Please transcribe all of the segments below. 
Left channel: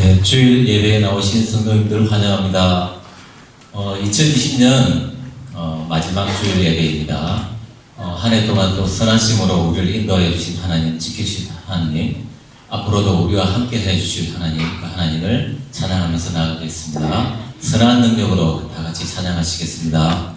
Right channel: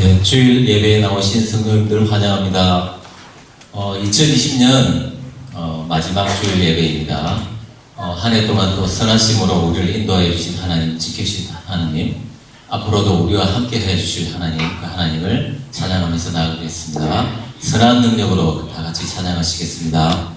네, 주일 예배에 나오신 성도님들 환영합니다. 2020년 마지막 주일 예배입니다. 한 해 동안 또 선하심으로 우리를 인도해 주신 하나님, 지켜주신 하나님, 앞으로도 우리와 함께 해주실 하나님, 그 하나님을 찬양하면서 나아가겠습니다. 선한 능력으로 다 같이 찬양하시겠습니다.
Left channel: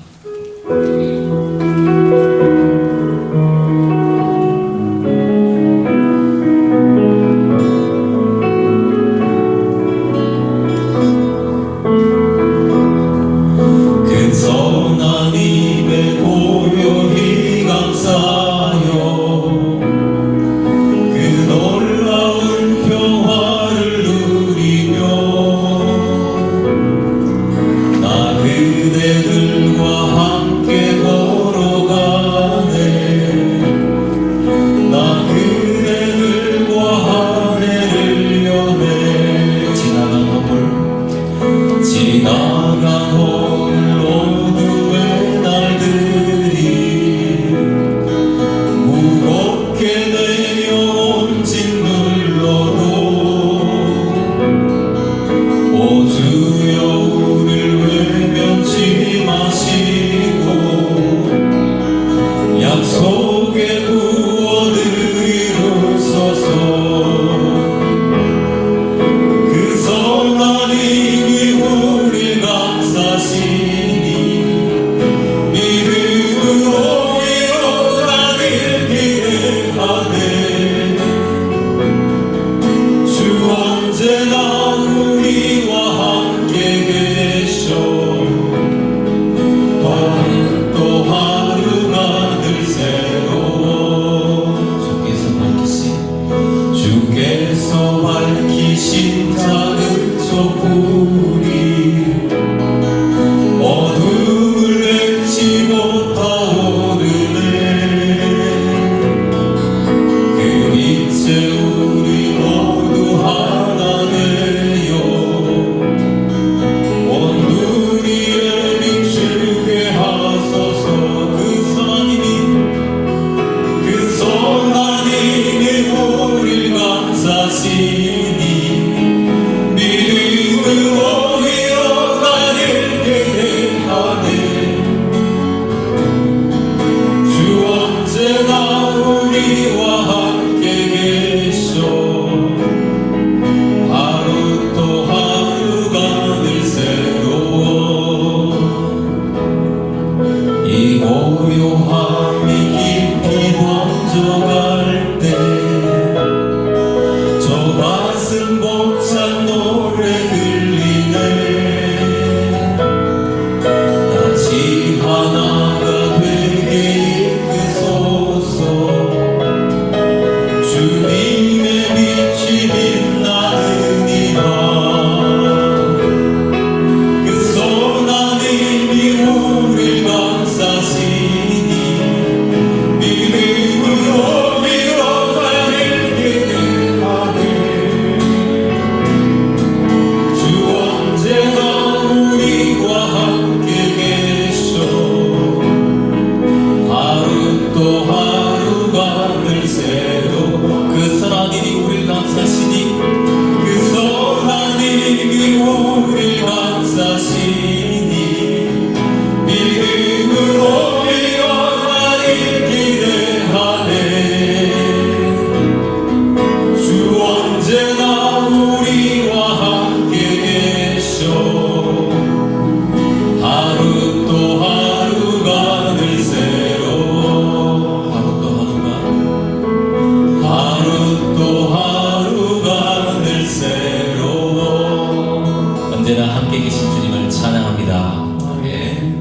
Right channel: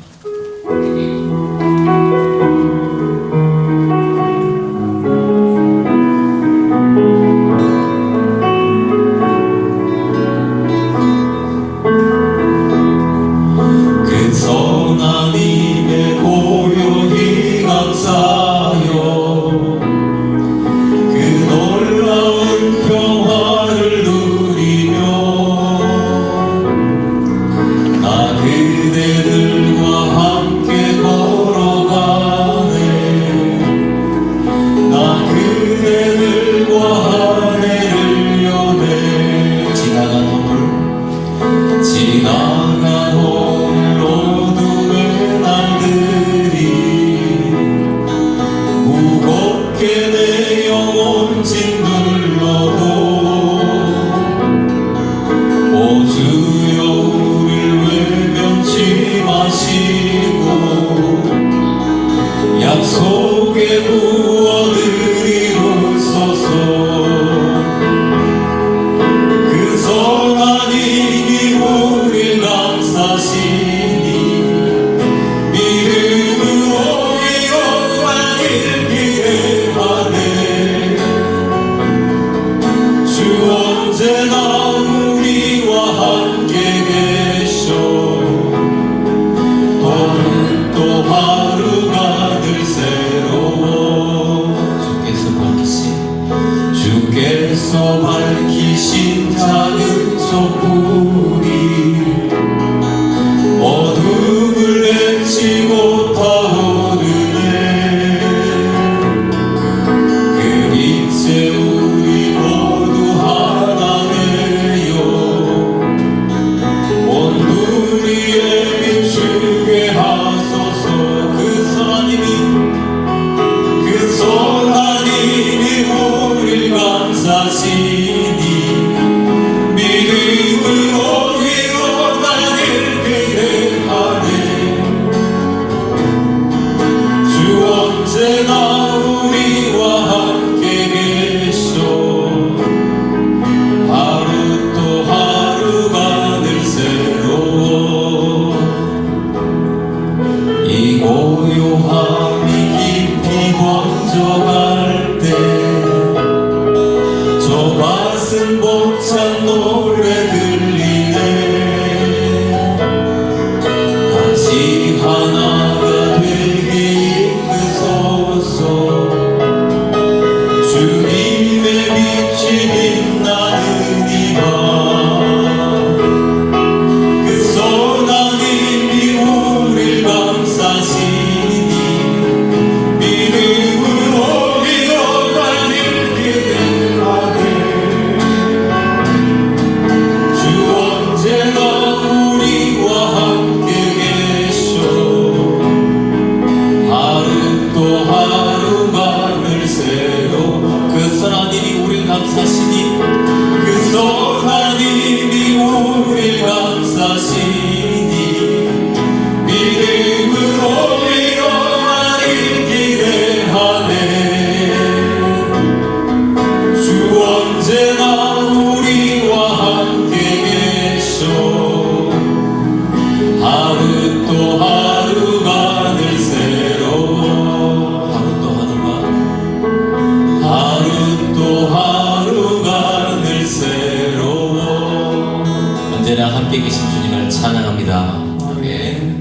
언제나 함께 계신 주님을 찬양합니다. 아멘.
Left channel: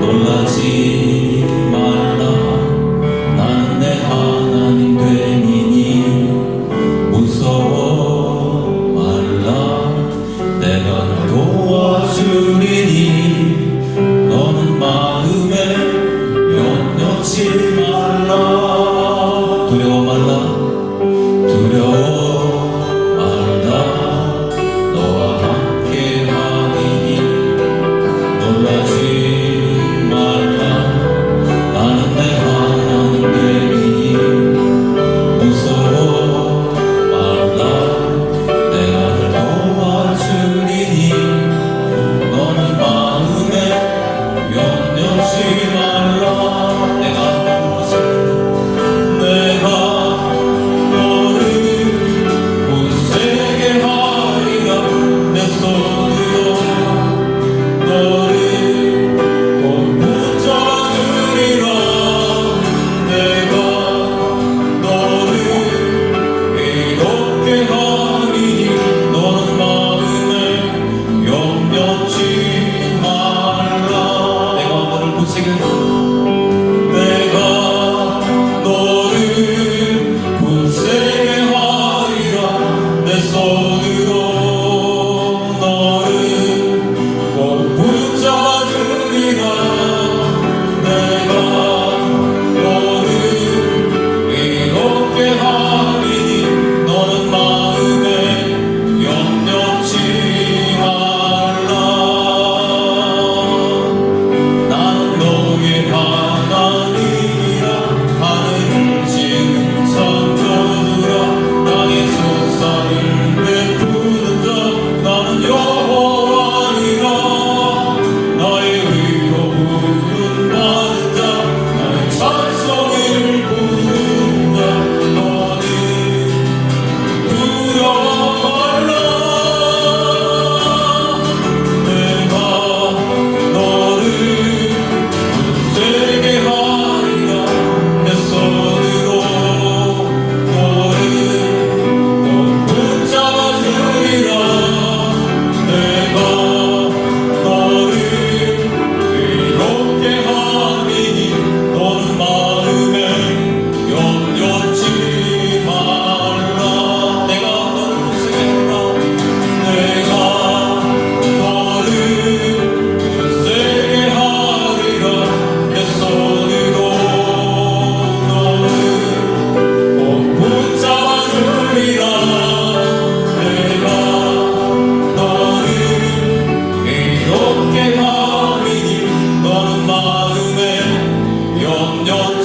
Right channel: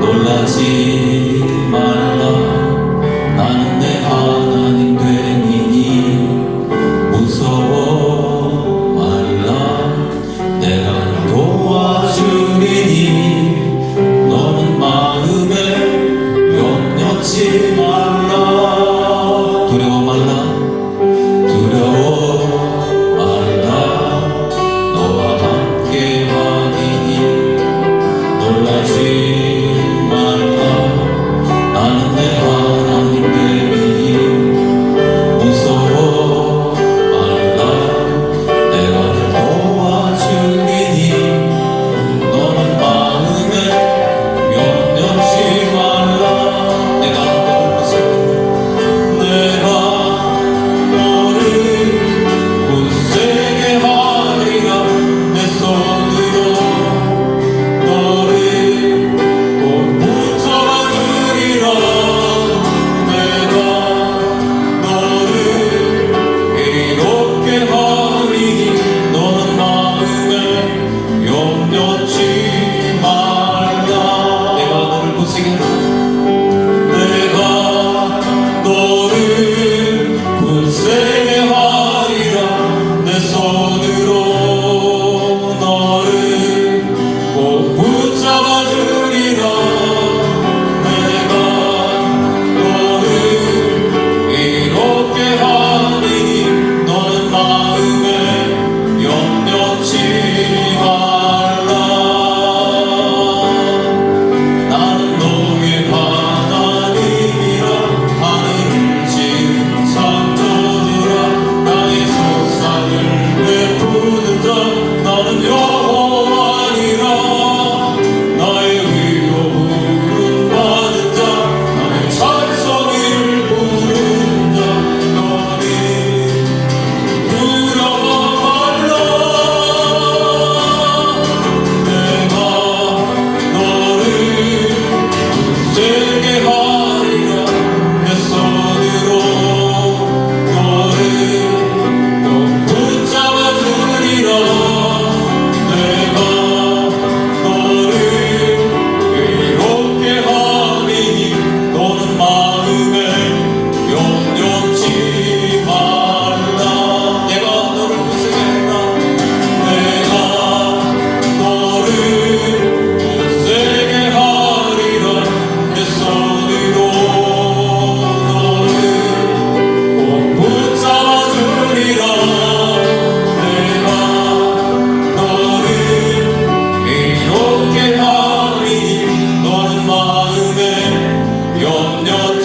놀라지 말라 나는 내 하나님 되고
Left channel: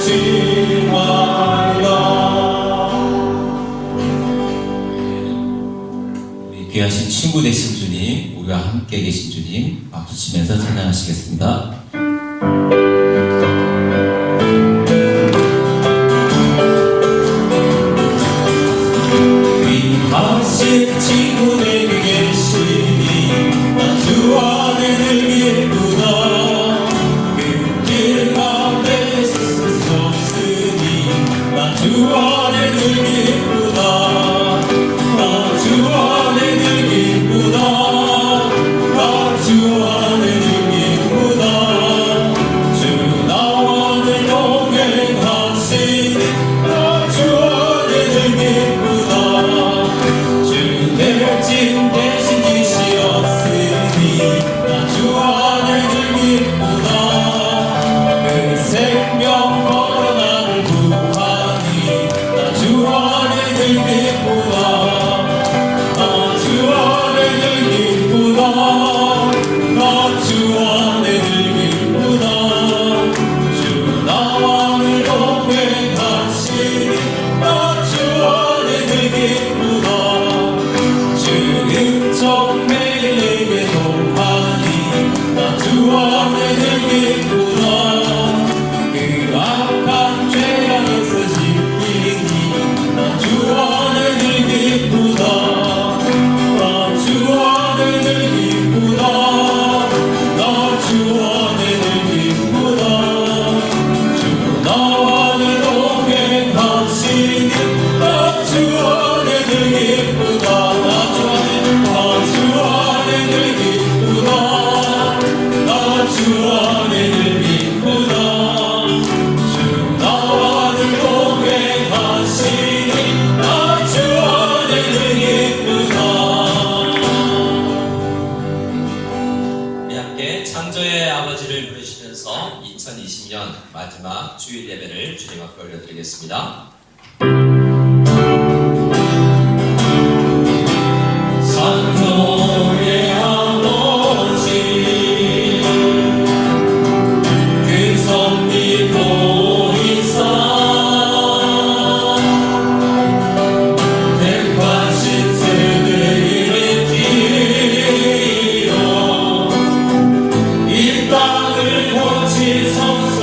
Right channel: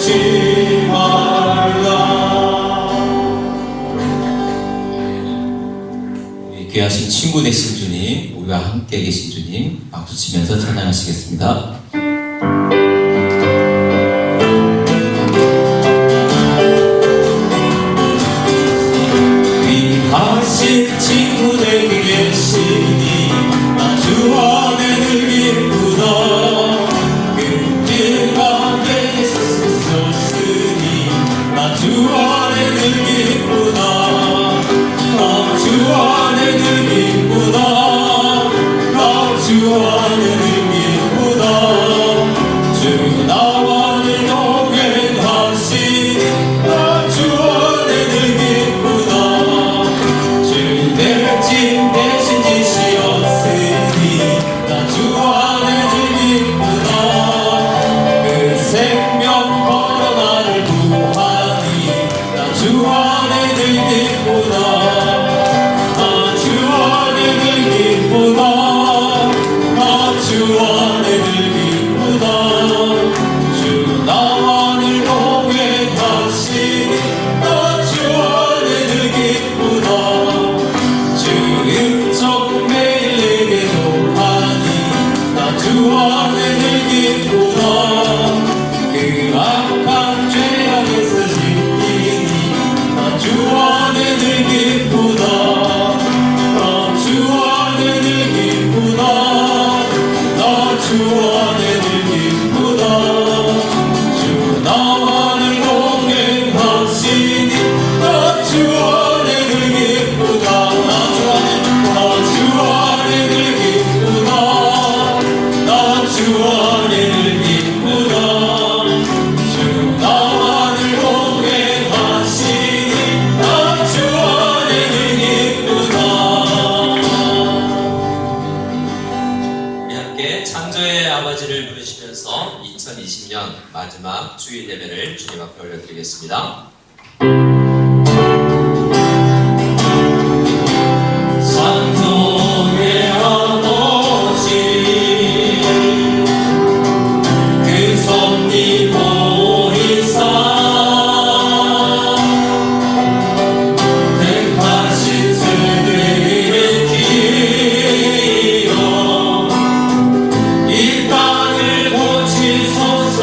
잊지 말라. 우리 귀하신 친구 되신 주님, 우리와 함께 계신 주님 박수 치면서 찬양하시겠습니다. 귀하신 친구 되게 계시니 나 주 안에 늘 기쁘다. 그 길 가운데 있을 수 없으니 나 주 안에 늘 기쁘다. 나 주 안에 늘 기쁘다. 나 주 안에 늘 기쁘다. 주 나와 늘 동행하시니 나 주 안에 늘 기쁘다. 주 내 집 대신 지시었으니 나 주 안에 늘 기쁘다. 그 생명 걸어 나를 구하니 나 주 안에 늘 기쁘다. 나 주 안에 늘 기쁘다. 나 주 안에 늘 기쁘다. 주 나와 늘 동행하시니 나 주 안에 늘 기쁘다. 주 은총 매일 내게 동하니 나 주 안에 늘 기쁘다. 그 악한 죄악에서 지키니 나 주 안에 늘 기쁘다. 나 주 안에 늘 기쁘다. 나 주 안에 늘 기쁘다. 주 나와 늘 동행하시니 나 주 안에 늘 기쁘다. 나 주 안에 늘 기쁘다. 나 주 안에 늘 기쁘다. 주 나와 늘 동행하시니 나 주 안에 늘 기쁘다. 우리 함께 창조의 아버지를 부르시면서 2020년 마지막 주일 예배를 주님 앞에 올려드리겠습니다. 창조의 아버지 그 섭리 보이사 택하신 세대를 일으키어 이 땅을 고치소서.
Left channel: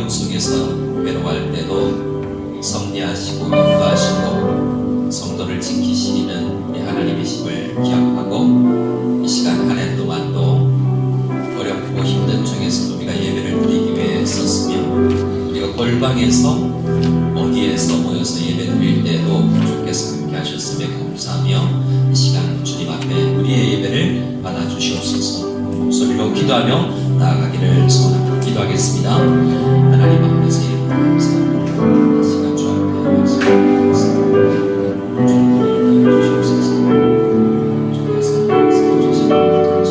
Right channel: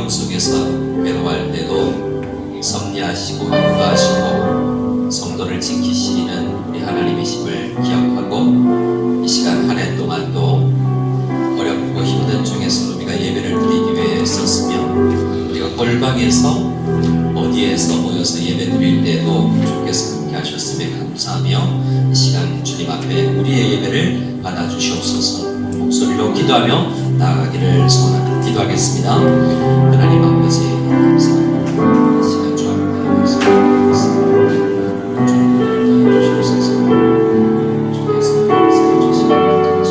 어려움 속에서 괴로워할 때도 섭리하시고 인도하시고 성도를 지키시는 우리 하나님이심을 기억하고 이 시간 한 해 동안 또 어렵고 힘든 중에서 우리가 예배를 드리기 위해 썼으며 우리가 골방에서 어디에서 모여서 예배 드릴 때도 주께서 함께 하셨음에 감사하며 이 시간 주님 앞에 우리의 예배를 받아주시옵소서. 목소리로 기도하며 나아가기를 소원합니다. 기도하겠습니다. 하나님 아버지 감사합니다. 이 시간 주 앞에 말씀드리겠습니다. 주님을 주시옵소서. 주께서 말씀해 주시옵소서.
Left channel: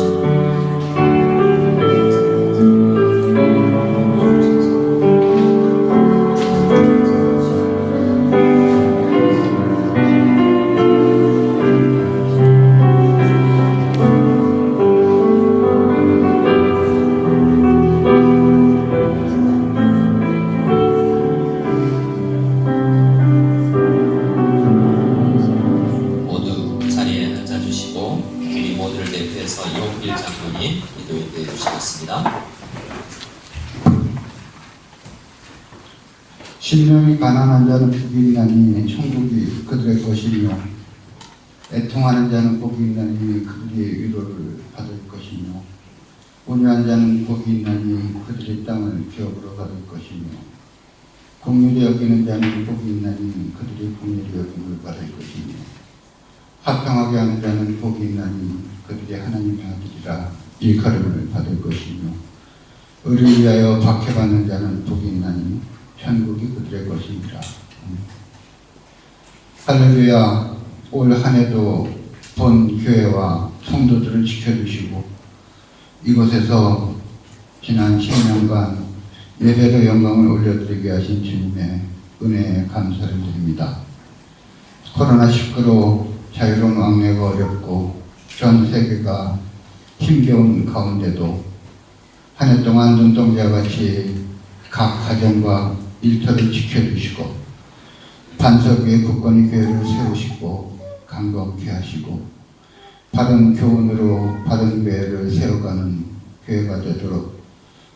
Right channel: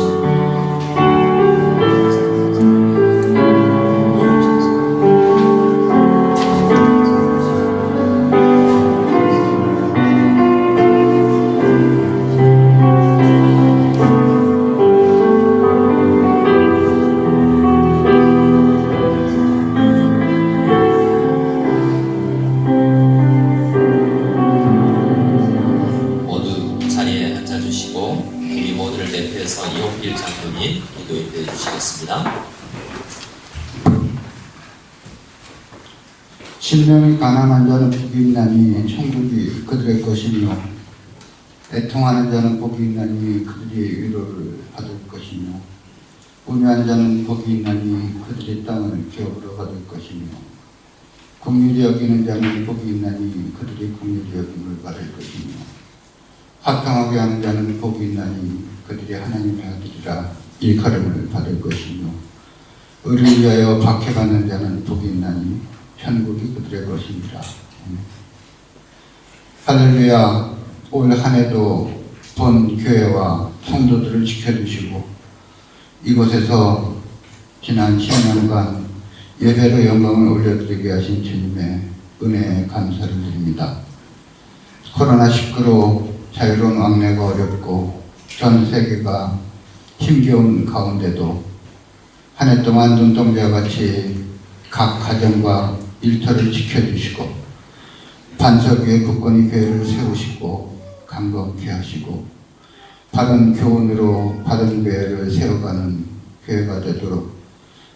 모두 자리에 앉아주시고 우리 모두를 대표해서 이홍길 장로님 기도해 주시겠습니다. 신령이 가난한 자는 복이 있나니 천국이 그들의 것이며 애통하는 자는 복이 있나니 그들이 위로를 받을 것이며 온유한 자는 복이 있나니 그들이 땅을 기업으로 받을 것이며 긍휼히 여기는 자는 복이 있나니 그들이 긍휼히 여김을 받을 것이며 화평하게 하는 자는 복이 있나니 그들이 하나님의 아들이라 일컬음을 받을 것이며 의를 위하여 박해받는 자는 복이 있나니 천국이 그들의 것입니다. 할렐루야. 올 한 해도 본 교회와 성도들을 지켜주시고 이곳에서 지난 10년간 예배로 영광을 올려드리게 하신 주님의 은혜에 감사를 드립니다. 코로나19로 자유로운 왕래가 어렵고 전 세계가 힘겨운 가운데도 한 해 동안 눈동자와 같이 각 가정과 일터를 지켜주시고 반석 위에 굳건히 교회를 세우시고 강건케 하시고 바른 교훈으로 바른 교회를 세워가는 교회가 되도록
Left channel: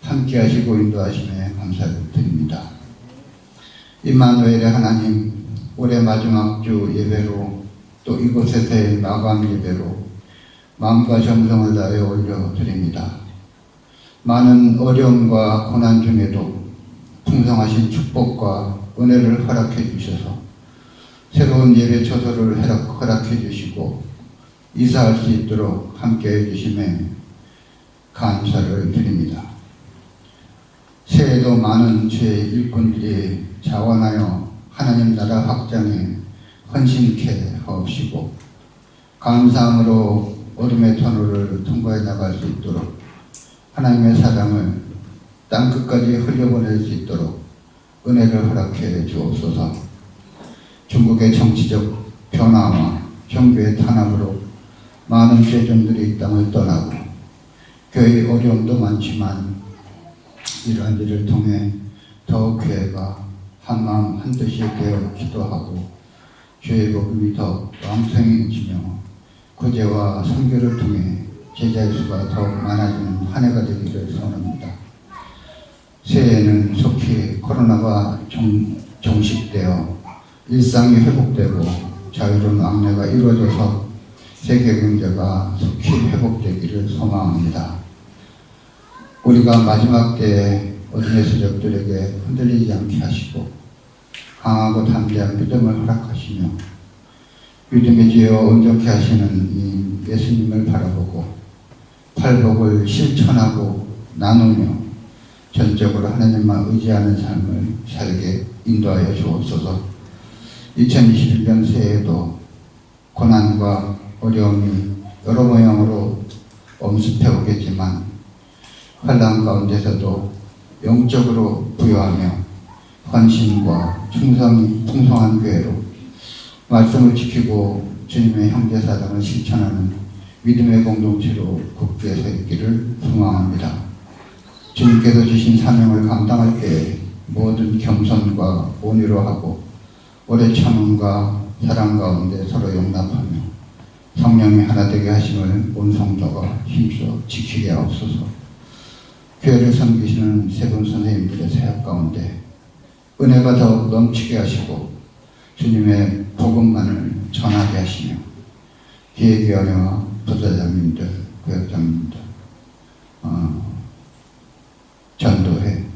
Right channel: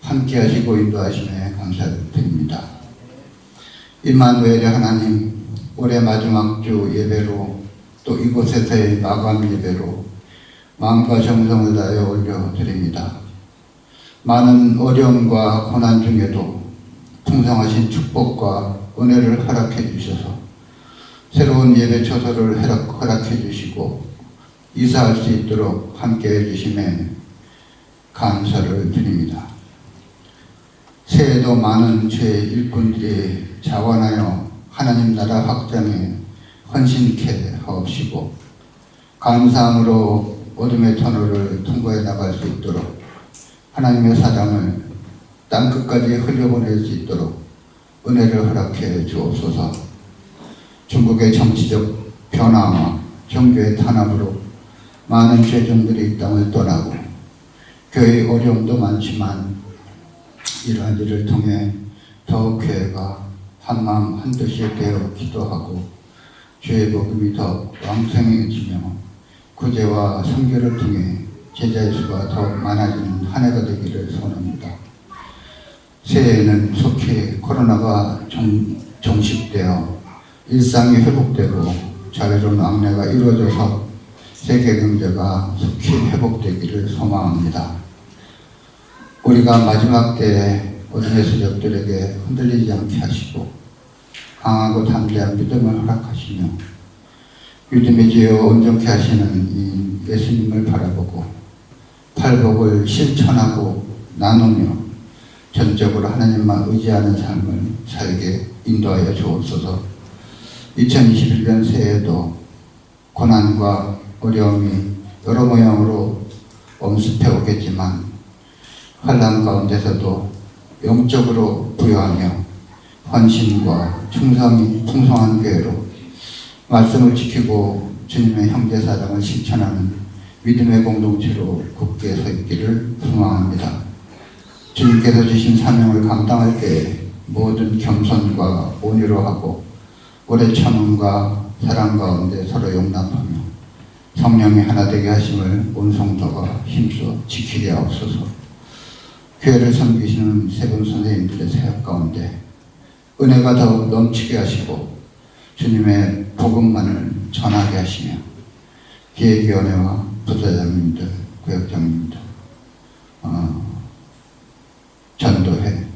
함께 하시고 인도하시네 감사를 드립니다. 임마누엘의 하나님, 올해 마지막 주 예배로 또 이곳에서의 마감 예배로 마음과 정성을 다하여 올려드립니다. 많은 어려움과 고난 중에도 풍성하신 축복과 은혜를 허락해 주셔서 새로운 예배 처소를 허락해 주시고 이사할 수 있도록 함께 해 주심에 감사를 드립니다. 새해에도 많은 죄의 일꾼들이 자원하여 하나님 나라 확장에 헌신케 하옵시고 감사함으로 어둠의 터널을 통과해 나갈 수 있도록 하나님의 사랑을 땅끝까지 흘려보낼 수 있도록 은혜를 허락해 주옵소서. 중국의 정치적 변화와 종교의 탄압으로 많은 죄종들이 이 땅을 떠나고 교회의 어려움도 많지만 이러한 일을 통해 더욱 교회가 한마음 한뜻이 되어 기도하고 죄의 복음이 더 왕성해지며 구제와 선교를 통해 제자의 수가 더욱 많아지는 한 해가 되기를 소원합니다. 새해에는 속히 코로나가 종식되어 일상이 회복되고 자유로운 왕래가 이루어져서 세계 경제가 속히 회복되기를 소망합니다. 우리가 마지막 때에 어둠의 세력들에게 흔들리지 않게 하시고 강하고 담대한 믿음을 허락하시며 믿음의 지혜와 온전케 하시는 이 예수님을 바라보고 팔복을 실천하고 나누며 전적으로 하나님만 의지하는 삶을 살게 인도하여 주옵소서. 2021년 새해에도 고난과 어려움이 여러 모양으로 엄습해 오겠지만 환난 가운데서도 영적으로 부여하며 헌신과 충성이 풍성한 교회로 말씀을 지키고 주님의 형제사랑을 실천하는 믿음의 공동체로 굳게 서 있기를 소망합니다. 주님께서 주신 사명을 감당할 때 모든 겸손과 온유로 하고 오래 참음과 사랑 가운데 서로 용납하며 성령이 하나 되게 하심을 온 성도가 힘써 지키게 하옵소서. 교회를 섬기시는 세 분 선생님들의 사역 가운데 은혜가 더 넘치게 하시고 주님의 복음만을 전하게 하시며 기획위원회와 부사장님들, 구역장님들, 전도회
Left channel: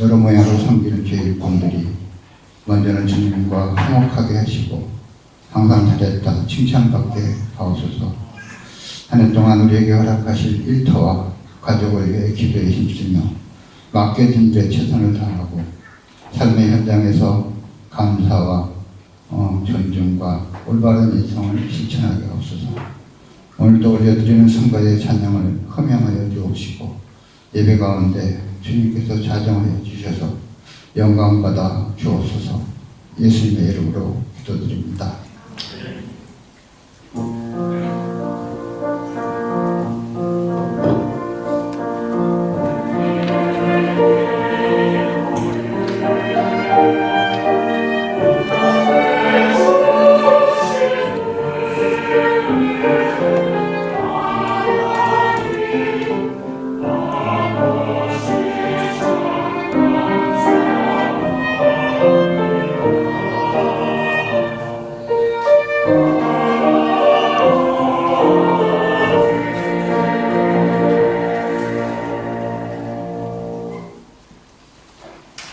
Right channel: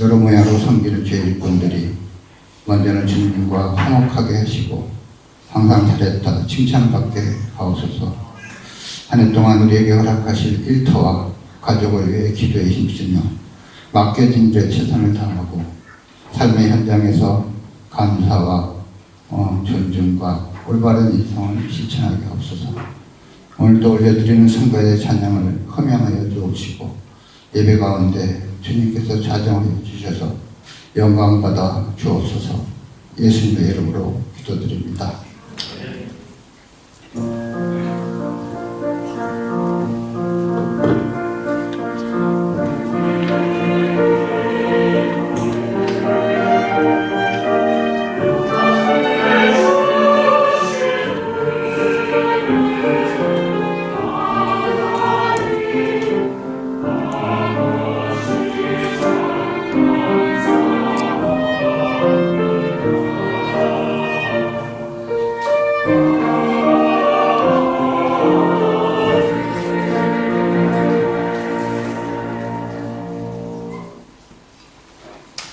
여러 모양으로 섬기는 주의 일꾼들이 먼저는 주님과 화목하게 하시고 항상 잘했다 칭찬받게 하옵소서. 한 해 동안 우리에게 허락하실 일터와 가족을 위해 기도에 힘쓰며 맡겨진 일에 최선을 다하고 삶의 현장에서 감사와 존중과 올바른 인성을 실천하게 하옵소서. 오늘도 올려드리는 성가의 찬양을 흠양하여 주옵시고 예배 가운데 주님께서 자정하여 주셔서 영광받아 주옵소서. 예수님의 이름으로 기도드립니다.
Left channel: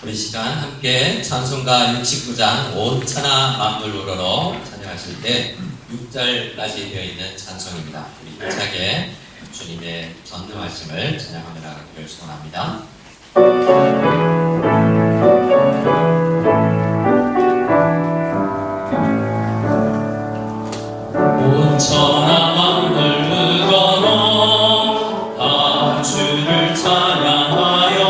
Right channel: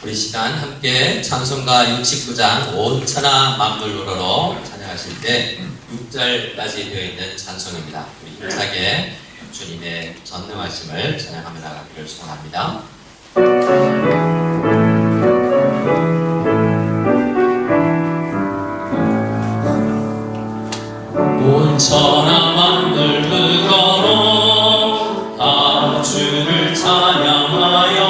우리 시간 함께 찬송가 69장 온 천하 만물 우러러 찬양하실 때 6절까지 되어 있는 찬송입니다. 우리 힘차게 주님의 전능 말씀을 찬양하며 나가기를 소원합니다. 온 천하 만물 우러러 아 주를 찬양하여라.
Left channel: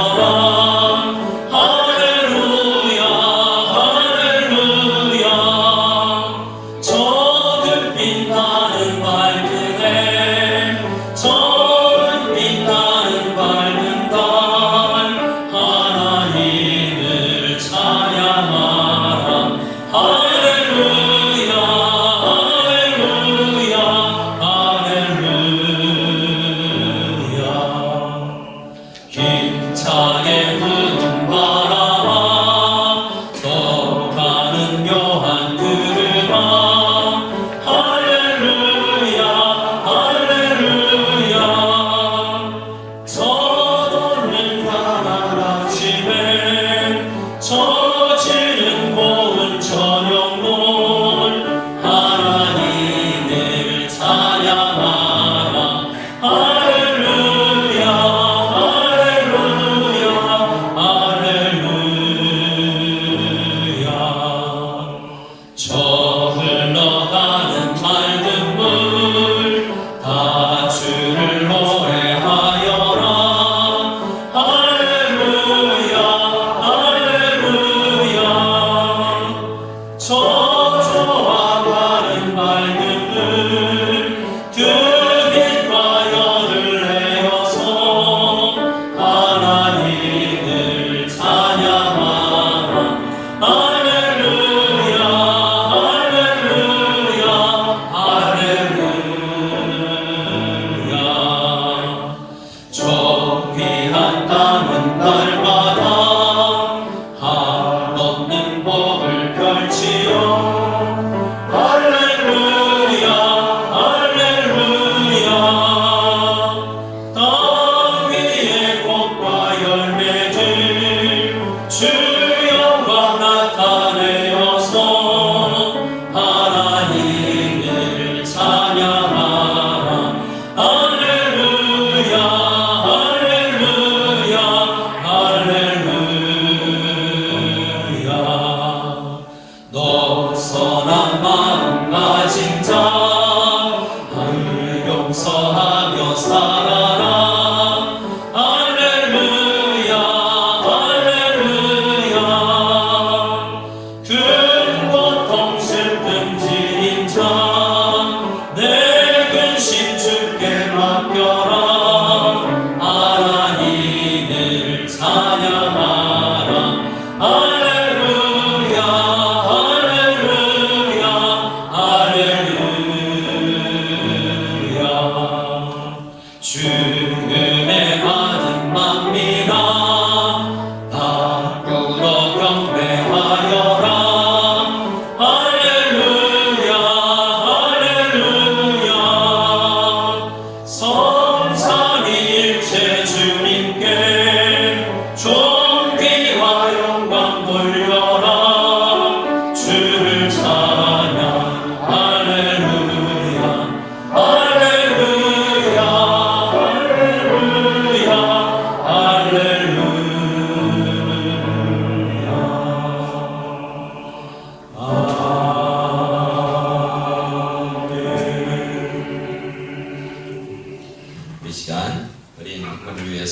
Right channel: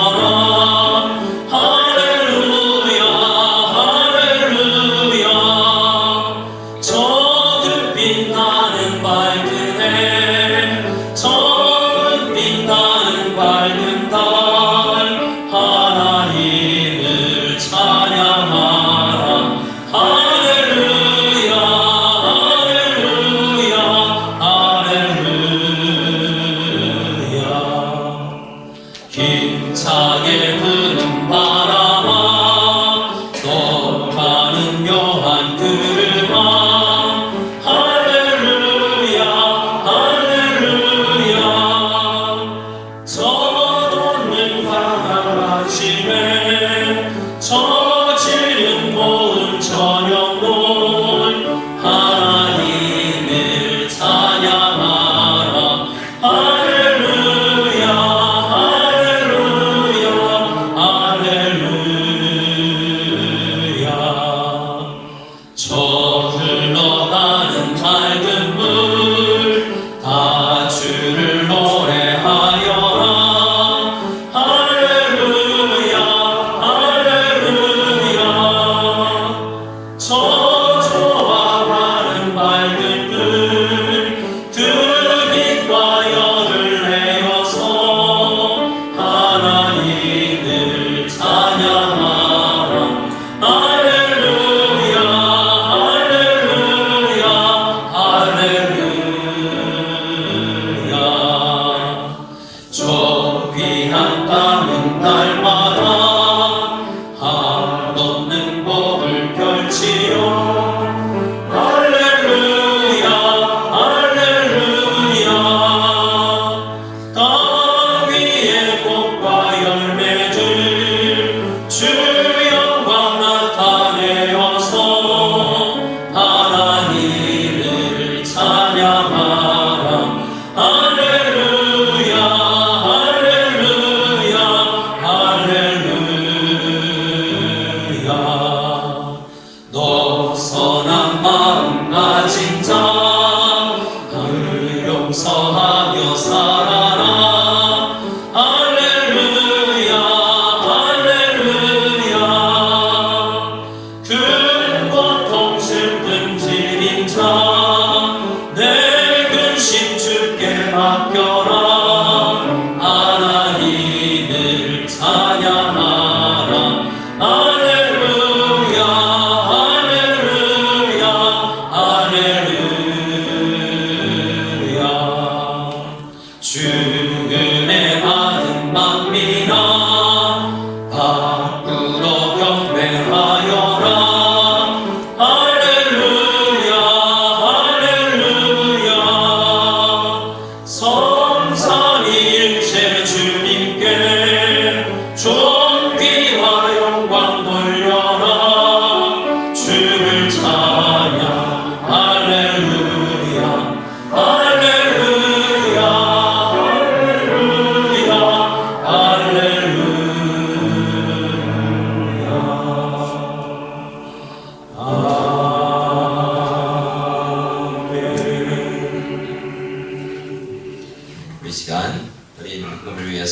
힘차게 부는 바람아 떠오르는 묘한 구름아 할렐루야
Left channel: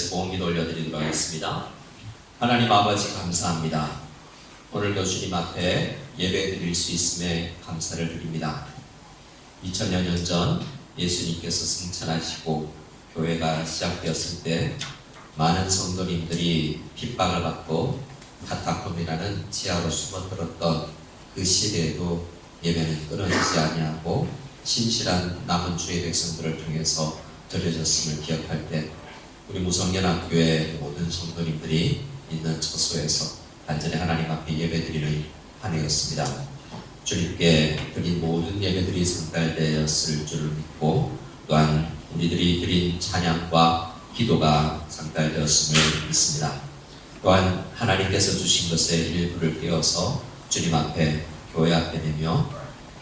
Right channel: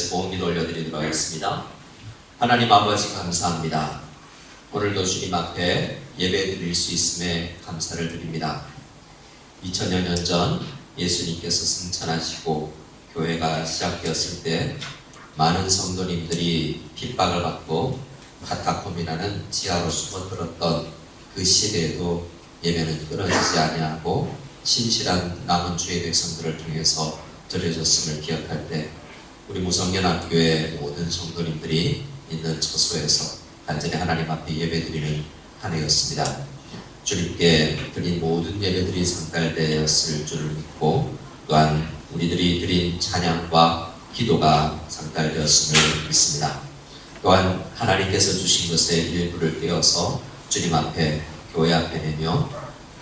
위해서 봉기도 올려드리도록 하겠습니다. 하나님 아버지 감사합니다. 오늘도 주님 앞에 예배 드릴 수 있음에 감사를 드립니다. 2000여 년 전 예수님께서 승천하시고 교회가 시작되었을 때 많은 성도님들이 핍박을 받고 카타콤이라는 지하로 숨어들었던 그 시대에도 예배는 끊어지지 아니하고 신실한 남은 주의 백성들을 통해서 드려졌음을 기억할 때 우리 무성연합교회 모든 성도님들이 있는 처소에서 단전히 하나님 앞에 예배드리는 한 해였습니다. 주님께 드린 모든 예배들이 상달되었을 줄을 믿고 또한 우리들이 드린 찬양과 기도가 상달되었음을 믿습니다. 또한 하나님께서 주신 것의 일부를 떼어서 주님 앞에 교회 앞에 내며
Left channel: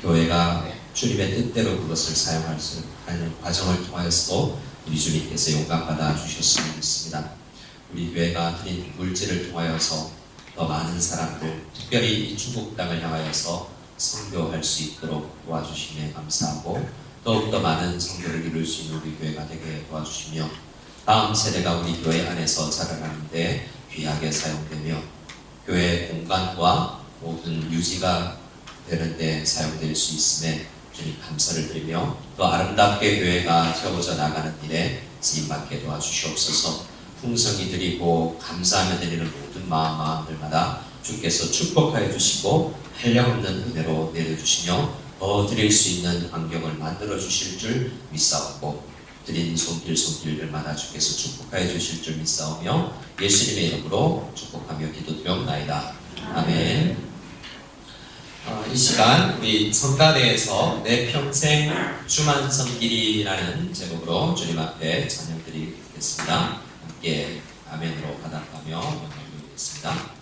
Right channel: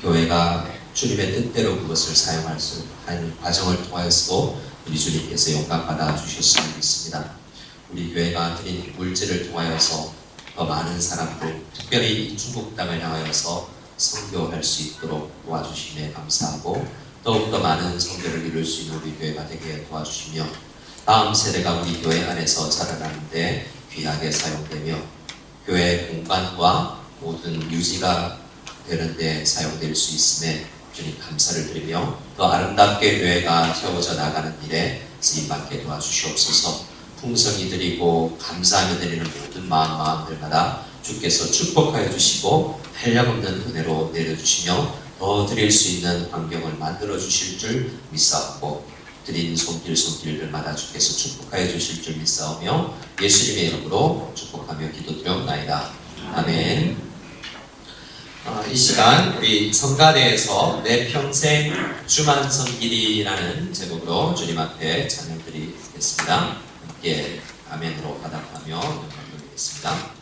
교회가 주님의 뜻대로 그것을 사용할 수 있는 과정을 통하여서도 우리 주님께서 영광 받아 주셨음을 믿습니다. 우리 교회가 드린 물질을 통하여서 더 많은 사람들, 특별히 이 중국 땅을 향하여서 선교할 수 있도록 도와주심에 감사하고 더욱더 많은 성교를 이룰 수 있는 우리 교회가 되게 도와주시며 다음 세대가 우리 교회 안에서 자라나는데 귀하게 사용되며 교회 공간과 모든 유지가 되는데 사용될 수 있음에 주님 감사를 드리며 더 아름답게 교회가 세워져 나가는 일에 쓰임받게 도와주시옵소서. 풍성히 드리고 감사하며 드리는 모든 마음들마다 주께서 축복하여 주시고 한량없는 은혜로 내려주시며 더 드릴 수 있는 환경을 만들어 주실 줄 믿사옵고 드린 손길들마다 주께서 축복하여 주실 줄 믿사오며 예수님의 이름으로 축복하며 기도드려옵나이다. 아멘. 이 시간 우리 성가대에서 내 평생 주만 섬기리라는 제목으로 주님 앞에 찬양드리겠습니다. 함께 아멘으로 받아가며 연주드리겠습니다.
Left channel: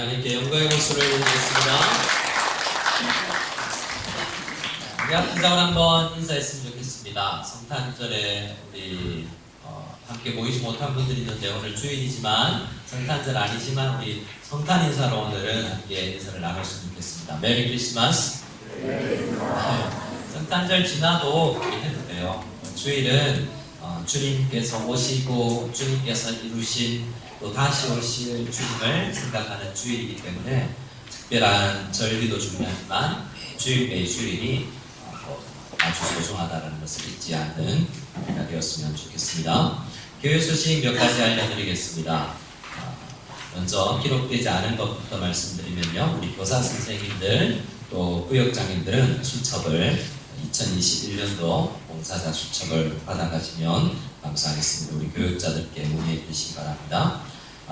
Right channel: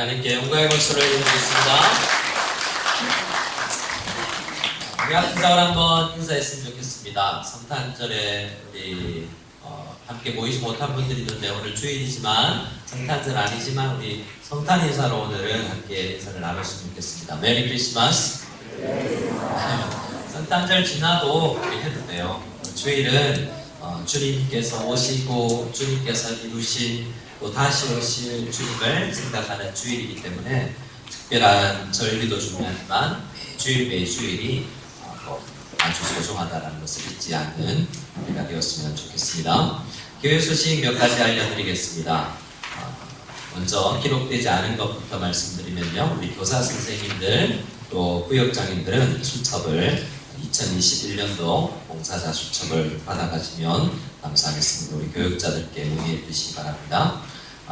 우리 하나님께 영광의 박수를 드리겠습니다. 우리 앞인사원 한번 인사했으면 좋겠습니다. 성탄절에 우리 함께 모이지 못한 분들이 있는데 오늘 주일이지만 성탄절 아니지만 우리 성탄 인사로 오늘은 함께 인사를 나눴으면 좋겠습니다. 메리 크리스마스. 성탄절 지나도 우리 해도 돼요. 주일은 주님께서 오시고 주님께서 이루신 또 다시 오실 주님을 생각하는 주일이기 때문에 특별한 절기도 중요하지만 매주일이 아주 소중하다는 것을 잊지 않는 우리가 되었으면 좋겠습니다. 교회 소식 몇 가지 알려드리겠습니다. 먼저 기록되지 않은 것부터 말씀드리면요. 우리 교사 선생님들 또 구역장님들은 수첩을 2021년도 봉사자 수첩을 받아가시면 감사하겠습니다. 우리 교육자들께 문의해 주시기 바랍니다.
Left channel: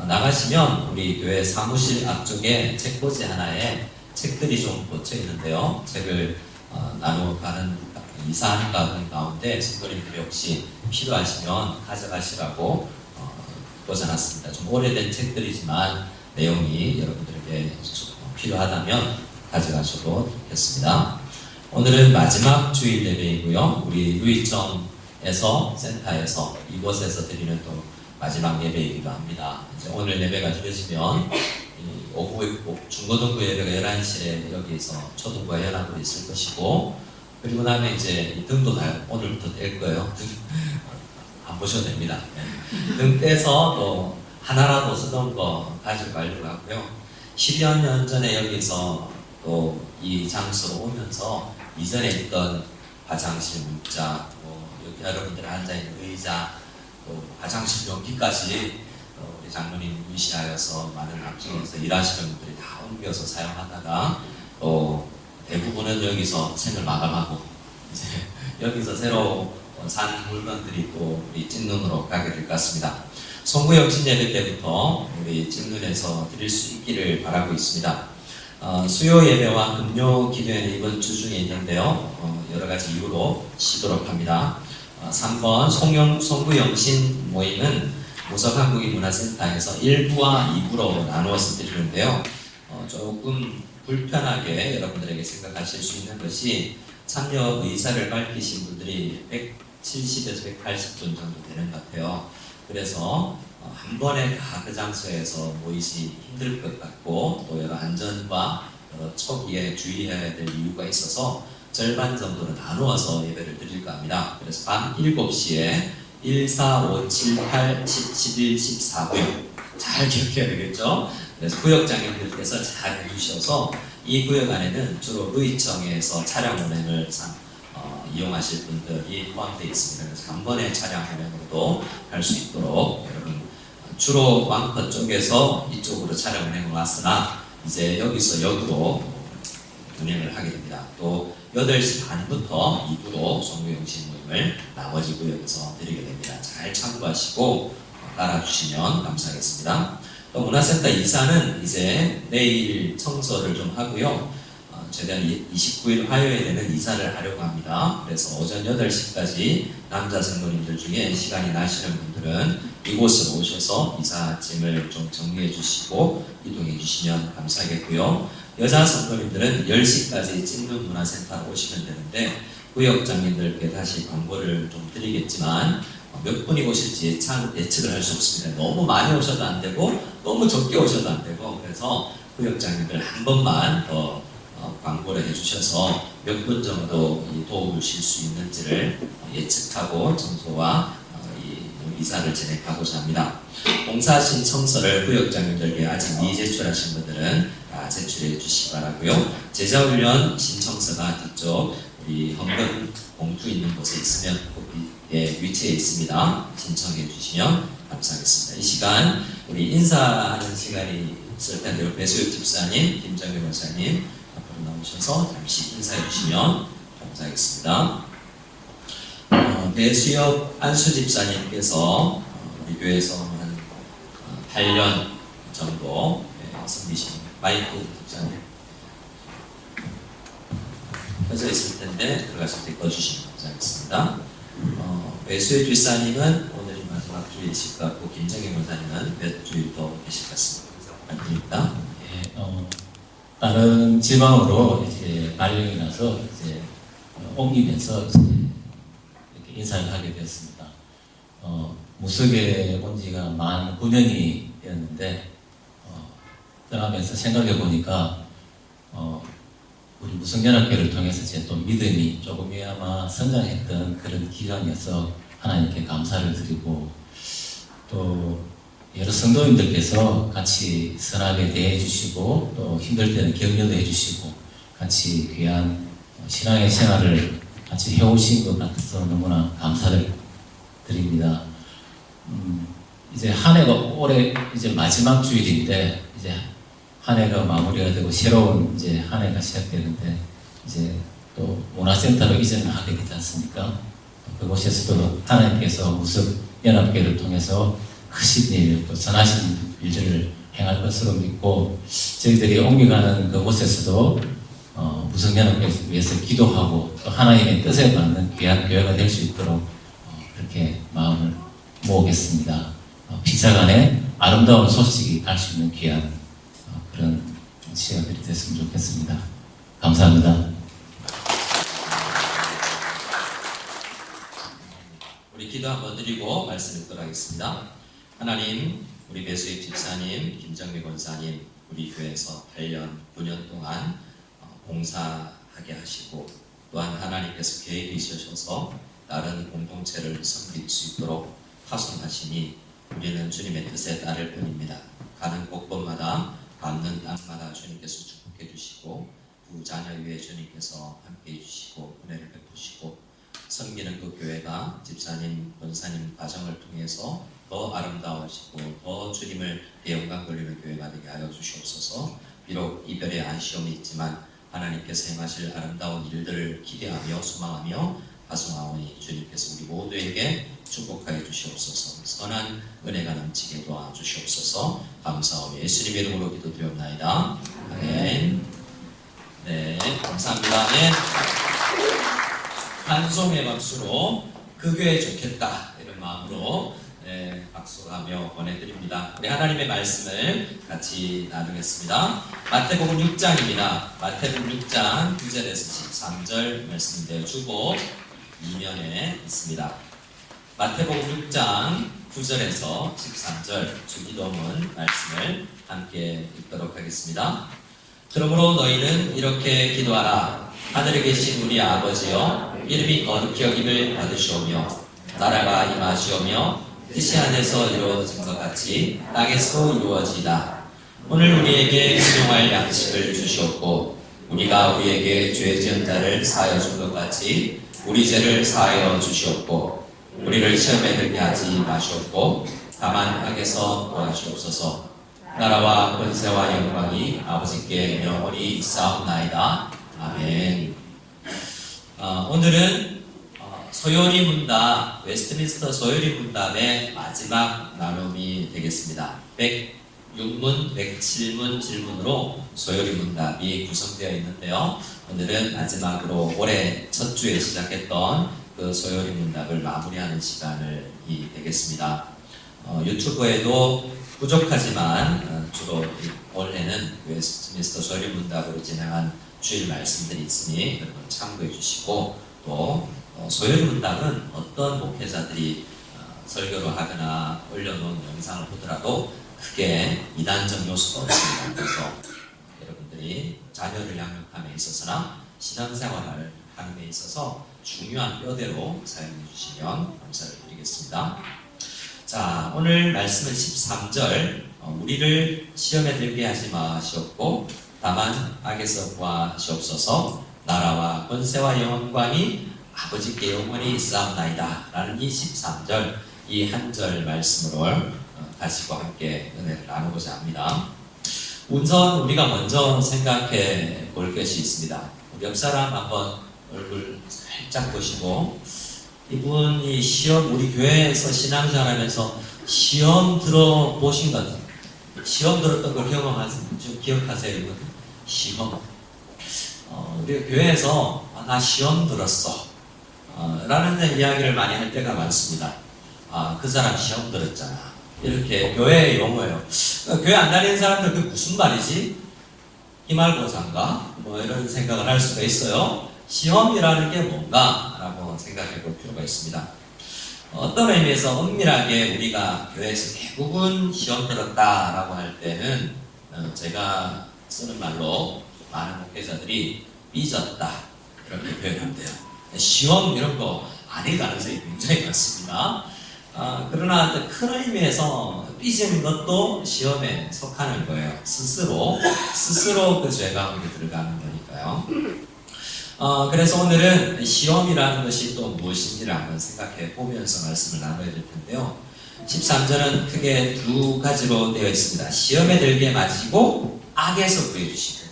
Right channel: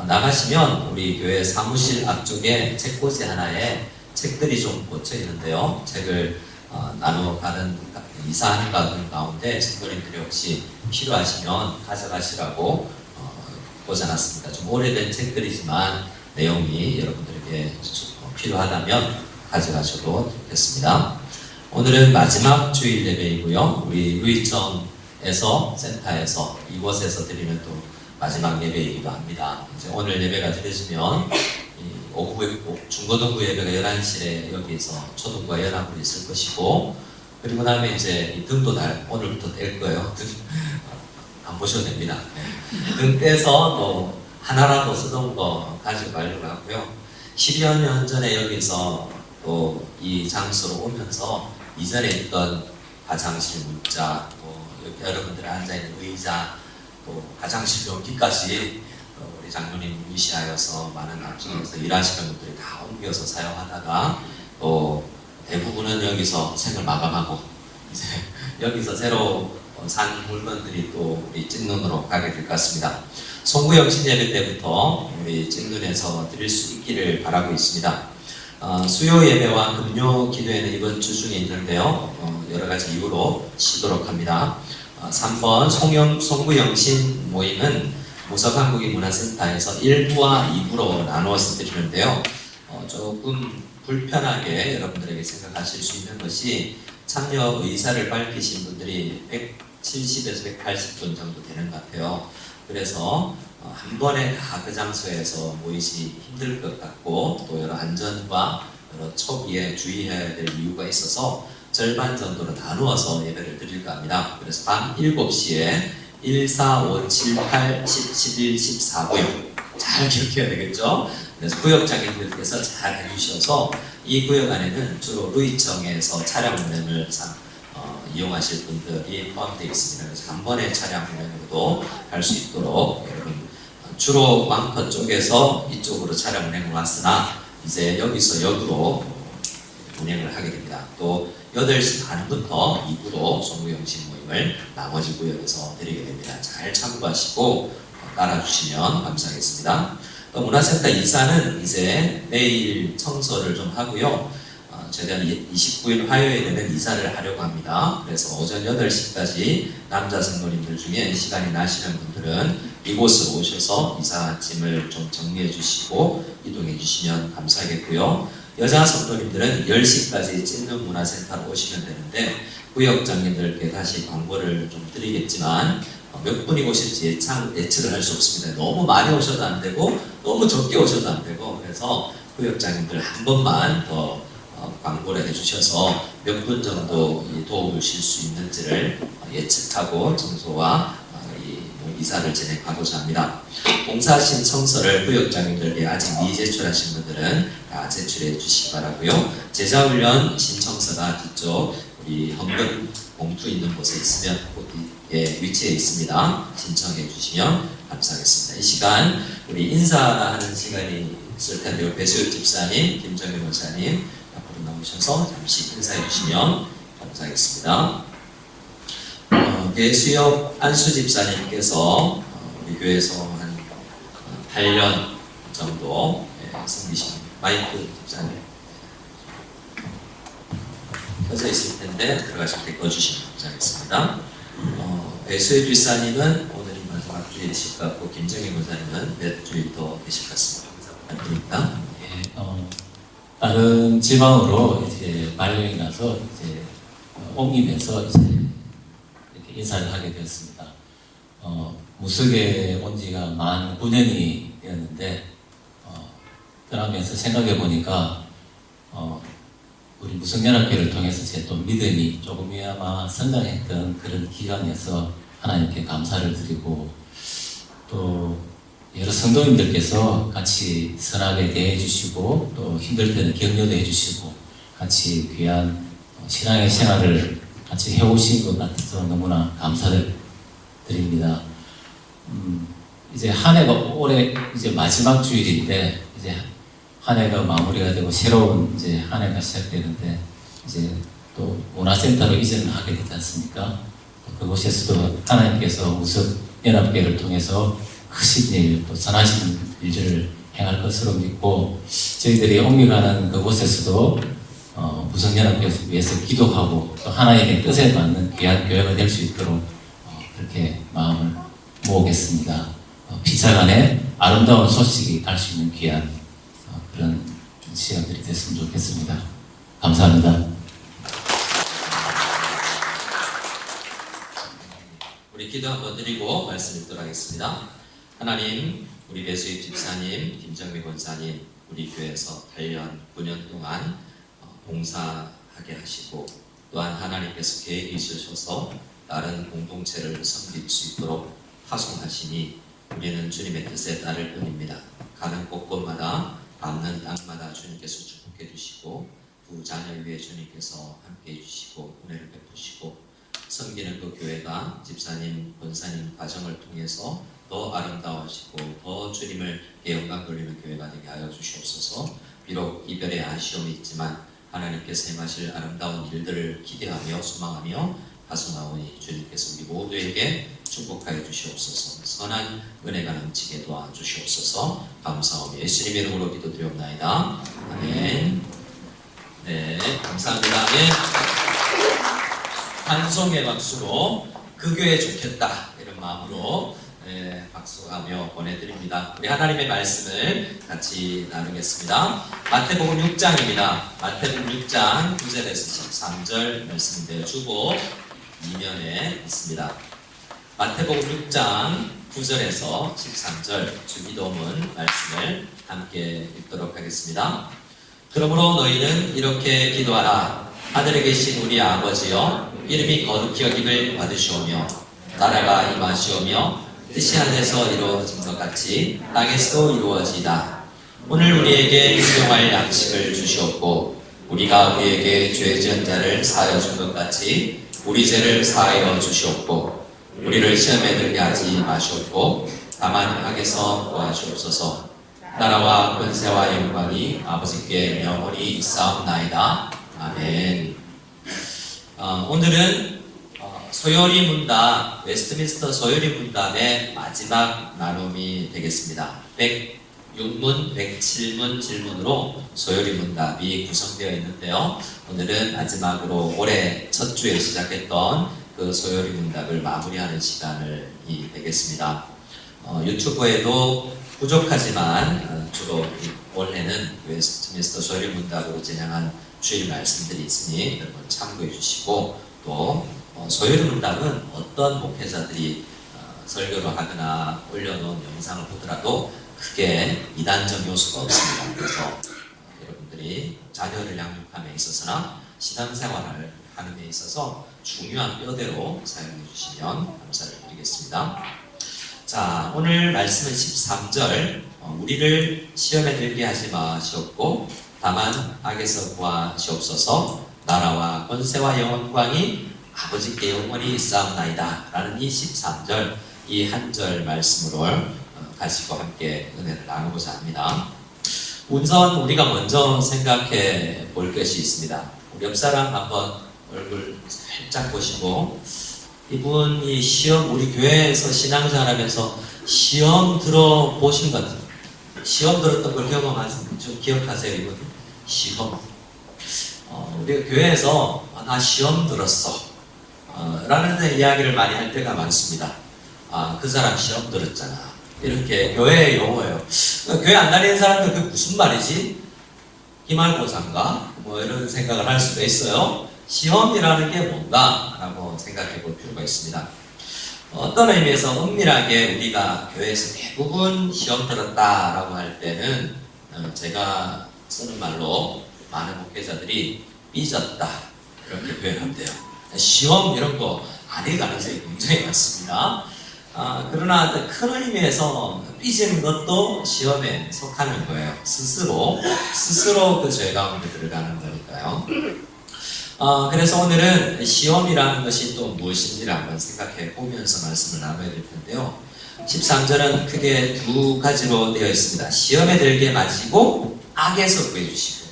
나가시면 우리 교회 사무실 앞쪽에 책꽂이 하나에 책들이 좀 꽂혀 있는데요. 책을 나눠가는 이사하는 가운데 성도님들이 혹시 필요하시면 가져가시라고 꽂아놨습니다. 좀 오래된 책들이지만 내용이 여러분들에게 필요하다면 가져가셔도 좋겠습니다. 오늘은 마지막 주일 예배이고요. 우리 루이청에서 센터에서 이곳에서 드리는 또 마지막 예배이기도 합니다. 이제 오늘 예배가 드려지면 오후 중고등부 예배가 11시에 여기서 초등부와 연합으로 있을 것이고 그리고 다음에 이제 이 등도 오늘부터 뗄 거예요. 등 안 보셔도 됩니다. 네. 등 떼서 또 하나라도 쓰던 거 가지고 가려고 하고요. 10여 년 전에 여기서 또 이 장소로 오면서 이전에 있던 화장실 문자, 여러분들 앉아있는 의자, 또 화장실 용기까지 우리 장로님 무시하여서 많은 앞쪽에서 일하시는 분들이 다 옮겨서 사용하다가 또 대부분은 여기서 생을 마감하고 이제 여기서 새로 산 물건들이 또 우리 찐눈으로 가게 될 것 같습니다. 송구영신 예배 때부터 우리 찐눈에서 드릴 수 있기를 바라고 있습니다. 수요 예배와 금요 기도회는 이번 주 중에 있는데요. 여러 가지 이유로 쉬도록 합니다. 3번 송구영신 모임은 무석한국인문화센터에서 1부와 2부로 나누어서 드리는데요. 조금 불편하게 여러분들에게 생각하실 수 있는 것이 참여 의사를 밝히신 분들이 170에서 180분 정도 되는 것 같아요. 그래서 한 번에 다 그 장소에서 모이시 힘들 것 같고 또 여러 안전과 여러 초기에 주의해야 될 이유가 있어서 절반 정도로 나누어서 예배를 드릴까 합니다. 그래서 밤 7시에 1, 4, 5, 7, 8, 10, 11, 14 구역 잘 기억해야 되겠죠? 그래서 구역장님들께서 잘 해주셔서 이 구역 안에는 주로 루이청에서 차량 운행을 이용하실 분들이 포함되어 있습니다. 그래서 한 번에 차량 운행으로도 할 수 있도록 여러분 주로 왕커 쪽에서 이쪽으로 차량 운행을 왔으나 이제 여기서 역으로 운행을 하게 됩니다. 또 8시 반부터 2부로 송구영신 모임을 나머지 구역에서 드리게 됩니다. 잘 참고하시고 따라주시면 감사하겠습니다. 또 문화센터 이사는 이제 내일 청소를 좀 하고요. 최대한 29일 화요일에는 이사를 하려고 합니다. 그래서 오전 8시까지 남자 성도님들 중에 시간이 나시는 분들은 이곳으로 오셔서 이사 짐을 좀 정리해 주시고 이동해 주시면 감사하겠고요. 여자 성도님들은 10시까지 찐눈 문화센터로 오시면 되는데 구역장님들께 다시 광고를 좀 드리겠지만 몇 분이 오실지 예측을 할 수 없습니다. 너무 많이 오셔도 안 되고 너무 적게 오셔도 안 되고 그래서 구역장님들 한 번만 더 광고를 해주셔서 몇 분 정도 도움을 주실 수 있는지를 예측하고 청소와 이사를 진행하고자 합니다. 공사 신청서를 구역장님들께 아직 미제출하신 분들은 다 제출해 주시기 바라고요. 제자훈련 신청서가 뒤쪽 우리 헌금 봉투 있는 곳에 있으면 거기에 위치해 있습니다. 신청해 주시면 감사하겠습니다. 이 시간 우리 인사하는 시간이 있을 텐데요. 배수혁 집사님, 김정일 목사님 앞으로 나오셔서 잠시 인사해 주시면 감사하겠습니다. 배수혁 안수 집사님께서 우리 교회에서 한 8년 정도 섬기신 마이크 집사님 켜져 있을 텐데 들어가실 때 꺼주시면 감사하겠습니다. 배수혁 집사님은 오늘이 마지막 주일이실 것 같고 김정희 목사님은 몇 주일 더 계실 것 같습니다. 인사 부탁드립니다. 예, 다른 지방으로 이제 발령이 나서 이제 옮기면서 이제 이렇게 인사를 하게 되었습니다. 무석에 온 지가 만 9년이 되었는데 떠나면서 생각해 보니까 우리 무성연합회를 통해서 제 또 믿음이 조금이나마 성장했던 그런 기간이어서 하나님께 감사를 드리고 또 여러 성도님들께서 같이 선하게 대해 주시고 또 힘들 때는 격려도 해 주시고 같이 귀한 신앙의 생활을 같이 해오신 것 같아서 너무나 감사를 드립니다. 이제 한 해가 올해 이제 마지막 주일인데 이제 한 해가 마무리가 되고 새로운 이제 한 해가 시작되는데 이제 또 문화센터로 이전을 하게 되지 않습니까? 또 그곳에서도 하나님께서 무석연합회를 통해서 크신 일, 또 선하신 일들을 행할 것으로 믿고 저희들이 옮겨가는 그곳에서도 무성연합회를 위해서 기도하고 또 하나님의 뜻에 맞는 귀한 교회가 될 수 있도록 그렇게 마음을 모으겠습니다. 피차간에 아름다운 소식이 갈 수 있는 귀한 그런 시간들이 됐으면 좋겠습니다. 감사합니다. 우리 기도 한번 드리고 말씀 읽도록 하겠습니다. 하나님, 우리 배수희 집사님, 김정미 권사님, 우리 교회에서 8년, 9년 동안 봉사하게 하시고 또한 하나님께서 계획이 있으셔서 다른 공동체를 섬길 수 있도록 파송하시니 우리는 주님의 뜻에 따를 뿐입니다. 가는 곳곳마다 밟는 땅마다 주님께서 축복해 주시고 두 자녀 위에 주님께서 함께해 주시고 은혜를 베푸시고 섬기는 그 교회가 집사님, 권사님 과정을 통해서 더 아름다워지고 더 주님을 영광 돌리는 교회가 되게 하여 주시옵소서. 비록 이별의 아쉬움이 있지만 하나님께서 행하실 아름다운 일들을 기대하며 소망하며 파송하오니 주님께서 우리 모두에게 축복하여 주시옵소서. 선한 은혜가 넘치게 도와주시옵소서. 감사하며 예수님 이름으로 기도드리옵나이다. 아멘. 네, 감사합니다. 예. 한송의 박수로 그 교회 좋겠다 이런 마음으로 박수하며 보내드립니다. 우리 하나님의 말씀을 같이 나누겠습니다. 마태복음 6장입니다. 마태복음 6장 9절에서 13절 말씀인데요. 주보 2면에 있습니다. 마태복음 6장 9절에서 13절 주기도문 말씀을 함께 읽도록 하겠습니다. 그러므로 너희는 이렇게 기도하라. 하늘에 계신 우리 아버지여, 이름이 거룩히 여김을 받으시오며 나라가 임하시오며 뜻이 하늘에서 이루어진 것 같이 땅에서도 이루어지이다. 오늘 우리에게 일용할 양식을 주시옵고 우리가 우리에게 죄 지은 자를 사하여 준 것 같이 우리 죄를 사하여 주시옵고 우리를 시험에 들게 하지 마시옵고 다만 악에서 구하시옵소서. 나라와 권세와 영광이 아버지께 영원히 있사옵나이다. 아멘. 오늘은 소요리 문답, 웨스트민스터 소요리 문답의 마지막 나눔이 되겠습니다. 106문, 107문 질문으로 소요리 문답이 구성되어 있는데요. 오늘은 마지막으로 올해 첫 주에 시작했던 그 소요리 문답을 마무리하는 시간이 되겠습니다. 유튜브에도 부족하지만 주로 올해는 웨스트민스터 소요리 문답으로 진행한 주일 말씀들이 있으니 여러분 참고해 주시고 또 소요리 문답은 어떤 목회자들이 설교를 하거나 올려놓은 영상을 보더라도 크게 이단적 요소가 없습니다. 그래서 여러분들이 자녀를 양육함에 있어서나 신앙생활을 하는 데 있어서 중요한 뼈대로 사용해 주시면 감사를 드리겠습니다. 자, 오늘 말씀은 13절 우리를 시험에 들게 하지 마시옵고 다만 악에서 구하시옵소서. 나라와 권세와 영광이 아버지께 영원히 있사옵나이다 라는 이 13절 이 한 절 말씀으로 가지고 함께 은혜를 나누고자 합니다. 우선 우리가 먼저 생각해 볼 것이 있습니다. 우리 옆 사람 한번 얼굴 살짝 보시고 이분이 시험 우리 교회에서 신앙생활하면서 시험 들어보신 것 같아요. 시험 들었던 걸 좀 기억하세요. 이분 시험 우리가 교회에서 나 시험 들었어 라는 이야기를 많이 할 때가 많습니다. 그 사람 시험 들었잖아 이렇게 교회의 용어예요. 교회 안 다니는 사람들 그게 무슨 말이지? 기말고사인가? 뭐 이런 생각을 할 수도 있어요. 시험이라는 게 뭔가라고 생각해 볼 필요가 있습니다. 어떤 의미에서 엄밀하게 우리가 교회에서 대부분 시험 들었다라고 할 때는 제가 쓰는 말로 많은 목회자들이 삐졌다 이렇게 표현한대요. 시험 이런 거 아닐 가능성이 굉장히 많습니다. 그러나 큰 의미에서 삐지는 것도 시험에 속하는 거예요. 스스로 그 죄 가운데 들어가는 거니까요. 그래서 오늘은 시험이라는 것이 또 무엇인지를 한번 생각해 보면서 말씀을 나눠야 될 텐데요. 13절은 크게 두 가지로 되어 있습니다. 시험에 들게 마시고 악에서 구해주시고.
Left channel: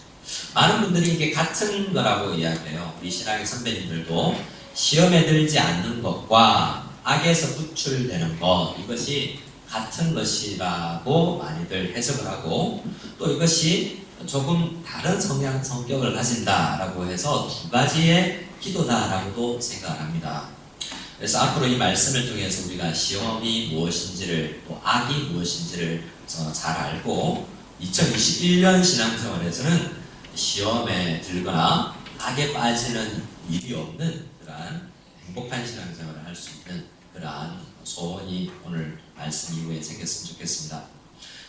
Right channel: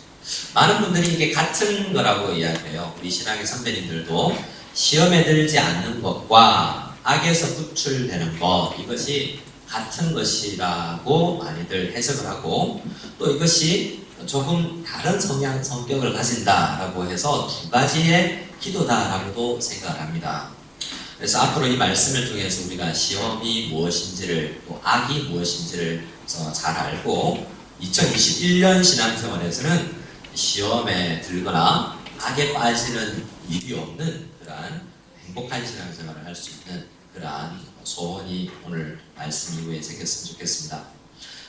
많은 분들이 이게 같은 거라고 이야기해요. 우리 신앙의 선배님들도 시험에 들지 않는 것과 악에서 구출되는 것, 이것이 같은 것이라고 많이들 해석을 하고, 또 이것이 조금 다른 성격을 가진다라고 해서 두 가지의 기도다라고도 생각을 합니다. 그래서 앞으로 이 말씀을 통해서 우리가 시험이 무엇인지를, 또 악이 무엇인지를 잘 알고 2021년 신앙생활에서는 시험에 들거나 악에 빠지는 일이 없는 그러한 행복한 신앙생활을 할 수 있는 그러한 소원이 오늘 말씀 이후에 생겼으면 좋겠습니다.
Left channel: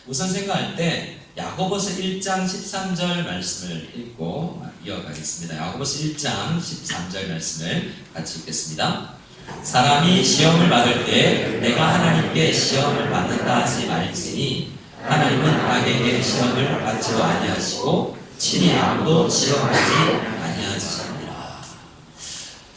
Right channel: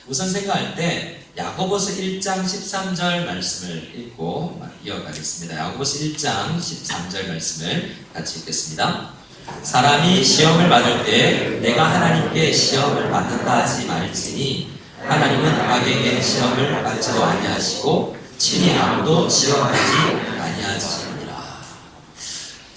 우선 생각할 때 야고보서 1장 13절 말씀을 읽고 이어가겠습니다. 야고보서 1장 13절 말씀을 같이 읽겠습니다. 사람이 시험을 받을 때 내가 하나님께 시험을 받는다 하지 말지니 하나님은 악에게 시험을 받지도 아니하시고 친히 아무도 시험하지 아니하시니라.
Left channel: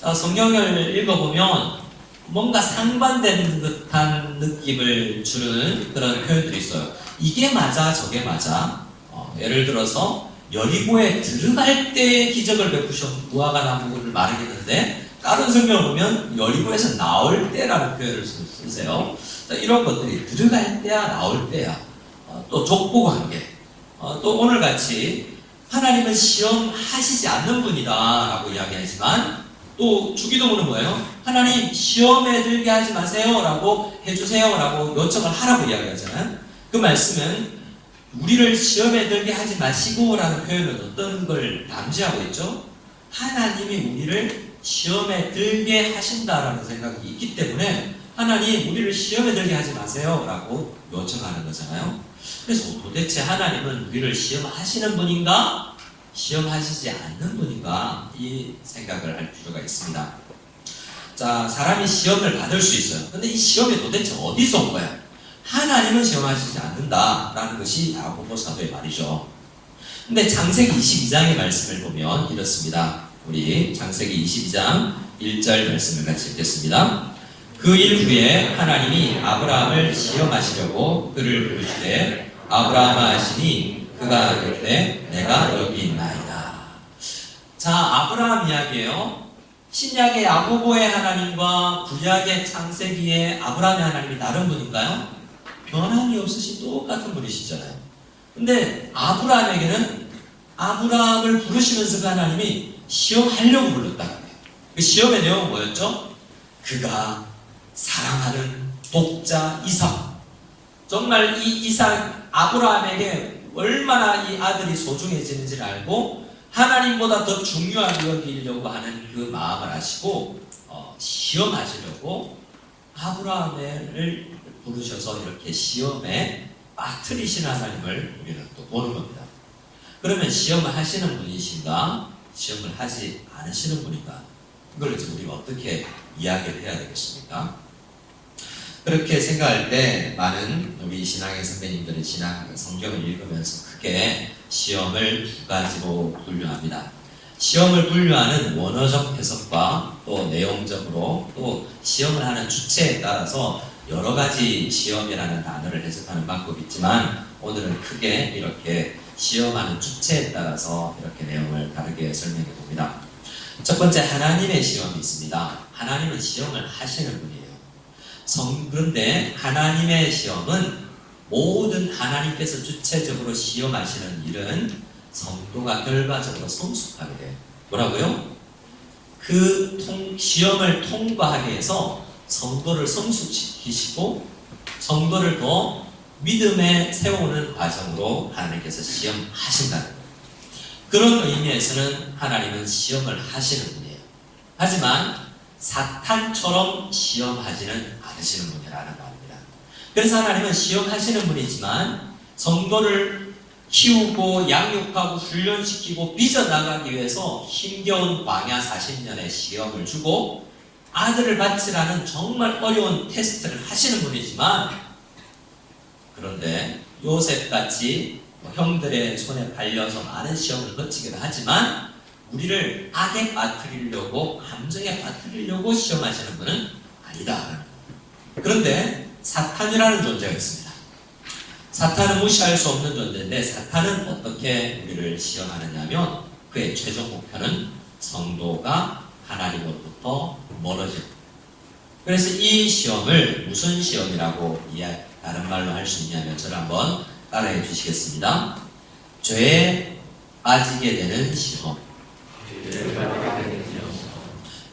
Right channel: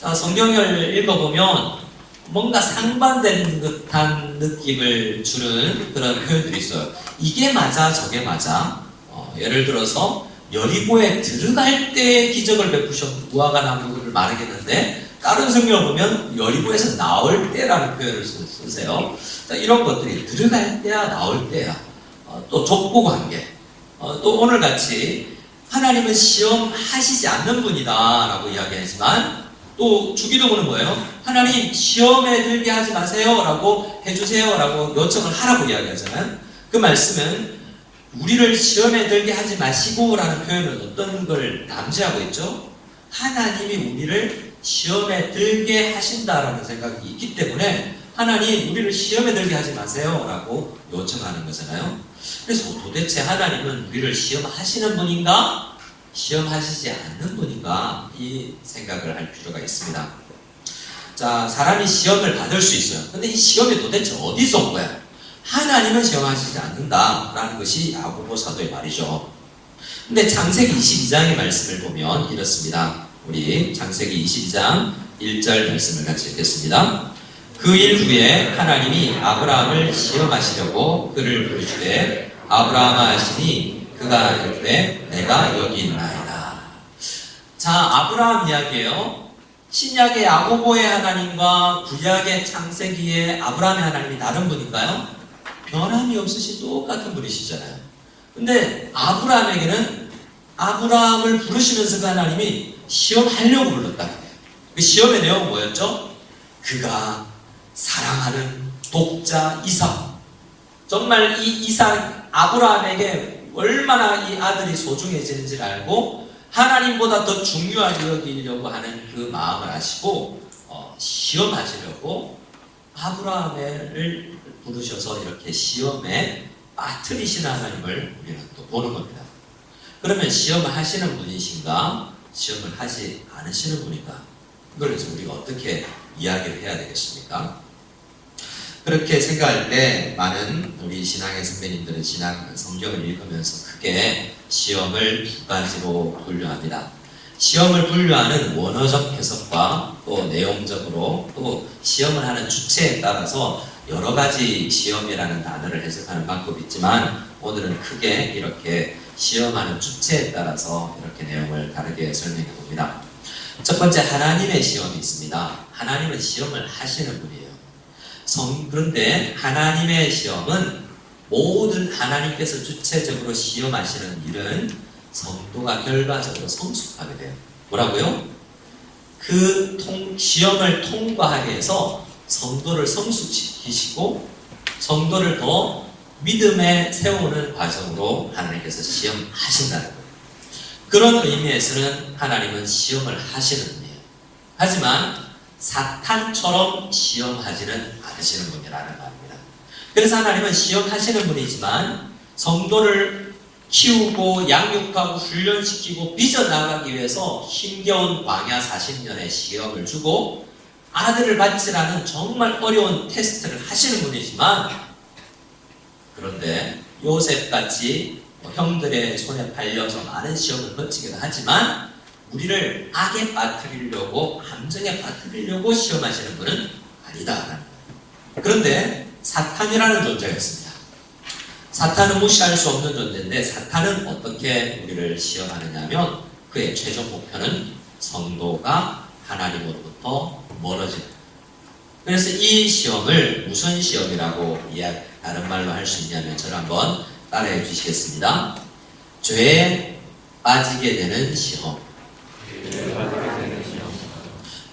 자, 성경을 읽어보면 뭔가 상반된 듯한 느낌을 주는 그런 표현들이 있어요. 이게 맞아 저게 맞아. 예를 들어서 여리고에 들어갈 때 기적을 베푸셔 무화과 나무를 마르겠는데, 다른 성경을 보면 여리고에서 나올 때라는 표현을 쓰세요. 자, 이런 것들이 들어갈 때야 나올 때야, 또 족보관계, 또 오늘같이 하나님은 시험하시지 않는 분이다 라고 이야기하지만, 또 주기도문은 뭐예요? 하나님 시험에 들게 하지 마세요 라고 해주세요 라고 요청을 하라고 이야기하잖아요. 그 말씀은 우리를 시험에 들게 하지 마시고 라는 표현은 어떤 걸 남지하고 있죠? 하나님이 우리를 시험에 들게 하신다라는 생각이 있기 때문에 하나님 우리를 시험에 들게 하지 마세요 라고 요청하는 거잖아요. 그래서 도대체 하나님은 우리를 시험하시는 분인가? 시험하시지 않는 분인가? 이 생각을 할 필요가 있습니다. 자, 사람이 시험을 받을 수 있어요. 근데 이 시험이 도대체 어디서 온 거야? 하나님은 시험하시지 않는다라는 것이 야고보 사도의 말이죠. 근데 창세기 22장의 말씀을 보면 이렇습니다. 우리 창세기 22장 1절 말씀을 같이 읽겠습니다. 그 일 후에 하나님이 아브라함을 시험하시려고 그를 부르시되 아브라함아 하시니 그가 이르되 내가 여기 있나이다. 자, 아브라함 이야기예요. 신약의 야고보의 하나님과 구약의 창세기의 아브라함의 하나님이 다른 분인가요? 변함이 없으신 똑같은 분이시잖아요. 근데 아브라함에게는 아브라함을 부르시면서 그 하나님이 시험하려고 불렀다. 그 시험의 내용은 뭐였죠? 그가 사랑하는 독자 이삭. 정말 이 이삭, 아브라함에게 얼마나 이 아들이 소중해지는지를 알고 하나님보다 더 중요하게 여기려고 하는 그 마음을 아시고 시험하시려고 아브라함을 부르셔서 이렇게 시험에 빠뜨리시는 하나님을 우리는 또 보는 겁니다. 그러면 시험을 하시는 분이신가? 시험을 하지 않으시는 분인가? 이걸 우리가 어떻게 이야기를 해야 되겠습니까? 그렇게 생각할 때 많은 우리 신앙의 선배님들은 신앙 성경을 읽으면서 크게 시험을 두 가지로 분류합니다. 시험을 분류하는 원어적 해석과 또 내용적으로, 또 시험을 하는 주체에 따라서 여러 가지 시험이라는 단어를 해석하는 방법이 있지만, 오늘은 크게 이렇게 시험하는 주체에 따라서 이렇게 내용을 다르게 설명해 봅니다. 첫 번째, 하나님의 시험이 있습니다. 하나님은 시험을 하시는 분이에요. 그런데 하나님의 시험은 모든 하나님께서 주체적으로 시험하시는 일은 성도가 결과적으로 성숙하게 돼요. 뭐라고요? 그 시험을 통과하게 해서 성도를 성숙시키시고 성도를 더 믿음에 세우는 과정으로 하나님께서 시험하신다는 거예요. 그런 의미에서는 하나님은 시험을 하시는 분이에요. 하지만 사탄처럼 시험하지는 않으시는 분이라는 말입니다. 그래서 하나님은 시험하시는 분이지만 성도를 키우고 양육하고 훈련시키고 빚어나가기 위해서 힘겨운 광야 40년의 시험을 주고 아들을 받지라는 정말 어려운 테스트를 하시는 분이지만, 그런데 요셉같이 형들의 손에 팔려서 많은 시험을 거치기도 하지만 우리를 악에 빠뜨리려고, 함정에 빠뜨리려고 시험하시는 분은 아니다. 그런데 사탄이라는 존재가 있습니다. 사탄은 무시할 수 없는 존재인데, 사탄은 어떻게 우리를 시험하느냐면 그의 최종 목표는 성도가 하나님으로부터 멀어집니다. 그래서 이 시험을 무슨 시험이라고 다른 말로 할 수 있냐면, 저를 한번 따라해 주시겠습니다. 죄에 빠지게 되는 시험.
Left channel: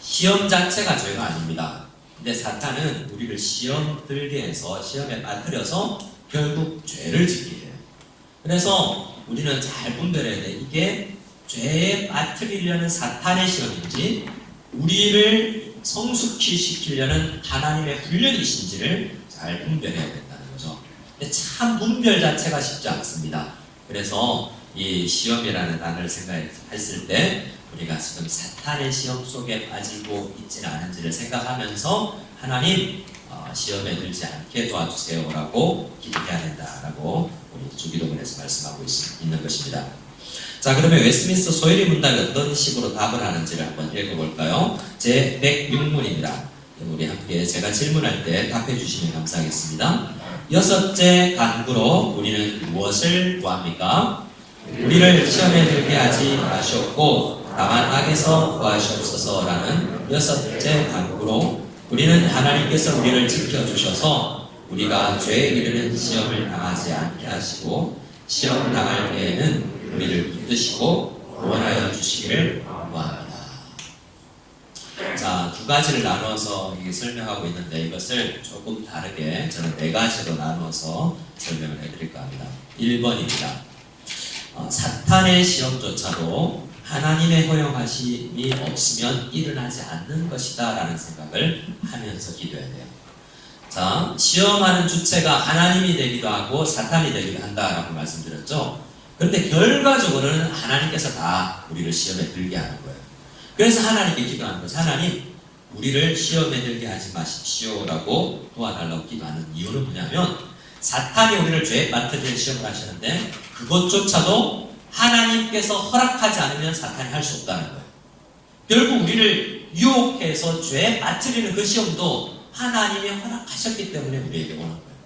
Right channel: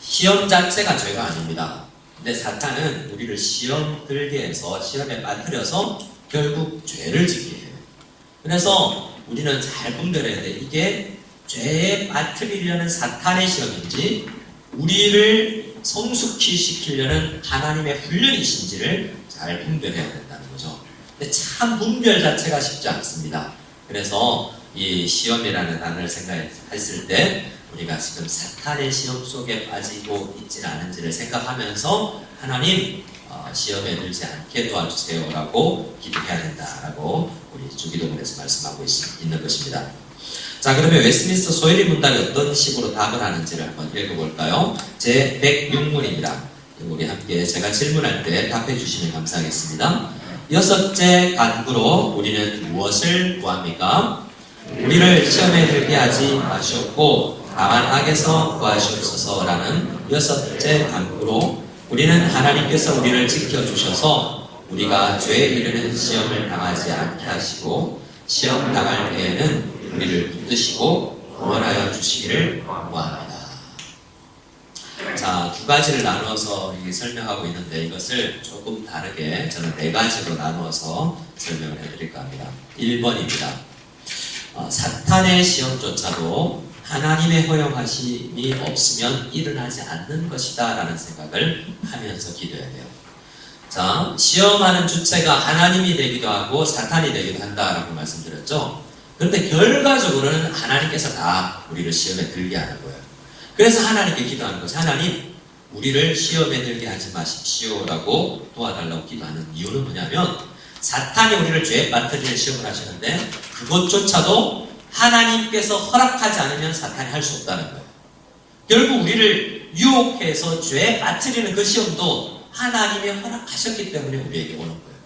시험 자체가 죄가 아닙니다. 근데 사탄은 우리를 시험 들게 해서, 시험에 빠뜨려서 결국 죄를 짓게 해요. 그래서 우리는 잘 분별해야 돼. 이게 죄에 빠뜨리려는 사탄의 시험인지 우리를 성숙히 시키려는 하나님의 훈련이신지를 잘 분별해야 된다는 거죠. 근데 참 분별 자체가 쉽지 않습니다. 그래서 이 시험이라는 단어를 생각했을 때 우리가 지금 사탄의 시험 속에 빠지고 있지는 않은지를 생각하면서 하나님 시험에 들지 않게 도와주세요라고 기도해야 된다라고 우리 주기도문에서 말씀하고 있는 것입니다. 자, 그러면 웨스트민스터 소율이 문답이 어떤 식으로 답을 하는지를 한번 읽어볼까요? 제 106문입니다. 우리 함께 제가 질문할 때 답해 주시면 감사하겠습니다. 여섯째 간구로 우리는 무엇을 구합니까? 우리를 시험에 들게 하지 마시옵고 다만 악에서 구하시옵소서라는 여섯째 간구로 우리는 하나님께서 우리를 지켜주셔서 우리가 죄에 이르는 시험을 당하지 않게 하시고 시험 당할 때에는 우리를 붙드시고 구원하여 주시기를 구합니다. 자, 두 가지를 나눠서 설명하고 있는데 이것을 조금 다르게 저는 네 가지로 나누어서 설명을 해드릴까 합니다. 1번입니다. 사탄의 시험조차도 하나님의 허용하심이 없으면 일어나지 않는 것이다 라는 생각을 하면서 기도해야 돼요. 자, 시험하는 주체가 하나님이 되기도 하고 사탄이 되기도 한다라고 말씀드렸죠. 그런데 결과적으로는 하나님께서 다 우리를 시험에 들게 하는 거예요. 그래서 하나님께 기도하는 거죠. 하나님, 우리를 시험에 들게 하지 마십시오 라고 도와달라고 기도하는 이유는 뭐냐면, 사탄이 우리를 죄에 빠뜨리는 시험을 하시는데 그것조차도 하나님께서 허락하지 않으면 사탄이 할 수 없다는 거예요. 결국 우리를 유혹해서 죄에 빠뜨리는 그 시험도 하나님이 허락하셨기 때문에 우리에게 오는 거예요.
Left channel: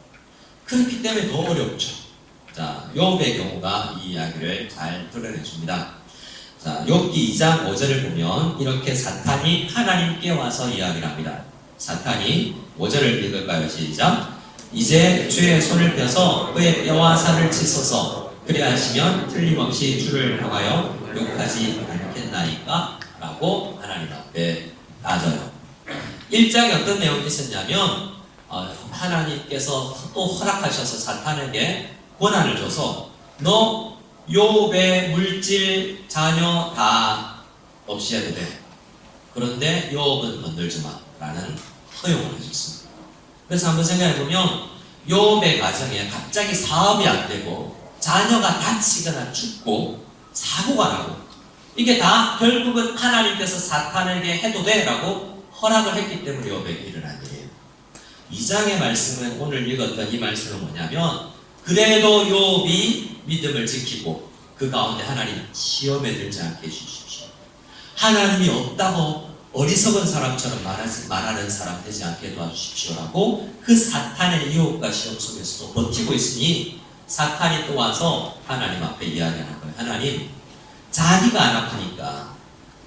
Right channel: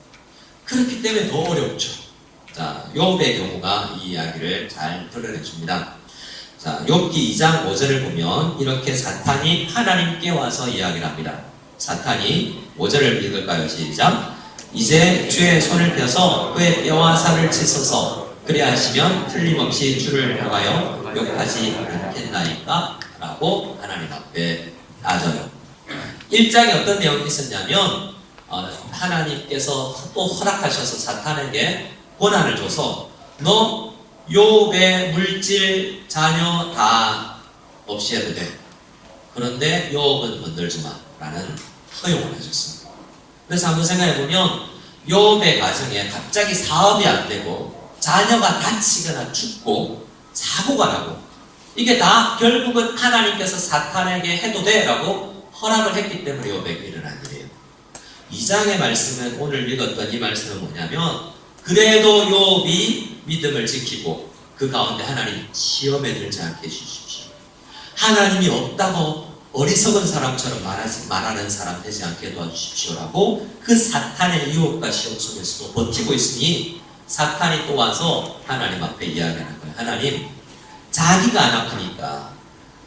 그렇기 때문에 더 어렵죠. 자, 욥의 경우가 이 이야기를 잘 드러내 줍니다. 자, 욥기 2장 5절을 보면 이렇게 사탄이 하나님께 와서 이야기를 합니다. 사탄이 5절을 읽을까요? 시작. 이제 주의 손을 펴서 그의 뼈와 살을 찢어서 그리하시면 틀림없이 주를 향하여 욕하지 않겠나이까? 라고 하나님 앞에 따져요. 1장에 어떤 내용이 있었냐면 하나님께서 또 허락하셔서 사탄에게 권한을 줘서 너 욥의 물질, 자녀 다 없이 해도 돼. 그런데 욥은 건들지 마 라는 허용을 하셨습니다. 그래서 한번 생각해보면 욥의 가정에 갑자기 사업이 안 되고 자녀가 다치거나 죽고 사고가 나고 이게 다 결국은 하나님께서 사탄에게 해도 돼 라고 허락을 했기 때문에 욥에게 일어난 일이에요. 2장의 말씀은 오늘 읽었던 이 말씀은 뭐냐면 그래도 욥이 믿음을 지키고 그 가운데 하나님 시험에 들지 않게 해주십시오. 하나님이 없다고 어리석은 사람처럼 말하는 사람 되지 않게 도와주십시오라고 그 사탄의 유혹과 시험 속에서도 버티고 있으니 사탄이 또 와서 하나님 앞에 이야기하는 거예요. 하나님, 자기가 안 아프니까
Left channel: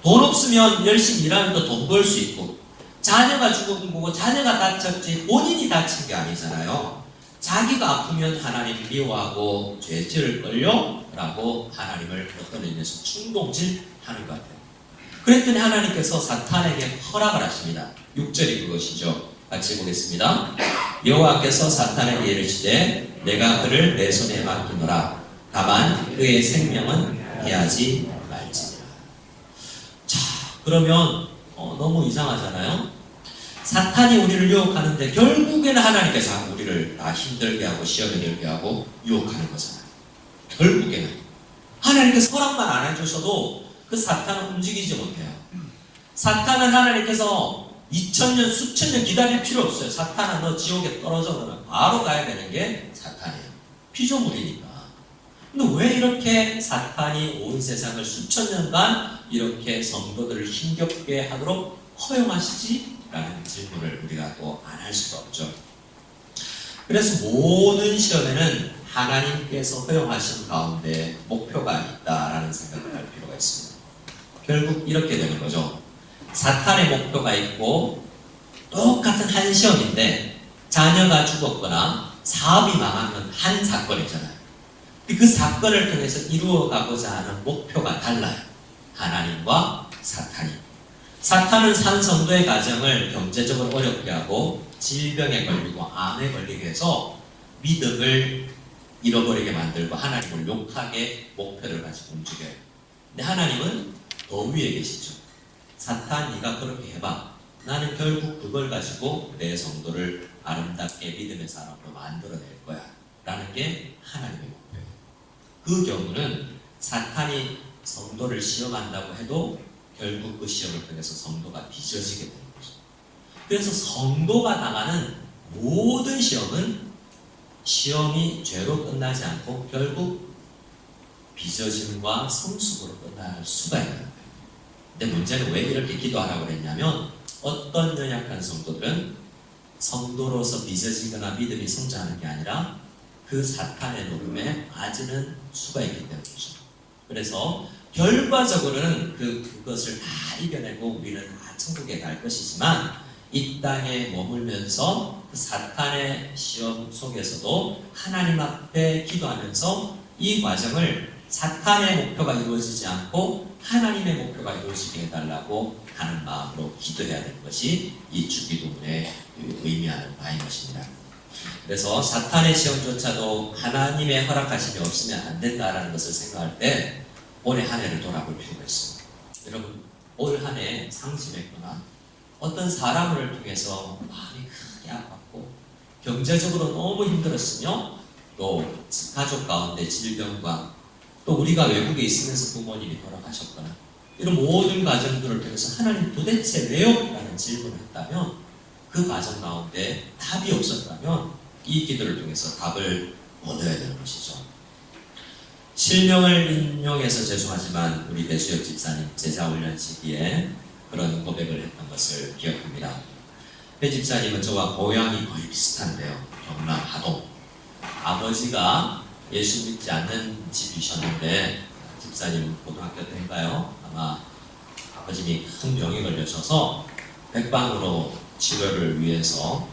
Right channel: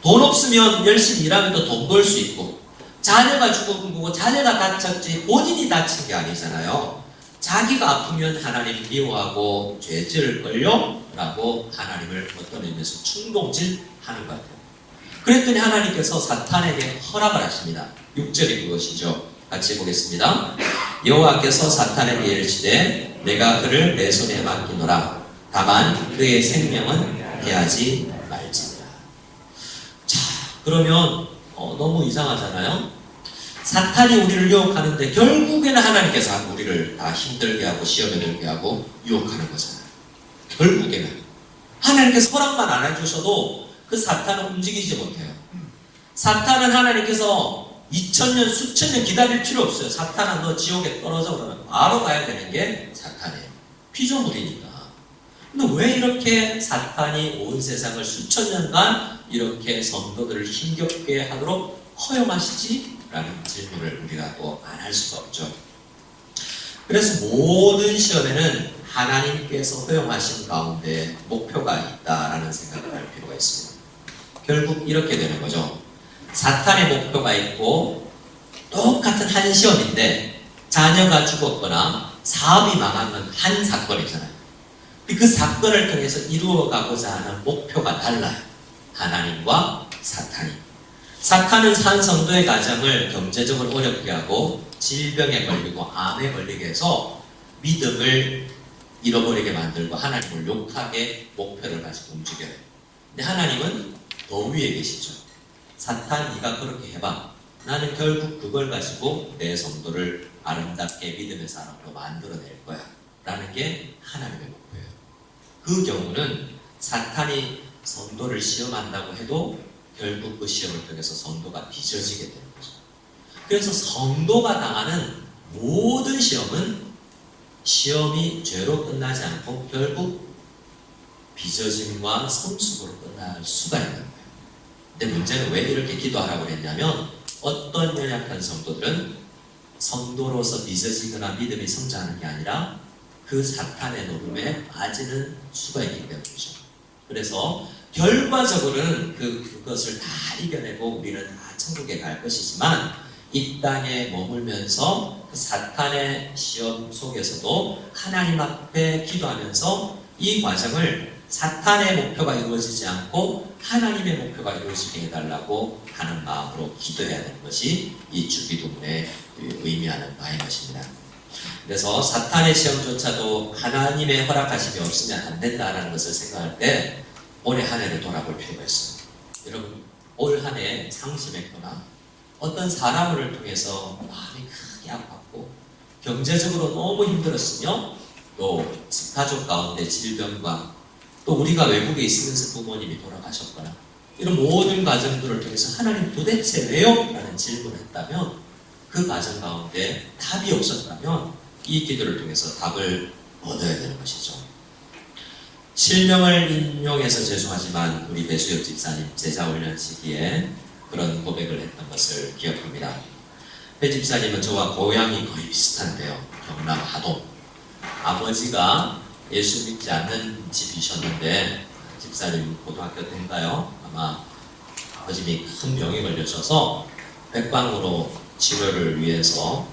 돈 없으면 열심히 일하면 또 돈 벌 수 있고 자녀가 죽은 거고 자녀가 다쳤지 본인이 다친 게 아니잖아요. 자기가 아프면 하나님 미워하고 죄 지을걸요? 라고 하나님을 어떤 의미에서 충동질하는 것 같아요. 그랬더니 하나님께서 사탄에게 허락을 하십니다. 6절이 그것이죠. 같이 보겠습니다. 여호와께서 사탄에게 이르시되 내가 그를 내 손에 맡기노라. 다만 그의 생명은 대하지 말지니라. 자, 그러면 너무 이상하잖아요. 사탄이 우리를 유혹하는데 결국에는 하나님께서 우리를 다 힘들게 하고 시험에 들게 하고 유혹하는 거잖아요. 결국에는 하나님께서 허락만 안 해주셔도 그 사탄은 움직이지 못해요. 사탄은 하나님께서 2000년 수천 년 기다릴 필요 없어요. 사탄아 너 지옥에 떨어져 그러면 바로 가야 되는 게 사탄이에요. 피조물이니까. 근데 왜 이렇게 사탄이 온 세상을 수천 년간 이렇게 성도들을 힘겹게 하도록 허용하시지? 라는 질문을 우리가 또 안 할 수가 없죠. 그래서 모든 시험에는 하나님께서 허용하신 가운데 목표가 있다라는 생각을 할 필요가 있습니다. 결국 이렇게 되는 거죠. 사탄의 목표가 있고 똑같은 한 시험인데 자녀가 죽었거나 사업이 망하는 한 사건이잖아요. 그 사건을 통해서 이루어가고자 하는 목표가 달라요. 하나님과 사탄이. 사탄은 산 성도의 가정을 경제적으로 어렵게 하고 질병에 걸리고 암에 걸리게 해서 믿음을 잃어버리게 만들고 하나님을 욕하게 목표를 가지고 움직여요. 근데 하나님은 더 위에 계시죠. 사탄 네가 그렇게 해봐. 나는 결국 그걸 가지고 내 성도를 아름답게 믿음의 사람으로 만들어낼 거야. 라는 게 하나님의 목표예요. 그 경우는 사탄이 성도를 시험한다고 해도 결국 그 시험을 통해서 성도가 빚어지게 되는 거죠. 그래서 성도가 당하는 모든 시험이 죄로 끝나지 않고 결국 빚어짐과 성숙으로 끝날 수가 있는 거예요. 근데 문제는 왜 이렇게 기도하라고 그랬냐면 어떤 연약한 성도들은 성도로서 빚어지거나 믿음이 성장하는 게 아니라 그 사탄의 노름에 빠지는 수가 있기 때문이죠. 그래서 결과적으로는 그것을 다 이겨내고 우리는 다 천국에 갈 것이지만 이 땅에 머물면서 그 사탄의 시험 속에서도 하나님 앞에 기도하면서 이 과정을 사탄의 목표가 이루어지지 않고 하나님의 목표가 이루어지게 해달라고 하는 마음으로 기도해야 되는 것이 이 주기도문의 의미하는 바인 것입니다. 그래서 사탄의 시험조차도 하나님의 허락하심이 없으면 안 된다는 것을 생각할 때 올해 한 해를 돌아볼 필요가 있어요. 여러분 올 한 해 상심했거나 어떤 사람을 통해서 마음이 크게 아팠고 경제적으로 너무 힘들었으며 또 가족 가운데 질병과 또 우리가 외국에 있으면서 부모님이 돌아가셨거나 이런 모든 과정들을 통해서 하나님 도대체 왜요? 라는 질문을 했다면 그 과정 가운데 답이 없었다면 이 기도를 통해서 답을 얻어야 되는 것이죠. 실명을 인용해서 죄송하지만 우리 배수엽 집사님 제자훈련 시기에 그런 고백을 했던 것을 기억합니다. 배 집사님은 저와 고향이 거의 비슷한데요. 경남 하동. 아버지가 예수 믿지 않는 집이셨는데 집사님 고등학교 때인가요? 아마 아버님이 큰 병에 걸려셔서 백방으로 치료를 위해서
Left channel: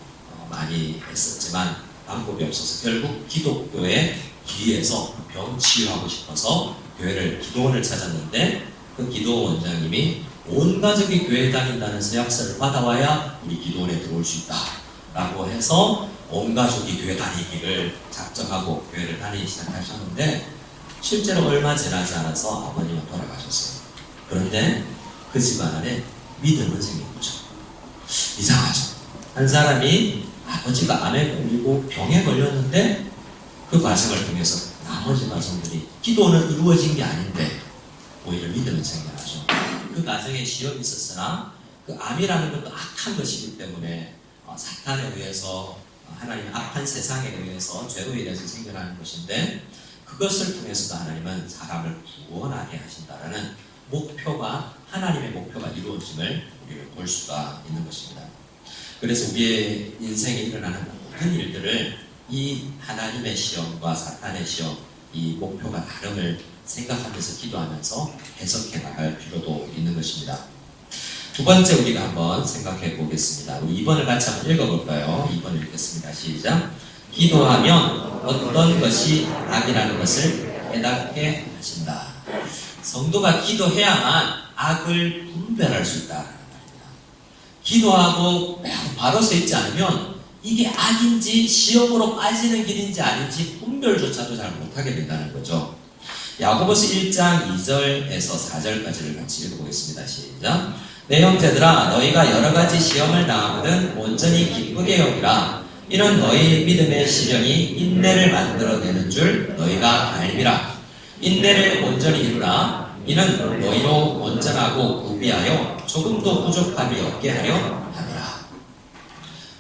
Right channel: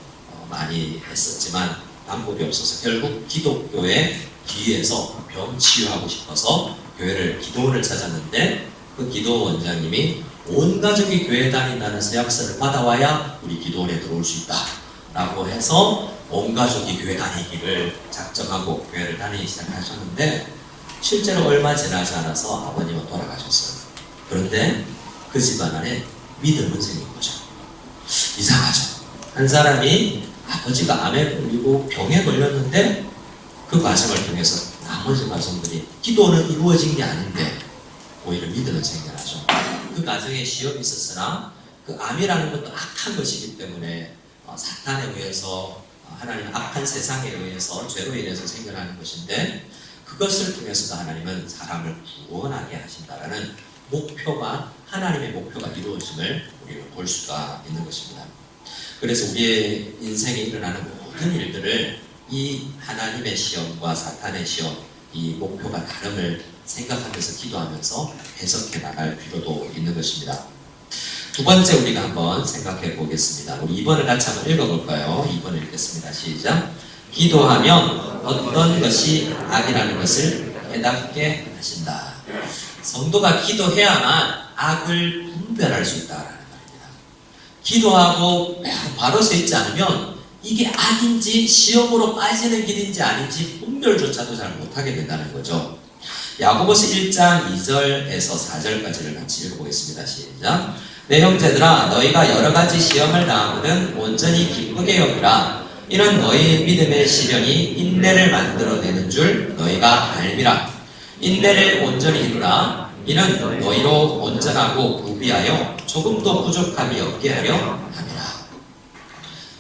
많이 했었지만 방법이 없어서 결국 기독교의 뒤에서 병 치유하고 싶어서 교회를 기도원을 찾았는데 그 기도원 원장님이 온 가족이 교회 다닌다는 서약서를 받아와야 우리 기도원에 들어올 수 있다 라고 해서 온 가족이 교회 다니기를 작정하고 교회를 다니기 시작하셨는데 실제로 얼마 지나지 않아서 아버님은 돌아가셨어요. 그런데 그 집안 안에 믿음은 생긴 거죠. 이상하죠. 한 사람이 아버지가 암에 걸리고 병에 걸렸는데 그 과정을 통해서 나머지 과정들이 기도는 이루어진 게 아닌데 오히려 믿음은 생겨나죠. 그 과정에 시험이 있었으나 그 암이라는 것도 악한 것이기 때문에 사탄에 의해서 하나님 악한 세상에 의해서 죄로 인해서 생겨나는 것인데 그것을 통해서도 하나님은 사람을 구원하게 하신다라는 목표가 하나님의 목표가 이루어짐을 우리는 볼 수가 있는 것입니다. 그래서 우리의 인생에 일어나는 모든 일들을 이 하나님의 시험과 사탄의 시험, 이 목표가 다름을 생각하면서 기도하면서 해석해 나갈 필요도 있는 것입니다. 두 번째 우리가 한번 생각해 보겠습니다. 우리 2번을 같이 한번 읽어볼까요? 2번 읽겠습니다. 시작. 기도하면 어떤 것이 악이라는 것을 깨닫게 하신다. 성도가 기도해야만 악을 분별할 수 있다라는 말입니다. 기도하고 바로 서 있지 않으면 이게 악인지 시험으로 빠지는 길인지 아닌지 분별조차도 잘 못하게 된다는 거죠. 야고보서 1장 2절에서 4절까지를 같이 읽어보겠습니다. 시작. 내 형제들아 너희가 여러가지 시험을 당하거든 온전히 기쁘게 여기라. 이는 너희의 믿음의 시련이 인내를 만들어내는 줄 너희가 알미라. 인내를 온전히 이루라. 이는 너희로 온전하고 구비하여 조금도 부족함이 없게 하려 함이라.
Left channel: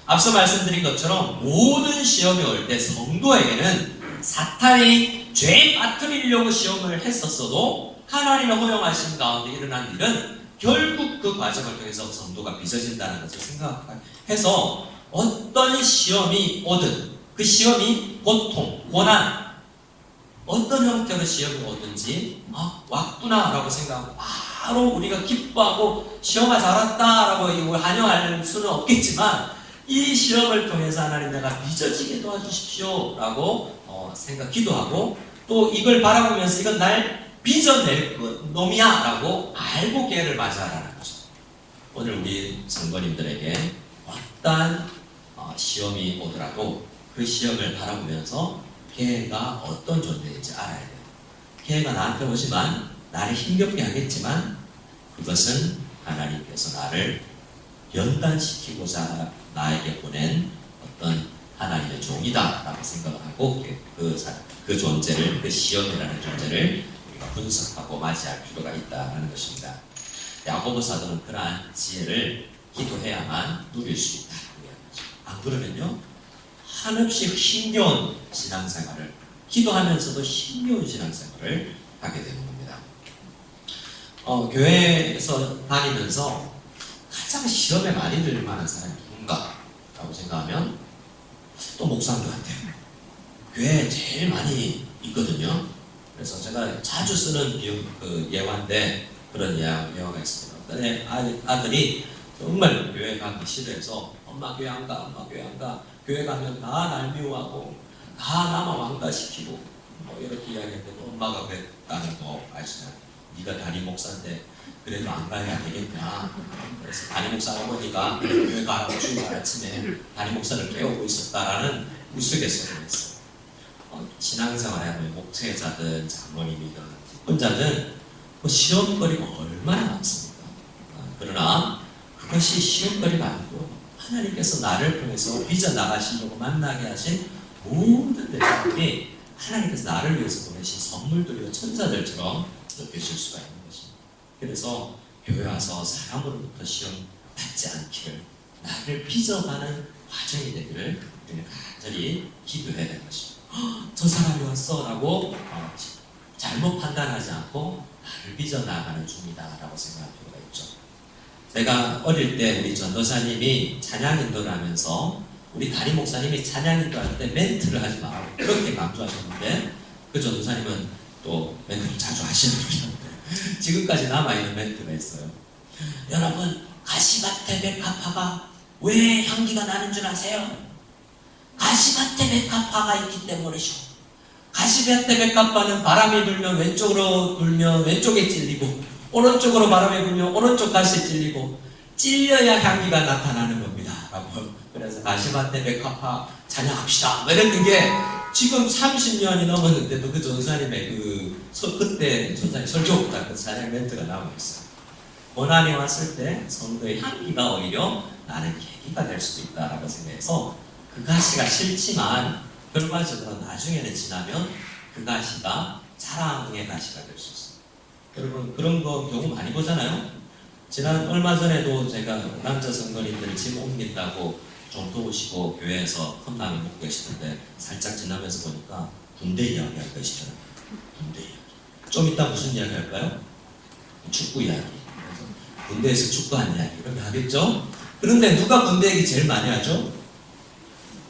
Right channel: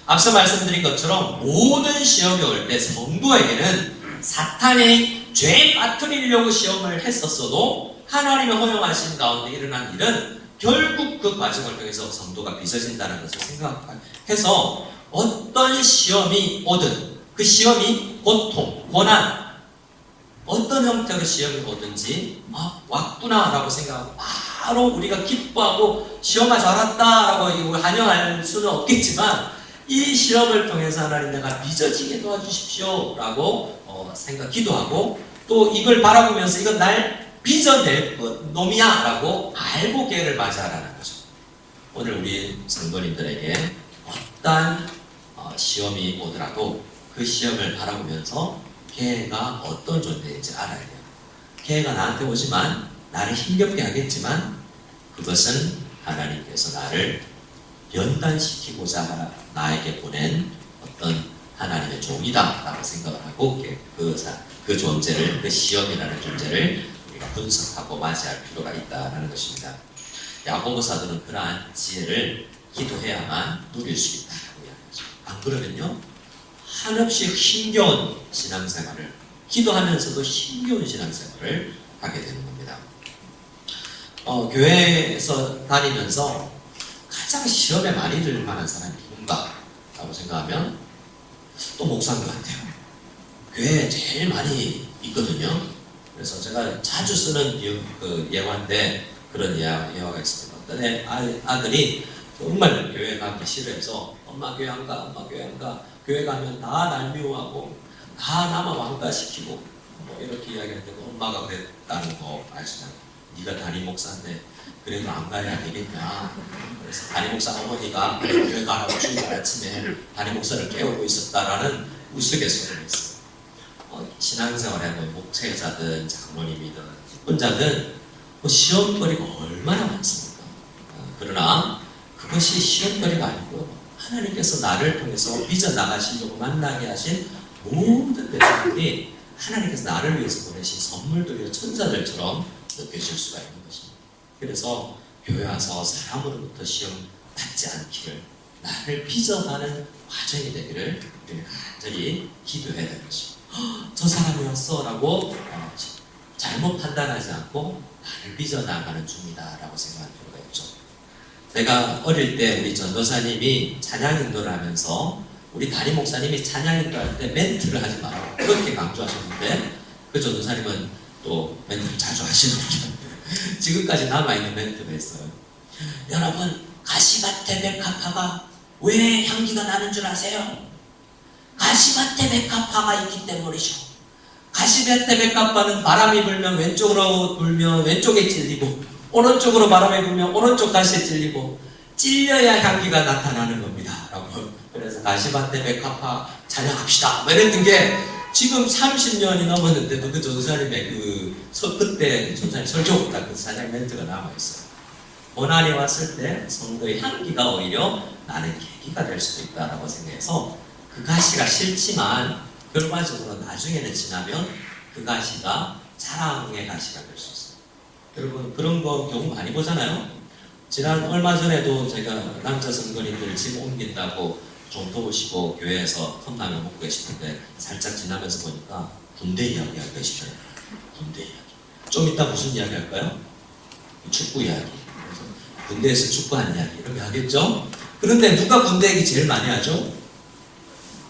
앞서 말씀드린 것처럼 모든 시험이 올 때 성도에게는 사탄이 죄에 빠뜨리려고 시험을 했었어도 하나님의 허용하신 가운데 일어난 일은 결국 그 과정을 통해서 성도가 빚어진다는 것을 생각해서 어떤 시험이 오든 그 시험이 고통, 고난, 어떤 형태의 시험이 오든지 왔구나 라고 생각하고 바로 우리가 기뻐하고 시험아 잘 왔다라고 환영할 수는 없겠지만 이 시험을 통해서 하나님 내가 빚어지게 도와주십시오 라고 기도하고 또 이걸 바라보면서 이건 날 빚어낼 놈이야 라고 알고 계를 맞이하라는 거죠. 오늘 우리 성도님들에게 어떠한 시험이 오더라도 그 시험을 바라보면서 걔가 어떤 존재인지 알아야 돼요. 걔가 나한테 오지만 나를 힘겹게 하겠지만 그것은 하나님께서 나를 연단시키고자 나에게 보낸 어떤 하나님의 종이다 라고 생각을 하고 그 존재를, 그 시험이라는 존재를 우리가 분석하고 맞이할 필요가 있다는 것입니다. 야고보 사도는 그러한 지혜를 기도해야만 누릴 수 있다고 이야기하죠. 안 그러면요 한없이 힘겨운 신앙생활을, 기도하면서도 힘겨운 신앙생활을 하게 되는 겁니다. 교회에서 다니면서 가장 시험에 많이 들릴 만한 사람이 누군가 라고 생각하면 또 목사인 것 같아요. 교회에 제일 많이 있거든요. 그래서 제가 자주 쓰는 예화인데 그런 예화가 있습니다. 어떤 아들이 정말 교회 가기 싫어해서 엄마 교회 안 가, 엄마 교회 안 가. 교회 가면 다 날 미워하고 다 나만 왕따시키고 이렇게 이야기하는데 엄마가 그랬다는 거 아시잖아요. 네가 담임 목사인데 그래도 안 가야 되겠냐. 그래서 담임 목사 어머니가 교회 가고 주일 아침에 담임 목사를 깨우고 있었다라는 우스갯소리를 했어요. 신앙생활에 목회자든 장로님이든 직분자든 시험거리가 얼마나 많습니까? 그러나 그것이 시험거리가 아니고요. 하나님께서 나를 통해서 빚어나가시려고 만나게 하신 모든 대상들이 하나님께서 나를 위해서 보내신 선물들이요 천사들처럼 느껴질 수가 있는 것입니다. 그래서 교회 와서 사람으로부터 시험 받지 않기를, 나를 빚어가는 과정이 되기를 우리는 간절히 기도해야 되는 것입니다. 저 사람이 왔어 라고 잘못 판단하지 않고 나를 빚어나가는 중이다 라고 생각할 필요가 있죠. 제가 어릴 때 우리 전도사님이 찬양 인도를 하면서 우리 담임 목사님이 찬양 인도할 때 멘트를 하지 마라 그렇게 강조하셨는데 그 전도사님은 또 멘트를 자주 하시는 분이었는데 지금까지 남아있는 멘트가 있어요. 여러분, 가시밭에 백합화가 왜 향기가 나는 줄 아세요? 가시밭에 백합화가 있기 때문이죠. 가시밭에 백합화는 바람이 불면 왼쪽으로 불면 왼쪽에 찔리고 오른쪽으로 바람이 불면 오른쪽 가시에 찔리고 찔려야 향기가 나타나는 겁니다 라고. 그래서 가시밭에 백합화 찬양합시다 이랬던 게 지금 30년이 넘었는데도 그 전도사님의 그때 전도사님 설교보다 그 찬양 멘트가 남아있어요. 고난이 왔을 때 성도의 향기가 오히려 나는 계기가 될 수도 있다라고 생각해서 그 가시가 싫지만 결과적으로 나중에는 지나면 그 가시가 자랑의 가시가 될 수 있어요. 여러분 그런 거 경우 많이 보잖아요. 지난 얼마 전에도 제가 남자 성도님들 집 옮긴다고 좀 도우시고 교회에서 컵라면 먹고 계시는데 살짝 지나면서 보니까 군대 이야기 하고 계시더라고요. 군대 이야기. 좀 이따 무슨 이야기 할까요? 축구 이야기. 그래서 군대에서 축구한 이야기 이렇게 하겠죠? 그런데 누가 군대 얘기 제일 많이 하죠?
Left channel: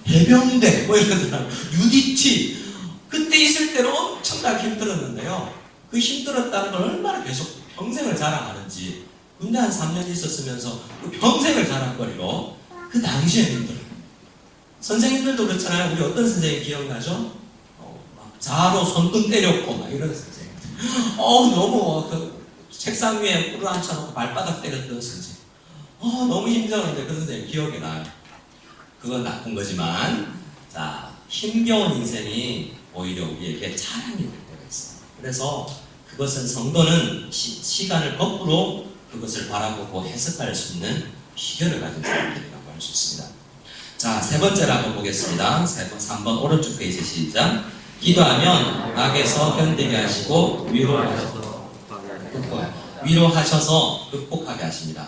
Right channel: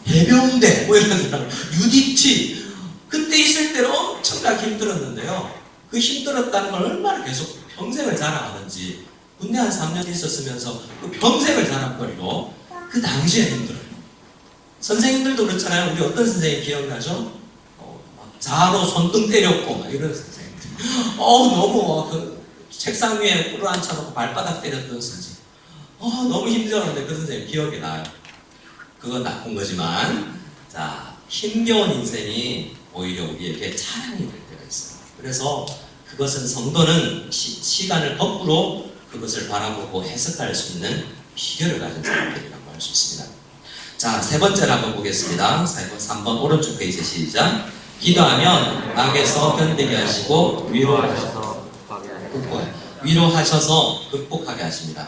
해병대 이러더라고요. UDT. 그때 있을 때는 엄청나게 힘들었는데요. 그 힘들었다는 걸 얼마나 계속 평생을 자랑하는지. 군대 한 3년 있었으면서 그 평생을 자랑거리로 그 당시에 힘들어요. 선생님들도 그렇잖아요. 우리 어떤 선생님 기억나죠? 자로 손등 때렸고 막 이런 선생님들. 너무 그 책상 위에 꿇어 앉혀놓고 발바닥 때렸던 선생님. 너무 힘들었는데 그 선생님 기억이 나요. 그건 나쁜 거지만, 자, 힘겨운 인생이 오히려 우리에게 자랑이 될 때가 있어요. 그래서 그것은 성도는 시간을 거꾸로 그것을 바라보고 해석할 수 있는 비결을 가진 사람들이라고 할 수 있습니다. 자, 세 번째로 한번 보겠습니다. 3번 오른쪽 페이지 시작. 기도하면 악에서 견디게 하시고 위로하셔서 극복하게 하십니다.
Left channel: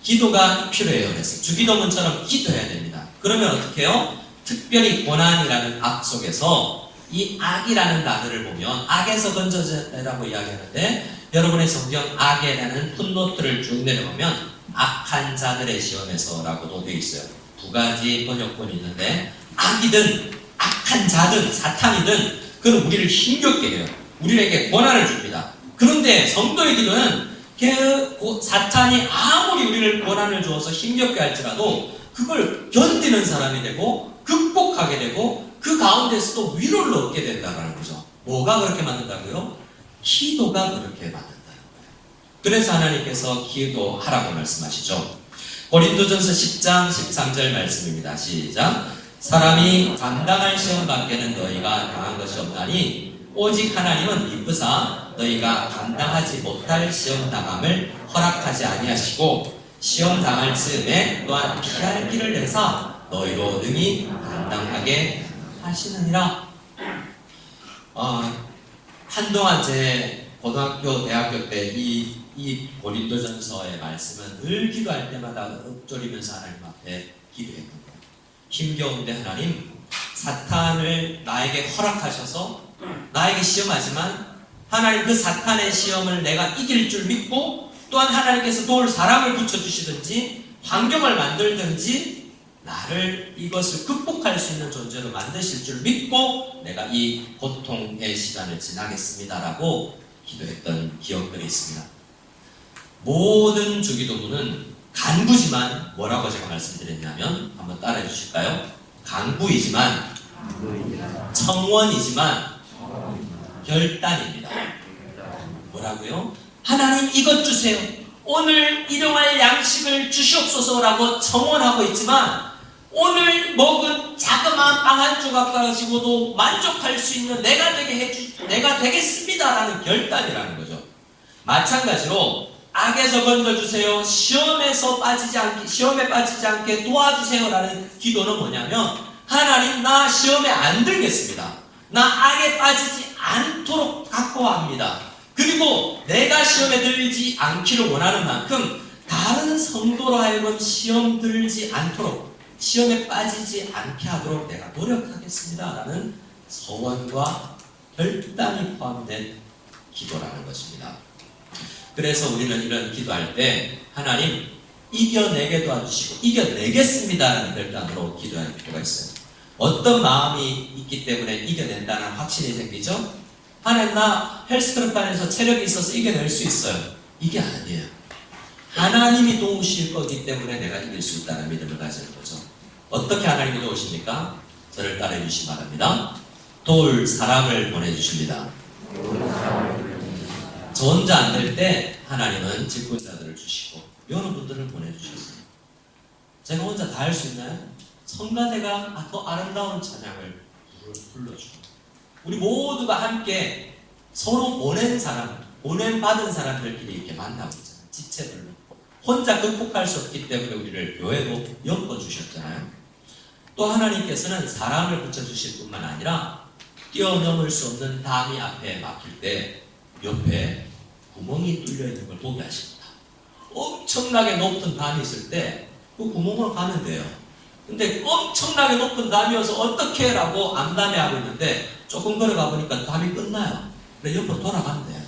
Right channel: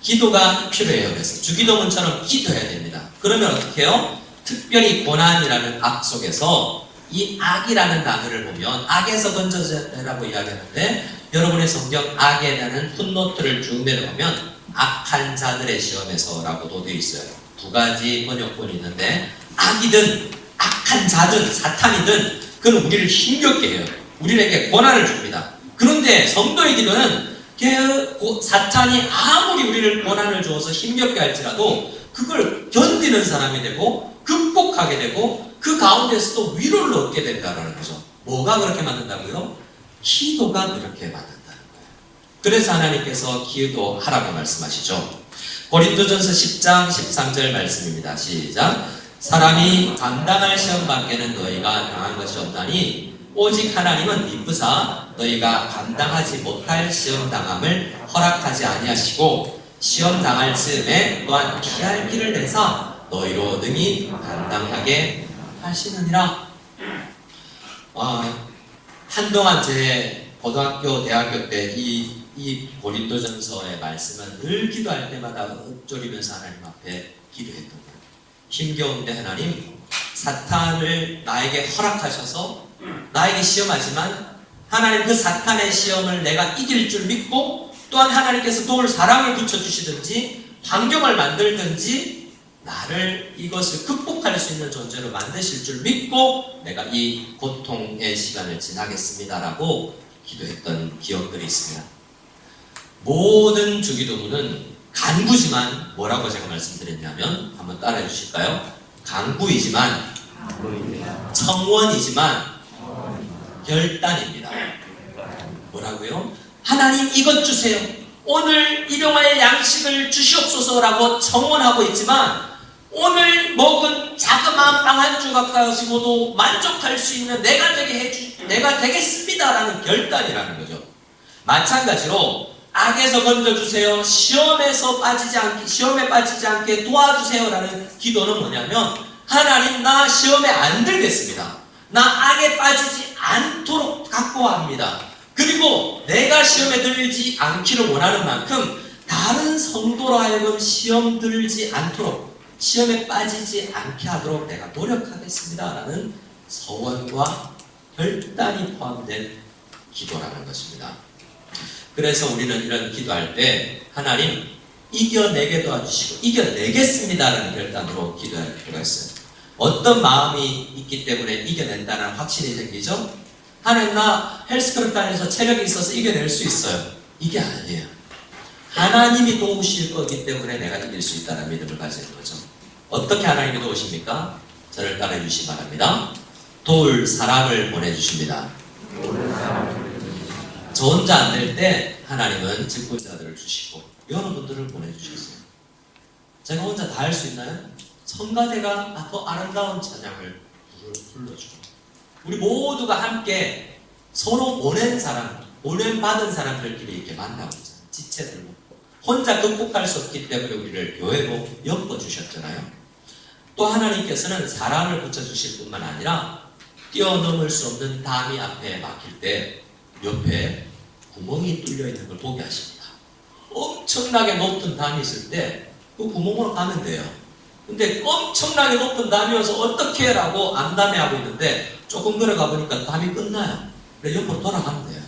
기도가 필요해요. 그래서 주기도문처럼 기도해야 됩니다. 그러면 어떻게 해요? 특별히 고난이라는 악 속에서 이 악이라는 단어를 보면 악에서 건져내라고 이야기하는데 여러분의 성경 악에 대한 풋노트를 쭉 내려보면 악한 자들의 시험에서라고도 되어 있어요. 두 가지 번역본이 있는데 악이든 악한 자든 사탄이든 그는 우리를 힘겹게 해요. 우리에게 고난을 줍니다. 그런데 성도의 기도는 사탄이 아무리 우리를 고난을 주어서 힘겹게 할지라도 그걸 견디는 사람이 되고 극복하게 되고 그 가운데서도 위로를 얻게 된다는 거죠. 뭐가 그렇게 만든다고요? 기도가 그렇게 만든다는 거예요. 그래서 하나님께서 기도하라고 말씀하시죠. 고린도전서 10장 13절 말씀입니다. 시작. 사람이 감당할 시험 밖에는 너희가 당한 것이 없다니 오직 하나님은 미쁘사 너희가 감당하지 못할 시험 당함을 허락하지 아니하시고 시험 당할 즈음에 또한 피할 길을 내사 너희로 능히 감당하게 하시느니라. 한동안 제 고등학교, 대학교 때 이 고린도전서의 말씀은 늘 기도할 때마다 읊조리면서 하나님 앞에 기도했던 거예요. 힘겨운데 하나님, 사탄을 나에게 허락하셔서 나에게 시험하지만 하나님 그 사탄의 시험을 내가 이길 줄 믿고 또한 하나님께서 도울 사람을 붙여주시든지 환경을 만들든지 나를 이것을 극복할 수 있는 존재로 만드실 줄 믿고 내가 이 고통의 시간을 지나겠습니다라고 기도했던 기억들이 있습니다. 모든 주기도문은 간구지만 뭐라고 제가 말씀드렸냐면 한번 따라해 주실까요? 간구이지만 청원이지만 결단입니다. 뭐라고요? 하나님 이것 주세요. 오늘 일용할 양식을 주시옵소서라고 청원하고 있지만 오늘 먹은 자그마한 빵 한 조각 가지고도 만족할 수 있는 내가 되겠습니다라는 결단이라는 거죠. 마찬가지로 악에서 건져주세요. 시험에 빠지지 않게 도와주세요라는 기도는 뭐냐면 하나님 나 시험에 안 들겠습니다. 나 악에 빠지지 않도록 각오합니다. 그리고 내가 시험에 들지 않기를 원하는 만큼 다른 성도로 하여금 시험 들지 않도록 시험에 빠지지 않게 하도록 내가 노력하겠습니다라는 서원과 결단이 포함된 기도라는 것입니다. 그래서 우리는 이런 기도할 때 하나님 이겨내게 도와주시고 이겨내겠습니다라는 결단으로 기도할 필요가 있어요. 어떤 마음이 있기 때문에 이겨낸다는 확신이 생기죠? 하나님 나 헬스클럽 다녀서 체력이 있어서 이겨낼 수 있어요. 이게 아니에요. 하나님이 도우실 거기 때문에 내가 이길 수 있다는 믿음을 가지는 거죠. 어떻게 하나님이 도우십니까? 저를 따라해 주시기 바랍니다. 도울 사람을 보내주십니다. 저 혼자 안 될 때 하나님은 직분자들을 주시고 여러분들을 보내주셨어요. 제가 혼자 다 할 수 있나요? 성가대가 더 아름다운 찬양을 불러주고 우리 모두가 함께 서로 보냄받은 사람들끼리 이렇게 만나고 있잖아요. 지체들로. 혼자 극복할 수 없기 때문에 우리를 교회로 엮어주셨잖아요. 또 하나님께서는 사람을 붙여주실 뿐만 아니라 뛰어넘을 수 없는 담이 앞에 막힐 때 옆에 구멍이 뚫려 있는 걸 보게 하십니다. 엄청나게 높은 담이 있을 때 그 구멍으로 가면 돼요. 근데 엄청나게 높은 담이어서 어떻게 라고 암담해하고 있는데 조금 걸어가 보니까 담이 끝나요. 그래 옆으로 돌아가면 돼요.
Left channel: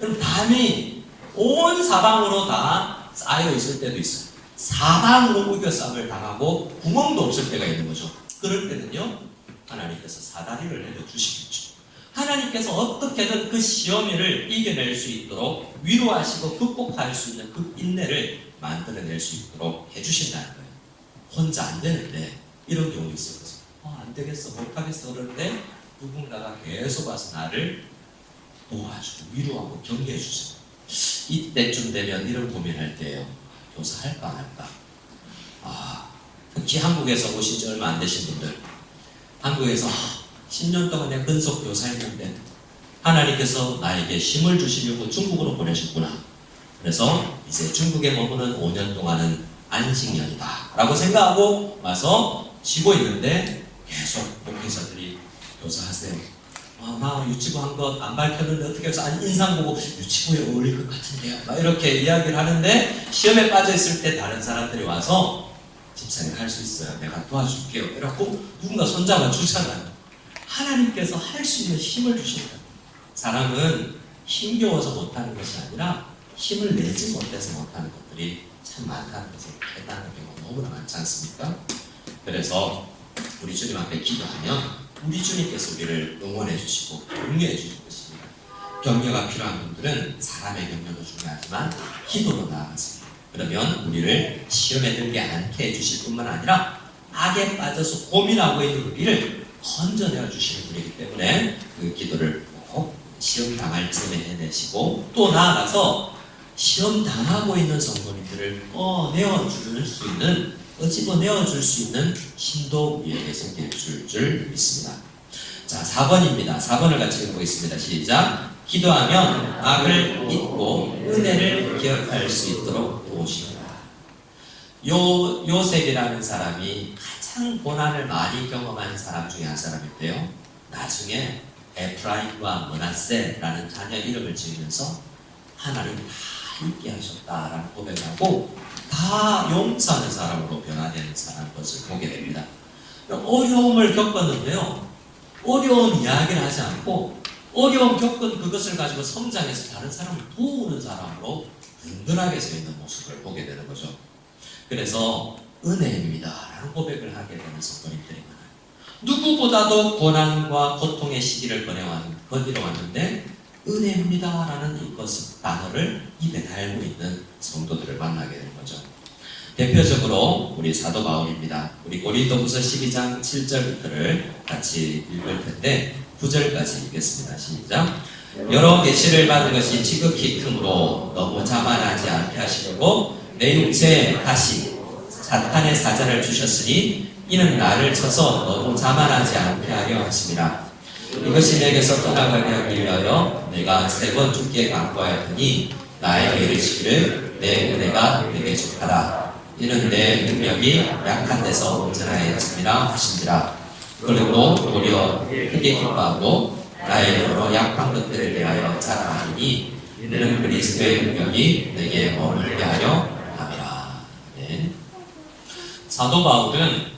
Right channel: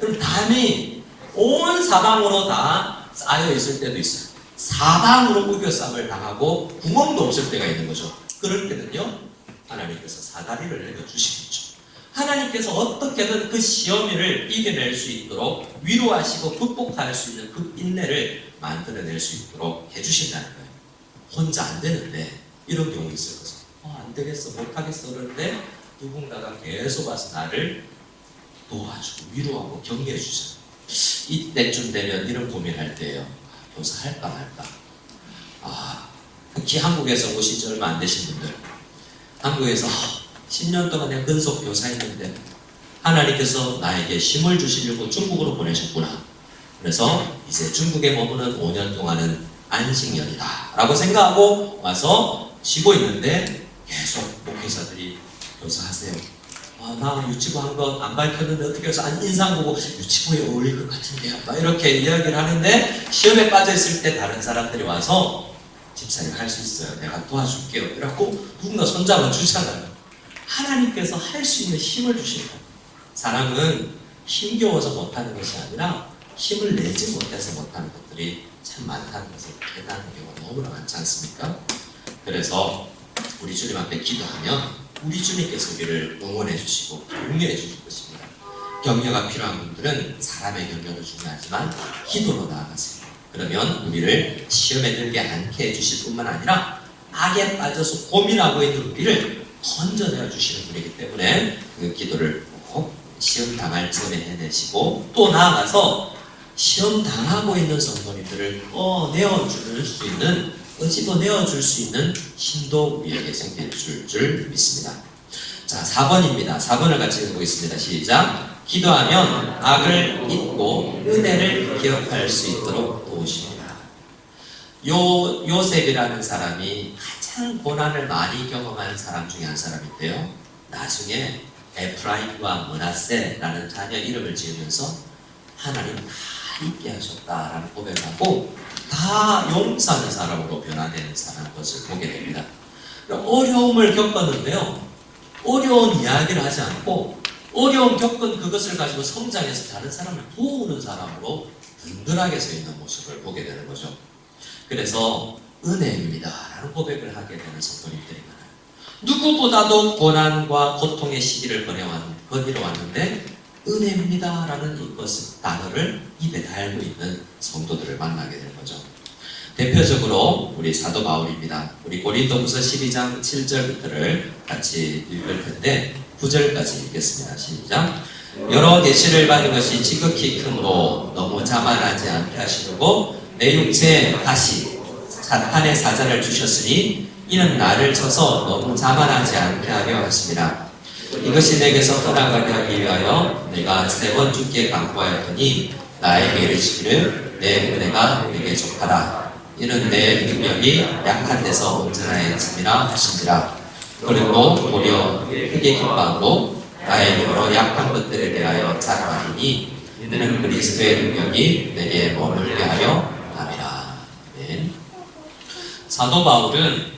여러분 담이 온 사방으로 다 쌓여 있을 때도 있어요. 사방으로 우겨싸움을 당하고 구멍도 없을 때가 있는 거죠. 그럴 때는요 하나님께서 사다리를 내려주시겠죠. 하나님께서 어떻게든 그 시험을 이겨낼 수 있도록 위로하시고 극복할 수 있는 그 인내를 만들어낼 수 있도록 해주신다는 거예요. 혼자 안 되는데 이런 경우 있을 거죠. 안 되겠어, 못하겠어 그러는데 누군가가 계속 와서 나를 도와주고 위로하고 격려해 주세요. 이때쯤 되면 이런 고민할 때예요. 교사 할까 말까. 특히 한국에서 오신 지 얼마 안 되신 분들, 한국에서 10년 동안 내가 근속 교사했는데 하나님께서 나에게 힘을 주시려고 중국으로 보내셨구나. 그래서 이제 중국에 머무는 5년 동안은 안식년이다 라고 생각하고 와서 쉬고 있는데 계속 목회자들이 교사하세요. 나 유치부 한 것 안 밝혔는데 어떻게 해서 인상 보고 유치부에 어울릴 것 같은데요. 막 이렇게 이야기를 하는데 시험에 빠져있을 때 다른 사람들이 와서 집사님 할 수 있어요. 내가 도와줄게요. 이래갖고 누군가 손잡아 주잖아요. 하나님께서 할 수 있는 힘을 주시는 거예요. 사람은 힘겨워서 못하는 것이 아니라 힘을 내지 못해서 못하는 것들이 참 많다는 것을 깨닫는 경우가 너무나 많지 않습니까? 그래서 우리 주님 앞에 기도하면 우리 주님께서 우리를 응원해 주시고 격려해 주실 것입니다. 격려가 필요한 분들은 사람의 격려도 중요하지만 기도로 나아가세요. 그러면 우리를 시험에 들게 않게 해주실 뿐만 아니라 악에 빠져서 고민하고 있는 우리를 건져내어 주시는 분이기 때문에 그 기도를 꼭 시험 당할 즈음에 해내시고 또 나아가서 시험 당하고 있는 성도님들을 꺼내어줄 수 있는 끄집어내어줄 수 있는 힘도 우리에게 생길 줄 믿습니다. 자, 4번입니다. 4번을 같이 읽어보겠습니다. 시작. 기도하면 악을 잊고 은혜를 기억할 수 있도록 도우십니다. 요셉이라는 사람이 가장 고난을 많이 경험한 사람 중에 한 사람인데요. 나중에 에프라임과 므낫세라는 자녀 이름을 지으면서 하나님 다 잊게 하셨다라는 고백을 하고 다 용서하는 사람으로 변화되는 것을 보게 됩니다. 어려움을 겪었는데요. 어려운 이야기를 하지 않고 어려움 겪은 그것을 가지고 성장해서 다른 사람을 도우는 사람으로 든든하게 서 있는 모습을 보게 되는 거죠. 그래서 은혜입니다 라는 고백을 하게 되는 성도님들이 많아요. 누구보다도 고난과 고통의 시기를 거닐어왔는데 은혜입니다 라는 이것 단어를 입에 달고 있는 성도들을 만나게 되는 거죠. 대표적으로 우리 사도 바울입니다. 우리 고린도후서 12장 7절부터를 같이 읽을 텐데 9절까지 읽겠습니다. 시작. 여러 계시를 받은 것이 지극히 크므로 너무 자만하지 않게 하시려고 내 육체에 다시 사탄의 사자를 주셨으니 이는 나를 쳐서 너무 자만하지 않게 하려 하심이라. 이것이 내게서 떠나가게 하기 위하여 내가 3번 죽게 강구하였더니 나에게 이르시기를 내 은혜가 내게 족하라. 이는 내 능력이 약한 데서 온전하였음이라 하신지라. 그리고 도리어 크게 기뻐하고 나의 힘으로 약한 것들에 대하여 자랑하리니 이는 그리스도의 능력이 내게 머물게 하려 함이라. 아멘. 사도 바울은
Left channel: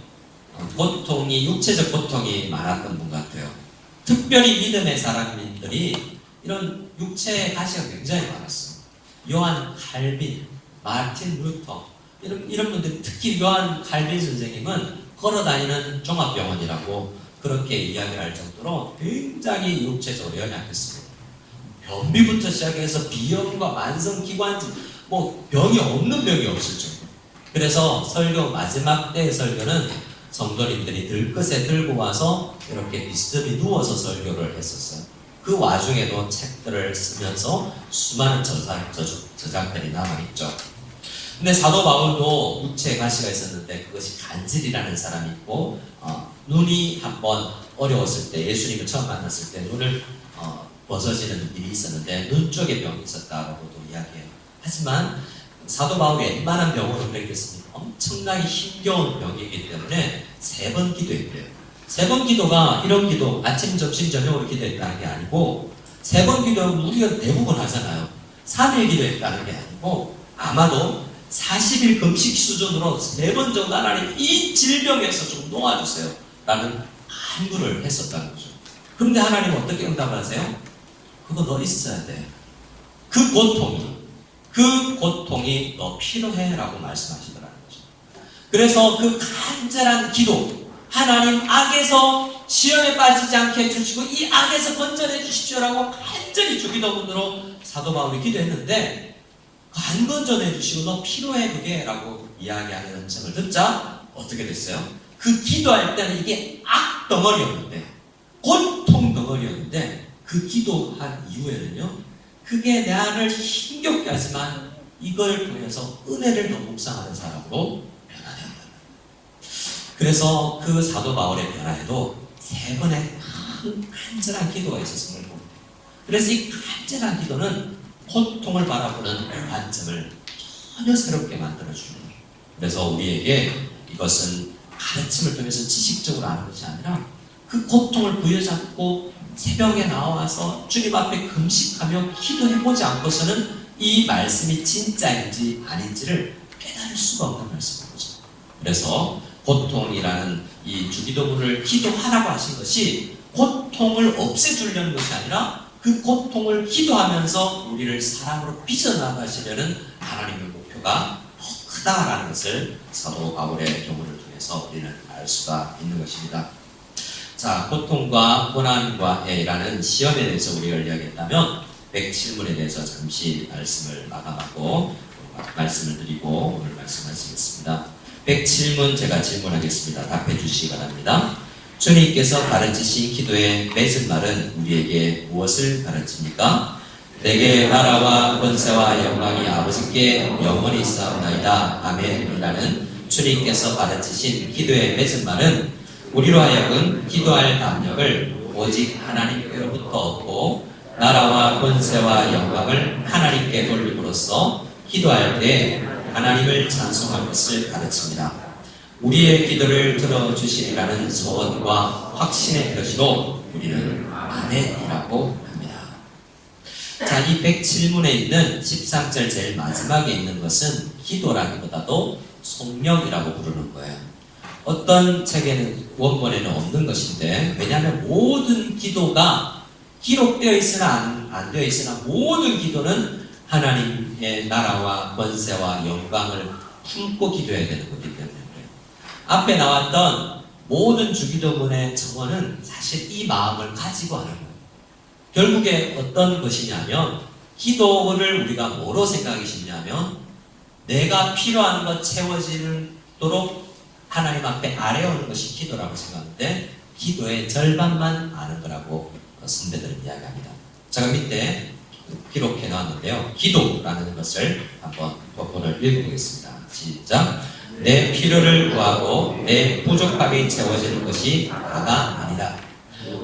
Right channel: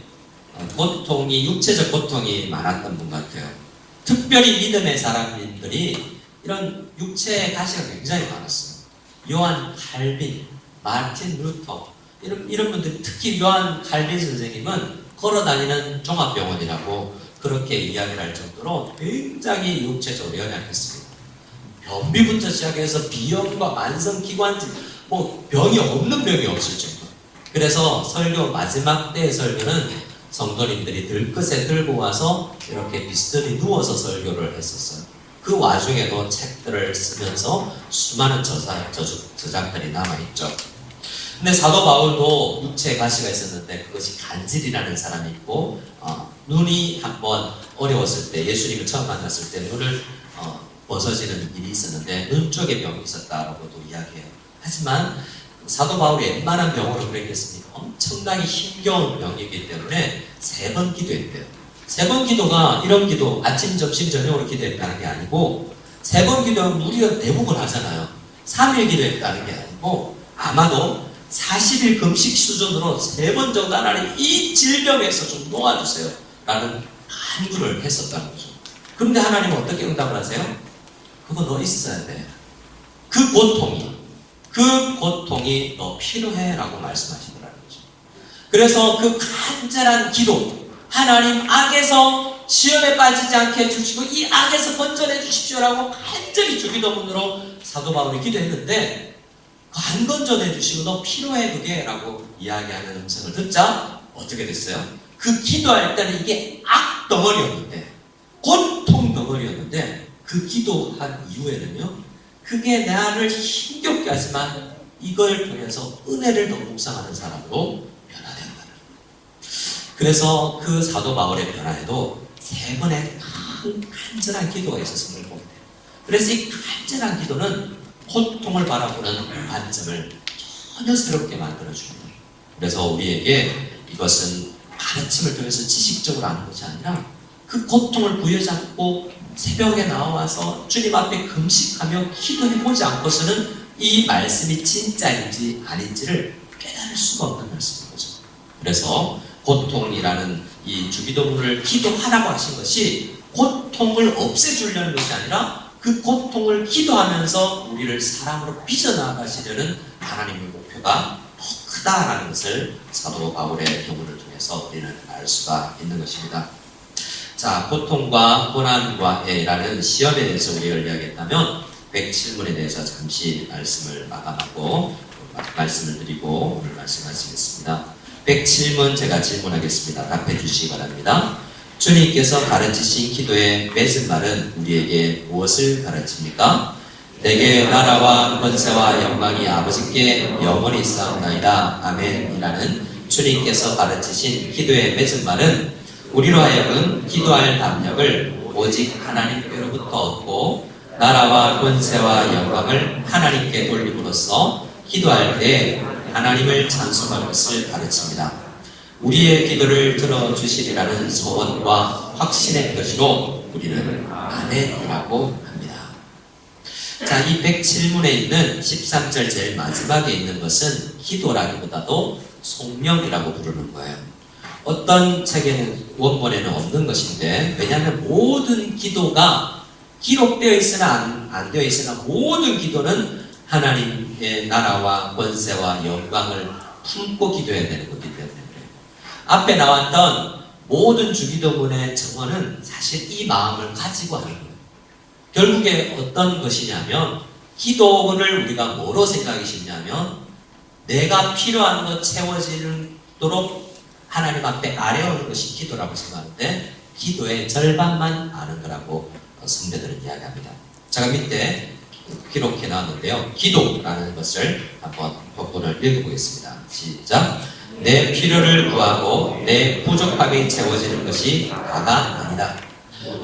고통이 육체적 고통이 많았던 분 같아요. 특별히 믿음의 사람들이 이런 육체의 가시가 굉장히 많았어요. 요한 칼빈, 마틴 루터 이런 분들, 특히 요한 칼빈 선생님은 걸어다니는 종합병원이라고 그렇게 이야기를 할 정도로 굉장히 육체적으로 연약했습니다. 변비부터 시작해서 비염과 만성기관지 병이 없는 병이 없을 정도. 그래서 설교 마지막 때의 설교는 성도님들이 들것에 들고 와서 이렇게 비스듬히 누워서 설교를 했었어요. 그 와중에도 책들을 쓰면서 수많은 저작들이 남아있죠. 근데 사도 바울도 육체에 가시가 있었는데 그것이 간질이라는 사람이 있고 눈이 한번 어려웠을 때 예수님을 처음 만났을 때 눈을 벗어지는 일이 있었는데 눈 쪽에 병이 있었다라고도 이야기해요. 하지만 사도 바울이 웬만한 병으로 그랬겠습니까? 엄청나게 힘겨운 병이기 때문에 3번 기도했대요. 3번 기도가 이런 기도 아침, 점심, 저녁으로 기도했다는 게 아니고 3번 기도는 우리가 대부분 하잖아요. 3일 기도했다는 게 아니고 아마도 40일 금식 수준으로 3번 정도 하나님 이 질병에서 좀 놓아주세요 라는 간구를 했었다는 거죠. 그런데 하나님은 어떻게 응답을 하세요? 그거 너 있어야 돼. 그 고통이 너 필요해 라고 말씀하시더라는 거죠. 그래서 그 간절한 기도, 하나님 악에서 시험에 빠지지 않게 해주시고 이 악에서 건져내 주십시오 라고 간절히 주기도문으로 사도 바울이 기도했는데 안 건져내 주시고 너 필요해 그게 라고 이야기하는 음성을 듣자 어떻게 됐어요? 그 기도할 때는 이게 악 덩어리였는데 고통 덩어리였는데 그 기도한 이후에는요 그게 나를 힘겹게 하지만 이걸 통해서 은혜를 더 묵상하는 사람으로 변화된다. 그래서 그 사도 바울의 변화에도 3번의 큰 간절한 기도가 있었음을 봅니다. 그래서 이 간절한 기도는 고통을 바라보는 관점을 전혀 새롭게 만들어줍니다. 그래서 우리에게 이것은 가르침을 통해서 지식적으로 하는 것이 아니라 그 고통을 부여잡고 새벽에 나와서 주님 앞에 금식하며 기도해보지 않고서는 이 말씀이 진짜인지 아닌지를 깨달을 수가 없는 말씀인 거죠. 그래서 고통이라는 이 주기도문을 기도하라고 하신 것이 고통을 없애주려는 것이 아니라 그 고통을 기도하면서 우리를 사랑으로 빚어나가시려는 하나님의 목표가 더 크다라는 것을 사도 바울의 경우를 통해서 우리는 알 수가 있는 것입니다. 자, 고통과 고난과 해라는 시험에 대해서 우리가 이야기했다면 107문에 대해서 잠시 말씀을 마감하고 말씀을 드리고 오늘 말씀하시겠습니다. 107문 제가 질문하겠습니다. 답해 주시기 바랍니다. 주님께서 가르치신 기도의 맺은 말은 우리에게 무엇을 가르칩니까? 내게 나라와 권세와 영광이 아버지께 영원히 있사옵나이다. 아멘이라는 주님께서 가르치신 기도의 맺은 말은 우리로 하여금 기도할 담력을 오직 하나님께로부터 얻고 나라와 권세와 영광을 하나님께 돌림으로써 기도할 때 하나님을 찬송할 것을 가르칩니다. 우리의 기도를 들어주시리라는 소원과 확신의 표시로 우리는 아멘이라고 합니다. 자, 이 107문에 있는 13절 제일 마지막에 있는 것은 기도라기보다도 송명이라고 부르는 거예요. 어떤 책에는 원본에는 없는 것인데, 왜냐하면 모든 기도가 기록되어 있으나 안 되어 있으나 모든 기도는 하나님의 나라와 권세와 영광을 품고 기도해야 되는 거기 때문에 그래요. 앞에 나왔던 모든 주기도문의 정언은 사실 이 마음을 가지고 하는 거예요. 결국에 어떤 것이냐면 기도를 우리가 뭐로 생각이 쉽냐면 내가 필요한 것 채워지도록 하나님 앞에 아뢰오는 것이 기도라고 생각하는데 기도의 절반만 아는 거라고 선배들은 이야기합니다. 제가 밑에 기록해 놨는데요. 기도라는 것을 한번 본문을 읽어보겠습니다. 시작. 내 필요를 구하고 내 부족함이 채워지는 것이 다가 아니다.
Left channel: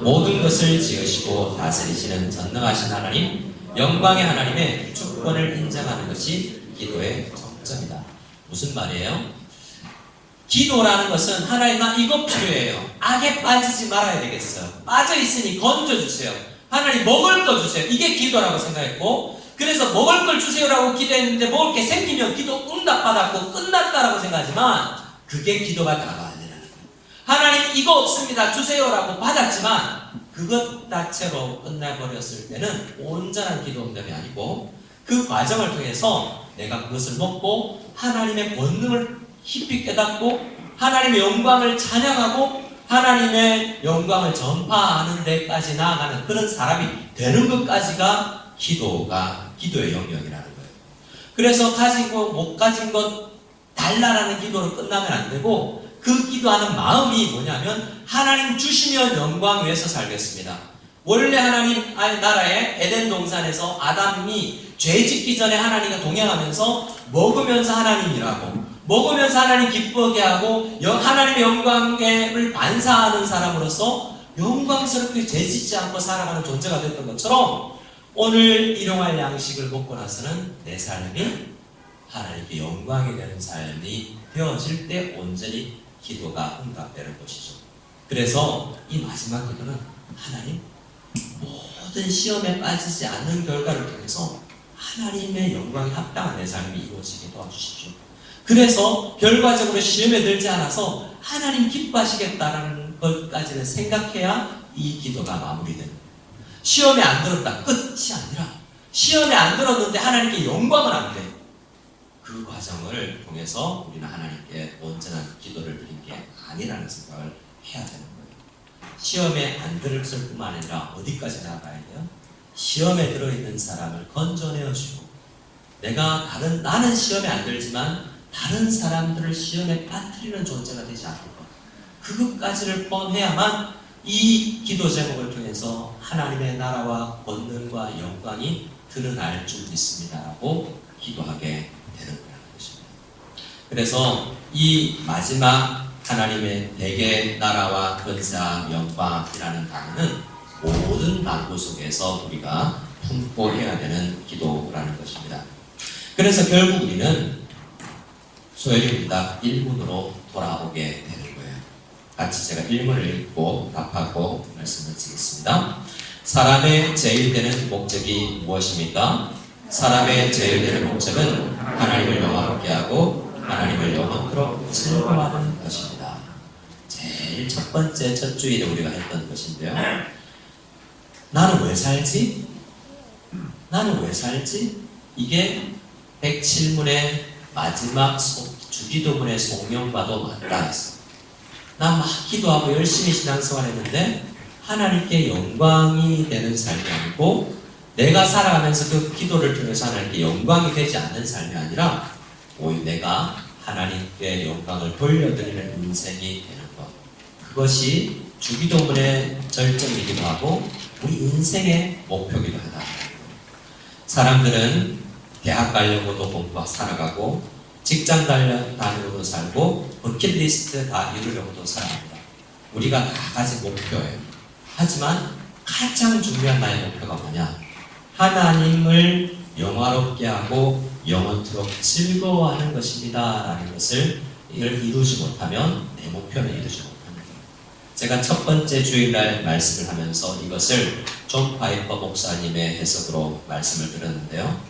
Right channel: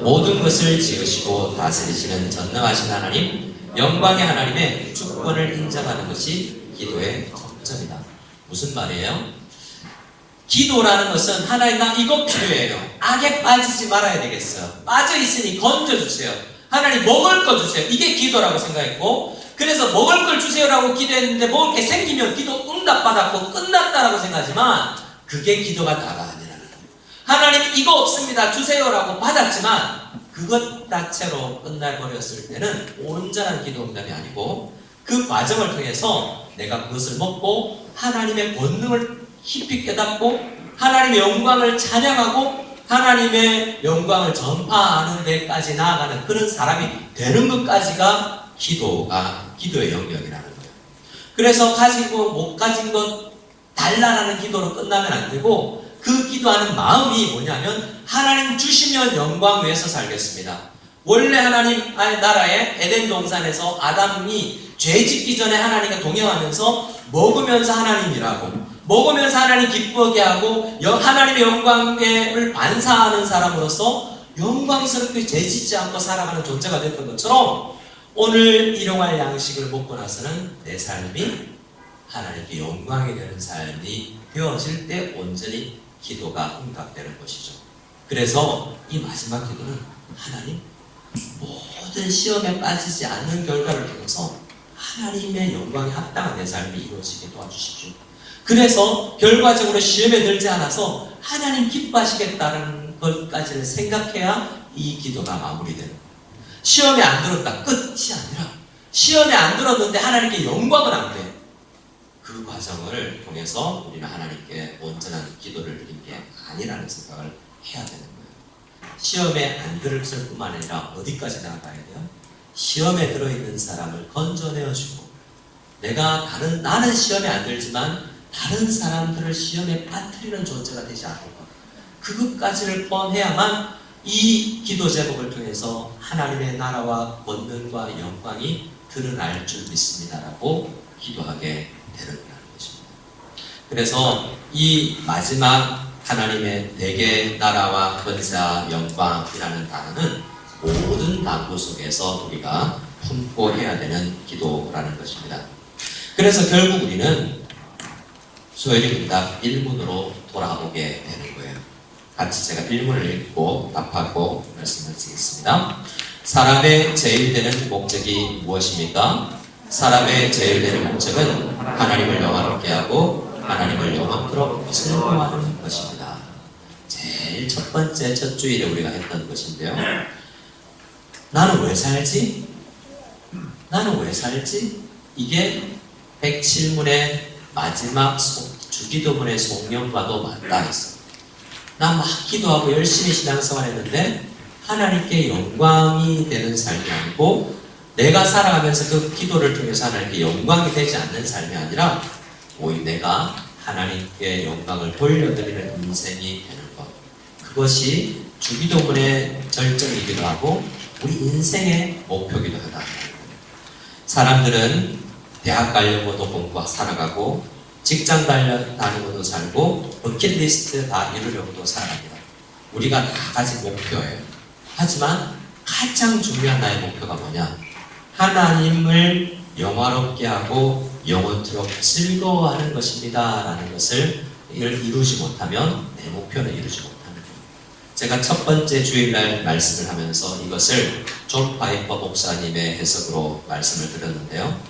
모든 것을 지으시고 다스리시는 전능하신 하나님, 영광의 하나님의 주권을 인정하는 것이 기도의 정점이다. 무슨 말이에요? 기도라는 것은 하나님 나 이거 필요해요. 악에 빠지지 말아야 되겠어요. 빠져있으니 건져주세요. 하나님 먹을 거 주세요. 이게 기도라고 생각했고, 그래서 먹을 걸 주세요라고 기도했는데 먹을 게 생기면 기도 응답받았고 끝났다라고 생각하지만 그게 기도가 다가 아니라는 거예요. 하나님 이거 없습니다 주세요라고 받았지만 그것 자체로 끝나버렸을 때는 온전한 기도 응답이 아니고 그 과정을 통해서 내가 그것을 먹고 하나님의 권능을 깊이 깨닫고 하나님의 영광을 찬양하고 하나님의 영광을 전파하는 데까지 나아가는 그런 사람이 되는 것까지가 기도의 영역이라는 거예요. 그래서 가지고 못 가진 것 달라라는 기도로 끝나면 안 되고 그 기도하는 마음이 뭐냐면 하나님 주시면 영광 위에서 살겠습니다. 원래 하나님 나라의 에덴 동산에서 아담이 죄 짓기 전에 하나님과 동행하면서 먹으면서 하나님이라고 먹으면서 하나님 기쁘게 하고 하나님의 영광을 반사하는 사람으로서 영광스럽게 죄짓지 않고 살아가는 존재가 됐던 것처럼 오늘 일용할 양식을 먹고 나서는 내 삶이 하나님께 영광이 되는 삶이 되어질 때 온전히 기도가 응답되는 것이죠. 그래서 이 마지막 기도는 하나님 모든 시험에 빠지지 않는 결과를 통해서 하나님의 영광에 합당한 내 삶이 이루어지게 도와주십시오. 그래서 결과적으로 시험에 들지 않아서 하나님 기뻐하시겠다는 것까지는 생각해야 이 기도가 마무리되는 거예요. 시험에 안 들었다 끝이 아니라 시험에 안 들었는데 하나님께 영광을 안 돼. 그 과정을 통해서 우리는 하나님께 온전한 기도를 드린 게 아니라는 생각을 해야 되는 거예요. 시험에 안 들었을 뿐만 아니라 어디까지 나가야 돼요? 시험에 들어있는 사람을 건져내어주고 나는 시험에 안 들지만 다른 사람들을 시험에 빠뜨리는 존재가 되지 않을 것. 그것까지를 포함해야만 이 기도 제목을 통해서 하나님의 나라와 권능과 영광이 드러날 줄 믿습니다라고 기도하게 되는 거라는 것입니다. 그래서 이 마지막 하나님의 내게 나라와 권세와 영광이라는 단어는 모든 난도 속에서 우리가 품고 해야 되는 기도라는 것입니다. 그래서 결국 우리는 소열이 문답 1문으로 돌아오게 되는 거예요. 같이 제가 1문을 읽고 답하고 말씀을 드리겠습니다. 사람의 제일되는 목적이 무엇입니까? 사람의 제일되는 목적은 하나님을 영화롭게 하고 하나님을 영원토록 즐거워하는 것입니다. 제일 첫 번째 첫 주일에 우리가 했던 것인데요. 나는 왜 살지? 나는 왜 살지? 이게 107문의 마지막 주기도문의 송영과도 맞다 했어. 난 막 기도하고 열심히 신앙생활 했는데 하나님께 영광이 되는 삶이 아니고 내가 살아가면서 그 기도를 통해서 하나님께 영광이 되지 않는 삶이 아니라 오히려 내가 하나님께 영광을 돌려드리는 인생이 되는 것. 그것이 주기도문의 절정이기도 하고 우리 인생의 목표이기도 하다. 사람들은 대학 가려고도 공부하고 살아가고 직장 다니고도 살고 버킷리스트 다 이루려고도 살아갑니다. 우리가 다 가진 목표예요. 하지만 가장 중요한 나의 목표가 뭐냐? 하나님을 영화롭게 하고 영원토록 즐거워하는 것입니다 라는 것을 이루지 못하면 내 목표는 이루지 못하는 거예요. 제가 첫 번째 주일날 말씀을 하면서 이것을 존 파이퍼 목사님의 해석으로 말씀을 드렸는데요.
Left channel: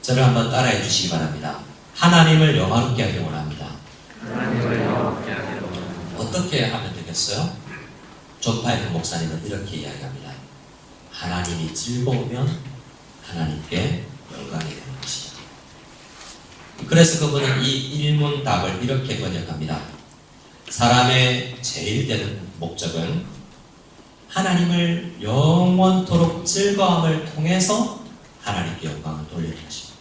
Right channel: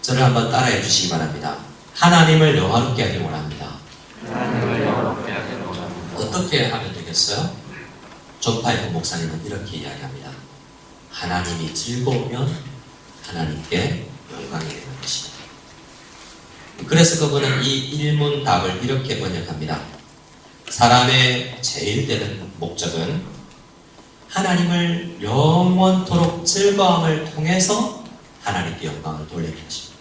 저를 한번 따라해 주시기 바랍니다. 하나님을 영화롭게 하기 원합니다. 어떻게 하면 되겠어요? 존 파이퍼 목사님은 이렇게 이야기합니다. 하나님이 즐거우면 하나님께 영광이 되는 것입니다. 그래서 그분은 이 일문 답을 이렇게 번역합니다. 사람의 제일 되는 목적은 하나님을 영원토록 즐거움을 통해서 하나님께 영광을 돌리는 것입니다.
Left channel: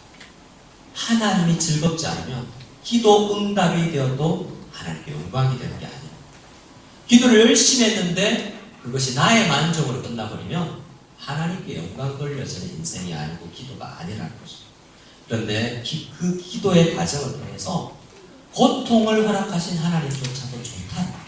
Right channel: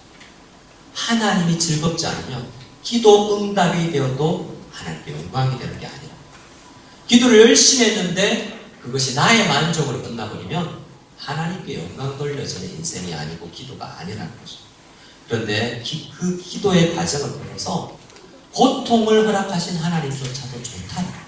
하나님이 즐겁지 않으면 기도 응답이 되어도 하나님께 영광이 되는 게 아니에요. 기도를 열심히 했는데 그것이 나의 만족으로 끝나버리면 하나님께 영광 돌려지는 인생이 아니고 기도가 아니라는 것입니다. 그런데 그 기도의 과정을 통해서 고통을 허락하신 하나님조차도 좋다.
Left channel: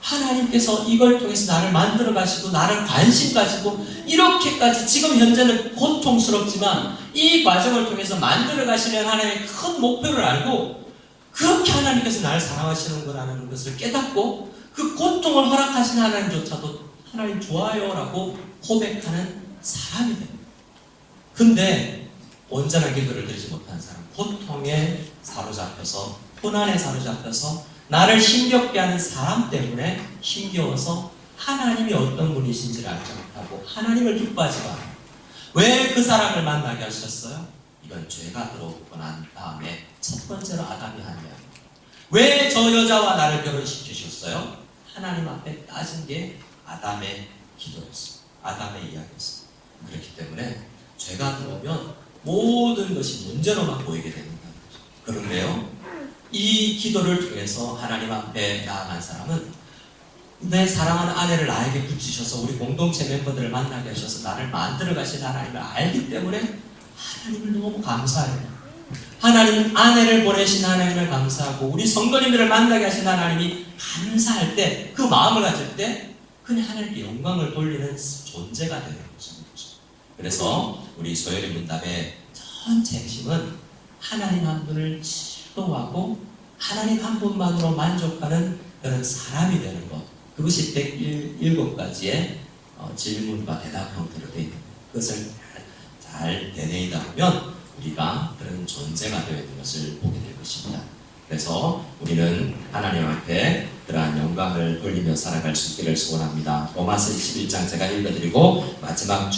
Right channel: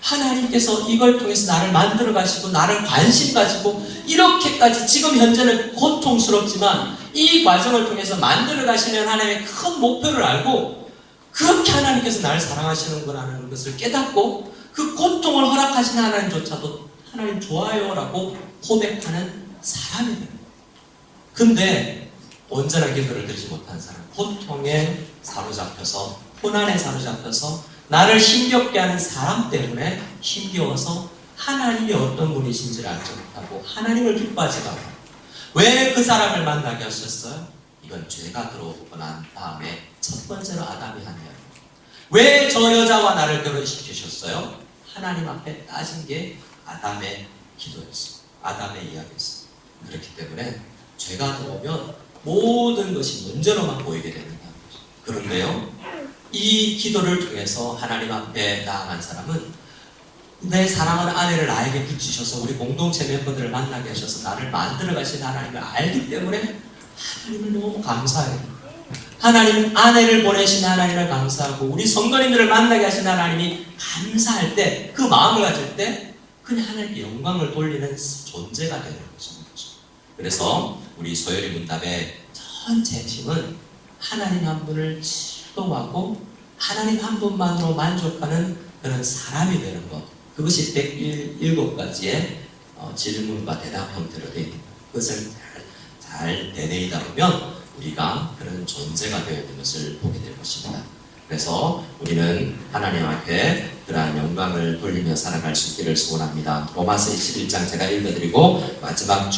하나님께서 이걸 통해서 나를 만들어 가시고 나를 관심 가지고 이렇게까지 지금 현재는 고통스럽지만 이 과정을 통해서 만들어 가시는 하나님의 큰 목표를 알고 그렇게 하나님께서 나를 사랑하시는 거라는 것을 깨닫고 그 고통을 허락하신 하나님조차도 하나님 좋아요 라고 고백하는 사람이 됩니다. 근데 온전한 기도를 드리지 못한 사람, 고통에 사로잡혀서 고난에 사로잡혀서 나를 힘겹게 하는 사람 때문에 힘겨워서 하나님이 어떤 분이신지를 알지 못하고 하나님을 기뻐하지가 않아요. 왜 그 사람을 만나게 하셨어요? 이건 죄가 들어오고 난 다음에 첫 번째로 아담이 한 이야기. 왜 저 여자와 나를 결혼시키셨어요? 하나님 앞에 따진 게 아담의 기도였어요. 아담의 이야기였어요. 그렇기 때문에 죄가 들어오면 모든 것이 문제로만 보이게 된다는 거죠. 그런데요, 이 기도를 통해서 하나님 앞에 나아간 사람은 내 사랑하는 아내를 나에게 붙이셔서 우리 공동체 멤버들을 만나게 하셔서 나를 만들어 가신 하나님을 알기 때문에 하나님을 너무 감사해요. 하나님 아내를 보내신 하나님을 감사하고 우리 성도님들을 만나게 하신 하나님이 감사할 때 그 마음을 가질 때 그냥 하나님께 영광을 돌리는 존재가 되는 것입니다. 그래서 우리 소열이 문답의 전체 핵심은 하나님 한 분을 즐거워하고 하나님 한 분만으로 만족하는 그런 사람이 되는 것. 그것이 107가지의 질문과 대답 형태로 되어 있는 것. 그것을 잘 되뇌이다 보면 우리가 그런 존재가 되어 있는 것을 보게 될 것입니다. 그래서 우리는 하나님 앞에 그러한 영광을 돌리며 살아갈 수 있기를 소원합니다. 로마서 11장 제가 읽어드리고 마지막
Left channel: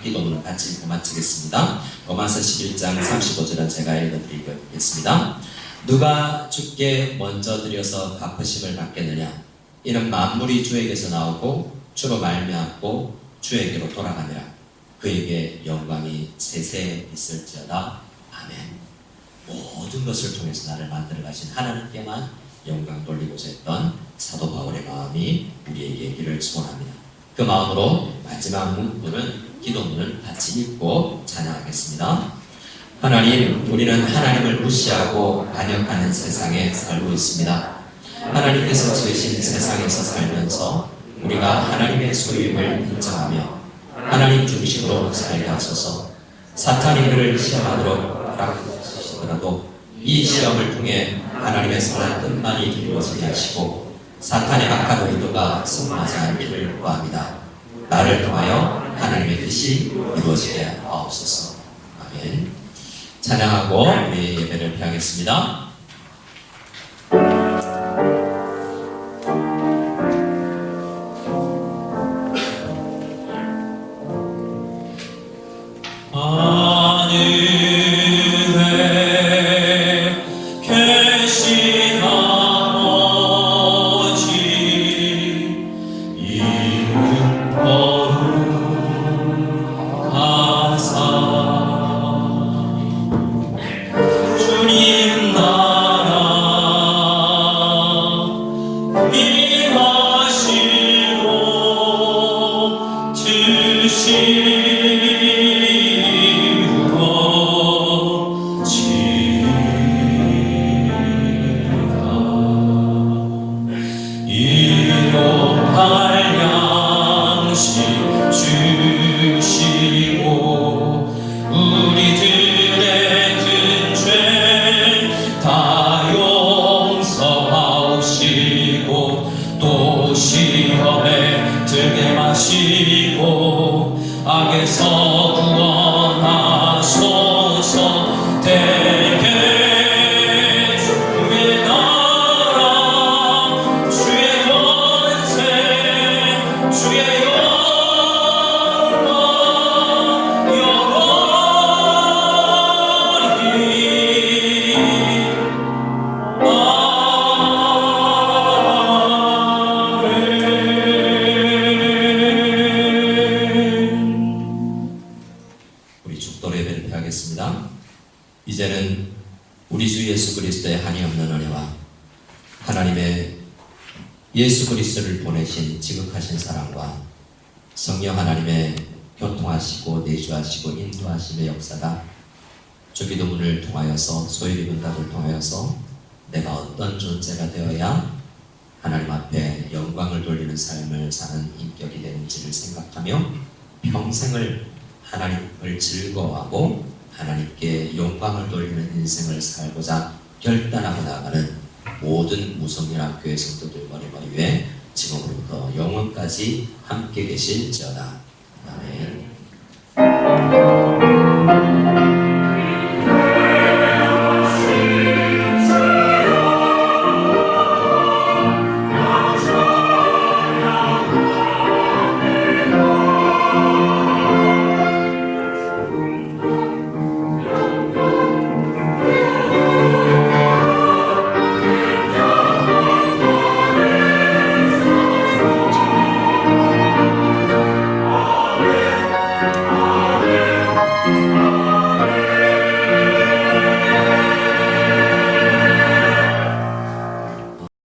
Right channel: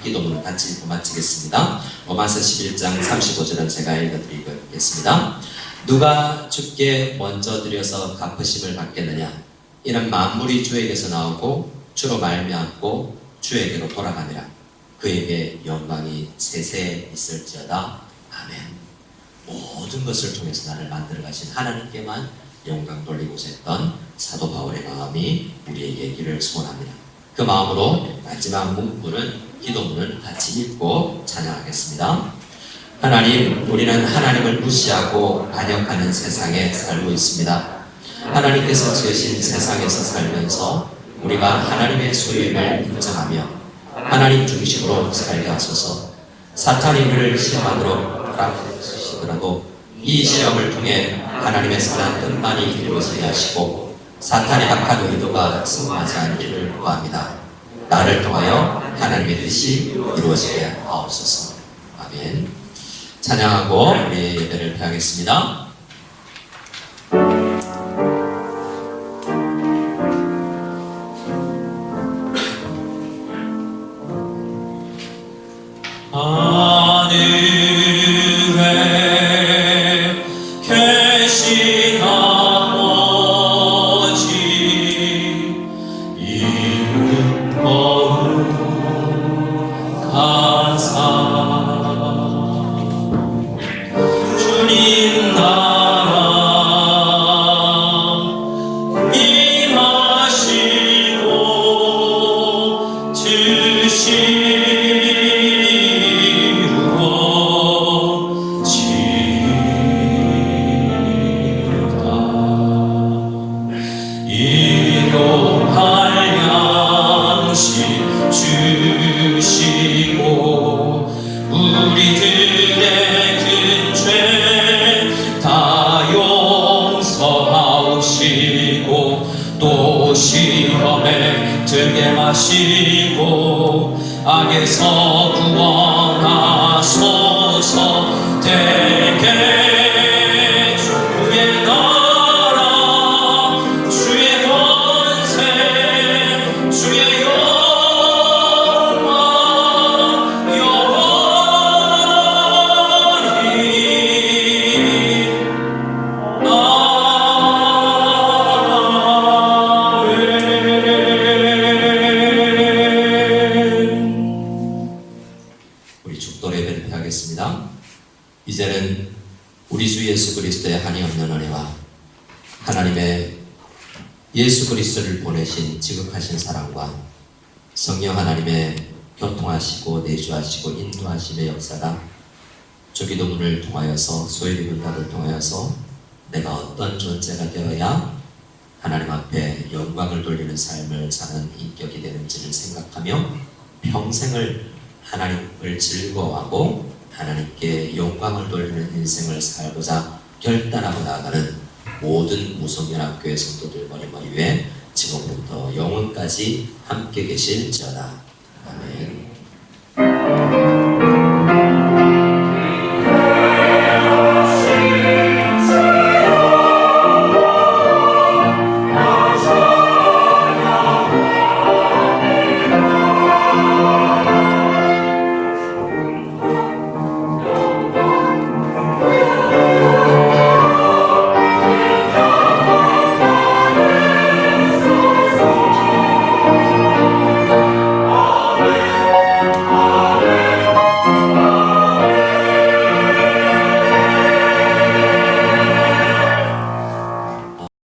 기도문은 같이 읽고 마치겠습니다. 로마서 11장 35절은 제가 읽어드리겠습니다. 누가 주께 먼저 드려서 갚으심을 받겠느냐? 이는 만물이 주에게서 나오고 주로 말미암고 주에게로 돌아가니라. 그에게 영광이 세세 있을지어다. 아멘. 모든 것을 통해서 나를 만들어 가신 하나님께만 영광 돌리고자 했던 사도 바울의 마음이 우리에게 있기를 소원합니다. 그 마음으로 마지막 문구는 기도문을 같이 읽고 찬양하겠습니다. 하나님, 우리는 하나님을 무시하고 반역하는 세상에 살고 있습니다. 하나님께서 지으신 세상에서 살면서 우리가 하나님의 소유임을 인정하며 하나님 중심으로 살게 하소서. 사탄이 우리를 시험하도록 허락하시더라도 이 시험을 통해 하나님의 선한 뜻만이 이루어지게 하시고 사탄의 악한 의도가 승하지 않기를 구합니다. 나를 통하여 하나님의 뜻이 이루어지게 하옵소서. 아멘. 찬양하고 우리 예배를 펴겠습니다. 하늘에 계신 아버지 이름 거룩하사 주님 나라 임하시고 일용할 양식 주시고 우리들의 큰 죄 다 용서하시고 또 시험에 들게 마시고 악에서 구원하소서. 대개 주의 나라 주의 권세 주의 영광 영원히 우리 축도 예배를 펴겠습니다. 이제는 우리 주 예수 그리스도의 한이 없는 은혜와 하나님의 예수 그리스도를 보내신 지극하신 사랑과 성령 하나님의 교통하시고 내주하시고 인도하심의 역사가 주기도문을 통하여서 소유리 문답을 통하여서 내가 어떤 존재가 되어야 하나님 앞에 영광을 돌리는 삶을 사는 인격이 되는지를 생각하며 평생을 하나님을 즐거워하고 하나님께 영광을 돌리는 인생을 살고자 결단하고 나가는 모든 무성연합교회 성도들 머리 위에 지금부터 영원까지 함께 계실지어다.